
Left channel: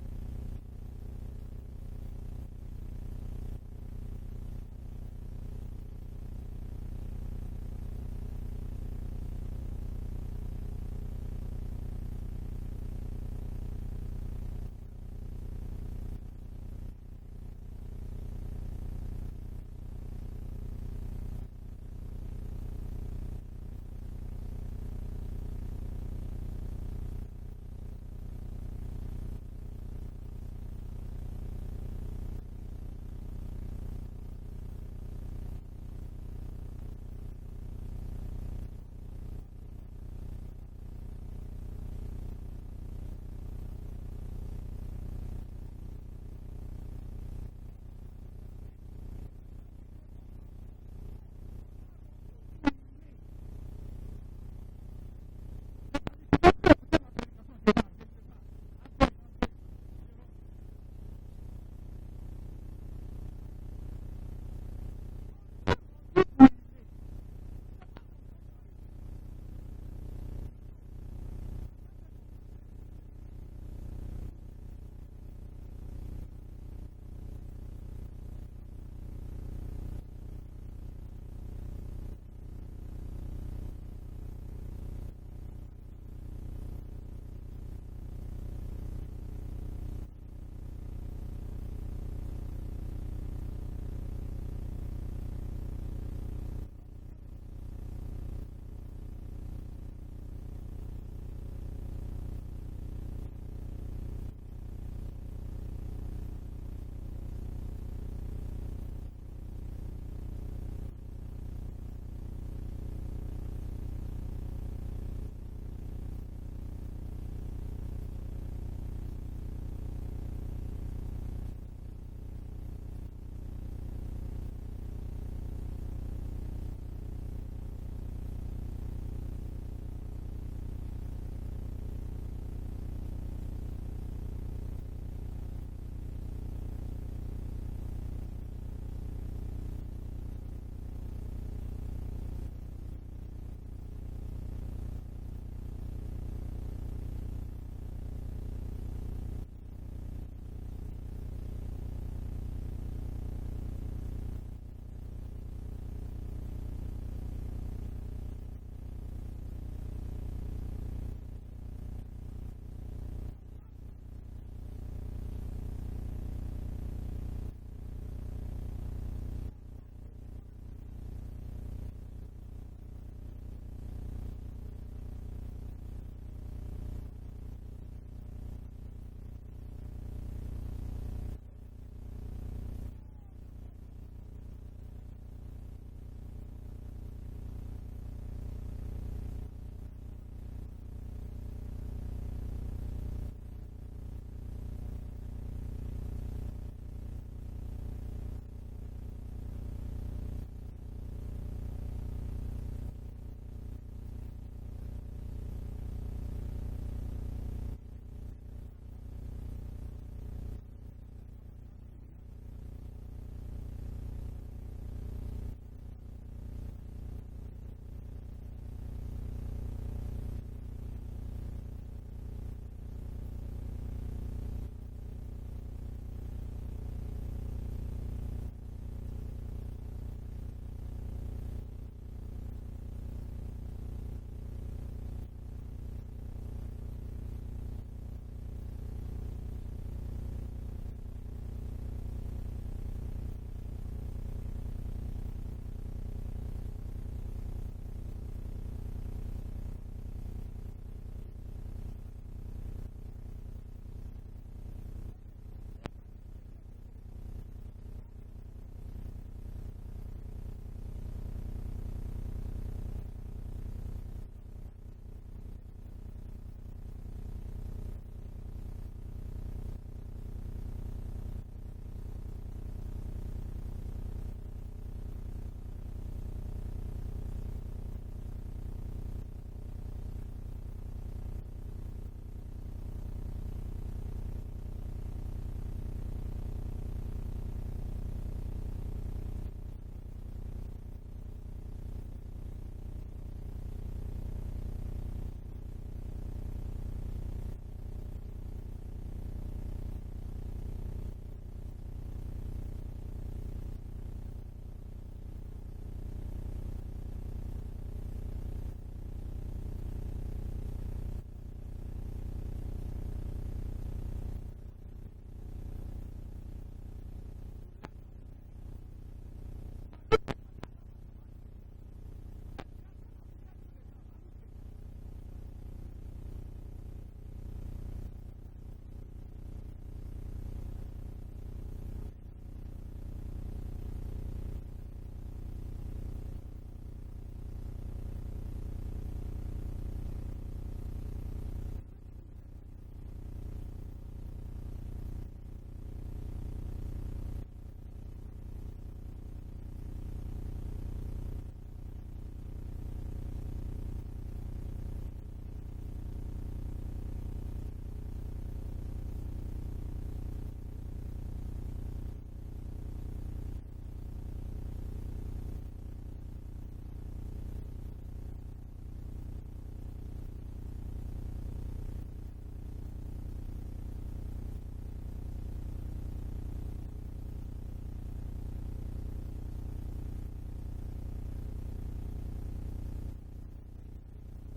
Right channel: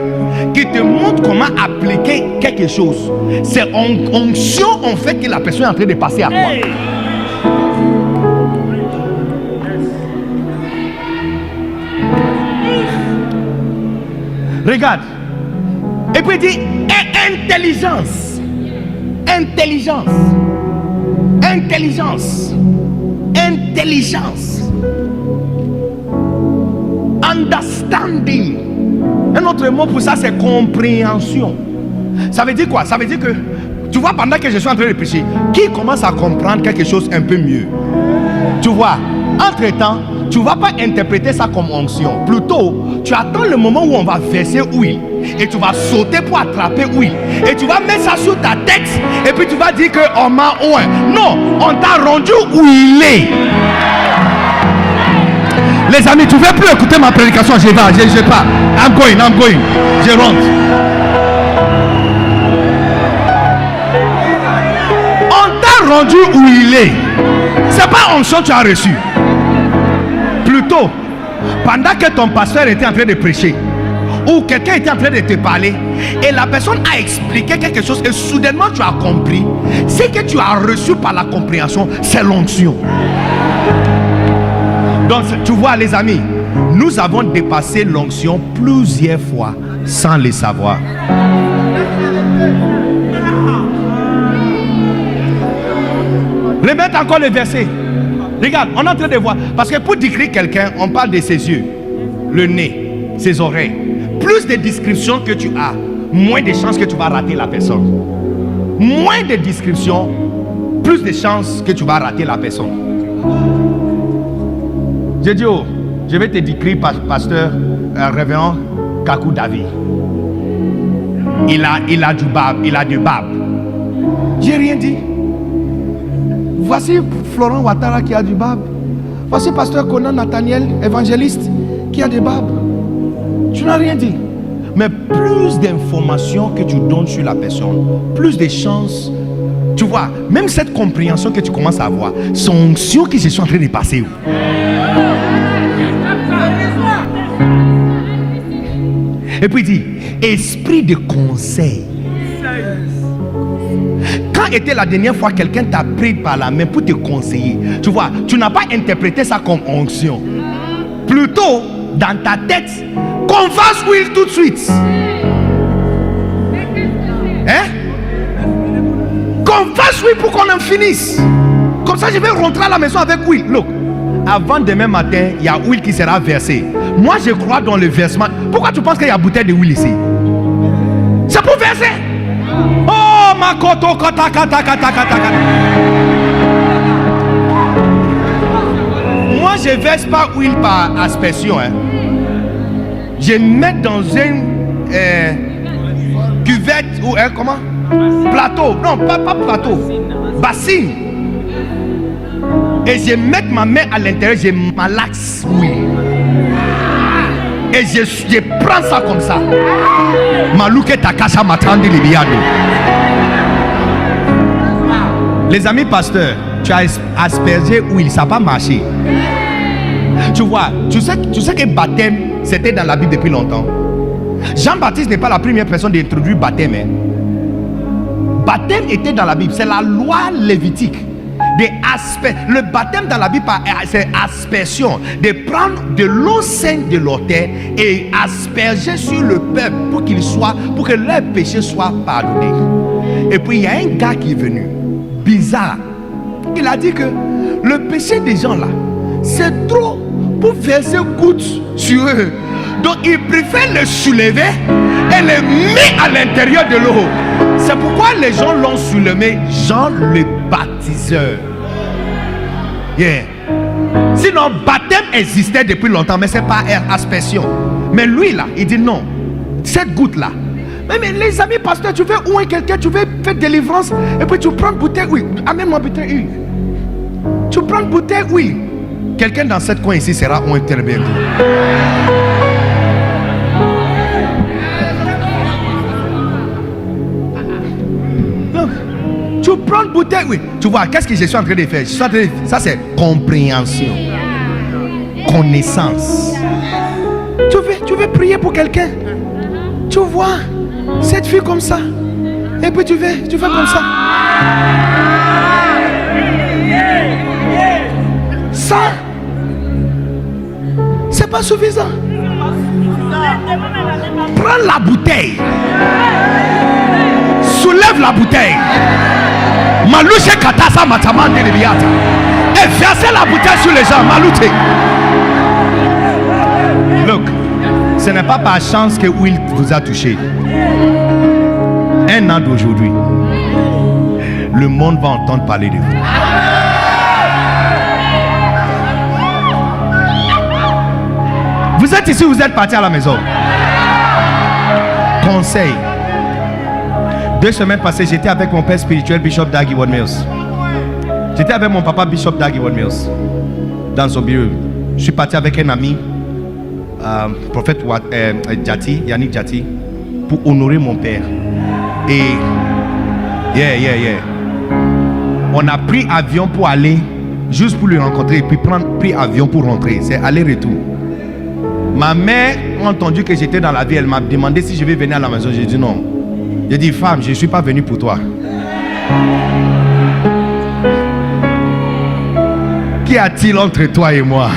qui te montre comment appliquer quelque chose, c'est onction en fait que la personne est en train de passer à toi. Regarde. Et puis il dit intelligence. Intelligence. Intelligence. Intelligence. Understanding. Un autre mot pour ça, c'est compréhension. Ça veut dire quoi? Ça veut dire que, tu vois, pendant que je suis en train de prêcher, qui commence à comprendre quelque chose un peu mieux? Tu vois, entre-temps, tu ne vas pas interpréter ça comme onction. Plutôt, tu attends le moment où on va verser huile. Et tu vas sauter pour attraper huile. Et tu vas mettre ça sur ta tête. Et puis tu vas dire qu'on m'a oint. Non, on t'a rendu huilé. Les amis, tu ne veux plus écouter ma prédication, je vais pas. I'm going. Je rentre. On t'a rendu huilé. C'est pas onction que tu as reçu. Plutôt, pendant que ton pasteur était en train de prêcher, ou quelqu'un était en train de te parler, et la personne a expliqué quelque chose, et soudainement tu as compris, ce que tu as reçu par la compréhension, c'est l'onction. Donc, tu vois, les amis, nous avons dépassé l'onction plusieurs fois sans le savoir. Remettez encore le verset. Regarde, on est en train de voir. Parce que pour décrire quelqu'un, on parle de ses yeux, le nez, ses oreilles. Plus de descriptions que tu as, moins de chances que tu vas rater la personne. Moins de descriptions, plus de chances que tu vas rater la personne. J'ai dit, oh, je vais te décrire pasteur révérend Kakou David. Il a du barbe. J'ai rien dit. Voici Florent Ouattara qui a du barbe. Voici pasteur Conan Nathaniel, évangéliste, qui a des barbes. Tu n'as rien dit. Mais plus d'informations que tu donnes sur la personne, plus de chances. Tu vois, même cette compréhension que tu commences à avoir, c'est une onction qui se sont en train de passer. Et puis il dit, esprit de conseil. Quand était la dernière fois quelqu'un t'a pris par la main pour te conseiller? Tu vois, tu n'as pas interprété ça comme onction. Plutôt, dans ta tête, qu'on fasse huile tout de suite. Hein? Qu'on fasse huile pour qu'on en finisse. Comme ça, je vais rentrer à la maison avec huile. Look, avant demain matin, il y a huile qui sera versée. Moi, je crois dans le versement. Pourquoi tu penses qu'il y a bouteille de huile ici? C'est pour verser. Oh, ma koto kata kata kata kata. Moi, je verse pas huile par aspersion. Hein. Je mets dans une cuvette ou comment? Plateau. Non, pas plateau. Bassine. Et je mets ma main à l'intérieur, je malaxe huile. Et je prends ça comme ça. Malouke takasha matandi libiado. Les amis pasteurs, tu as aspergé huile, ça n'a pas marché. Tu vois, tu sais que baptême, c'était dans la Bible depuis longtemps. Jean-Baptiste n'est pas la première personne d'introduire le baptême. Hein. Baptême était dans la Bible. C'est la loi lévitique. Le baptême dans la Bible, c'est aspersion. De prendre de l'eau sainte de l'autel et asperger sur le peuple pour que leurs péchés soient pardonnés. Et puis il y a un gars qui est venu, bizarre. Il a dit que le péché des gens là, c'est trop pour verser goutte sur eux. Donc il préfère le soulever et le mettre à l'intérieur de l'eau. C'est pourquoi les gens l'ont soulevé Jean le baptiseur. Yeah. Sinon, baptême existait depuis longtemps, mais c'est pas aspersion. Mais lui là, il dit non. Cette goutte là. Mais les amis pasteurs, tu veux ouer quelqu'un, tu veux faire délivrance, et puis tu prends une bouteille, oui. Amène-moi bouteille huile. Tu prends une bouteille, oui. Quelqu'un dans cette coin ici sera oué très bientôt. Tu prends une bouteille, oui. Tu vois, qu'est-ce que je suis en train de faire? Ça, c'est compréhension. Connaissance. Tu veux prier pour quelqu'un. Tu vois cette fille comme ça. Et puis tu fais comme ça. Ça, c'est pas suffisant. Prends la bouteille. Soulève la bouteille. Malouche katasa matamande de biata. Et versez la bouteille sur les gens. Malouche. Look, ce n'est pas par chance que Will vous a touché. Un an d'aujourd'hui, le monde va entendre parler de vous. Vous êtes ici, vous êtes parti à la maison. Conseil. 2 semaines passées, j'étais avec mon père spirituel, Bishop Dag Heward-Mills. J'étais avec mon papa, Bishop Dag Heward-Mills, dans son bureau. Je suis parti avec un ami, prophète Jati, Yannick Jati, pour honorer mon père. Et on a pris avion pour aller, juste pour le rencontrer, et puis pris avion pour rentrer. C'est aller-retour. Ma mère a entendu que j'étais dans la vie. Elle m'a demandé si je vais venir à la maison. J'ai dit non. J'ai dit, femme, je ne suis pas venu pour toi. Qu'y a-t-il entre toi et moi?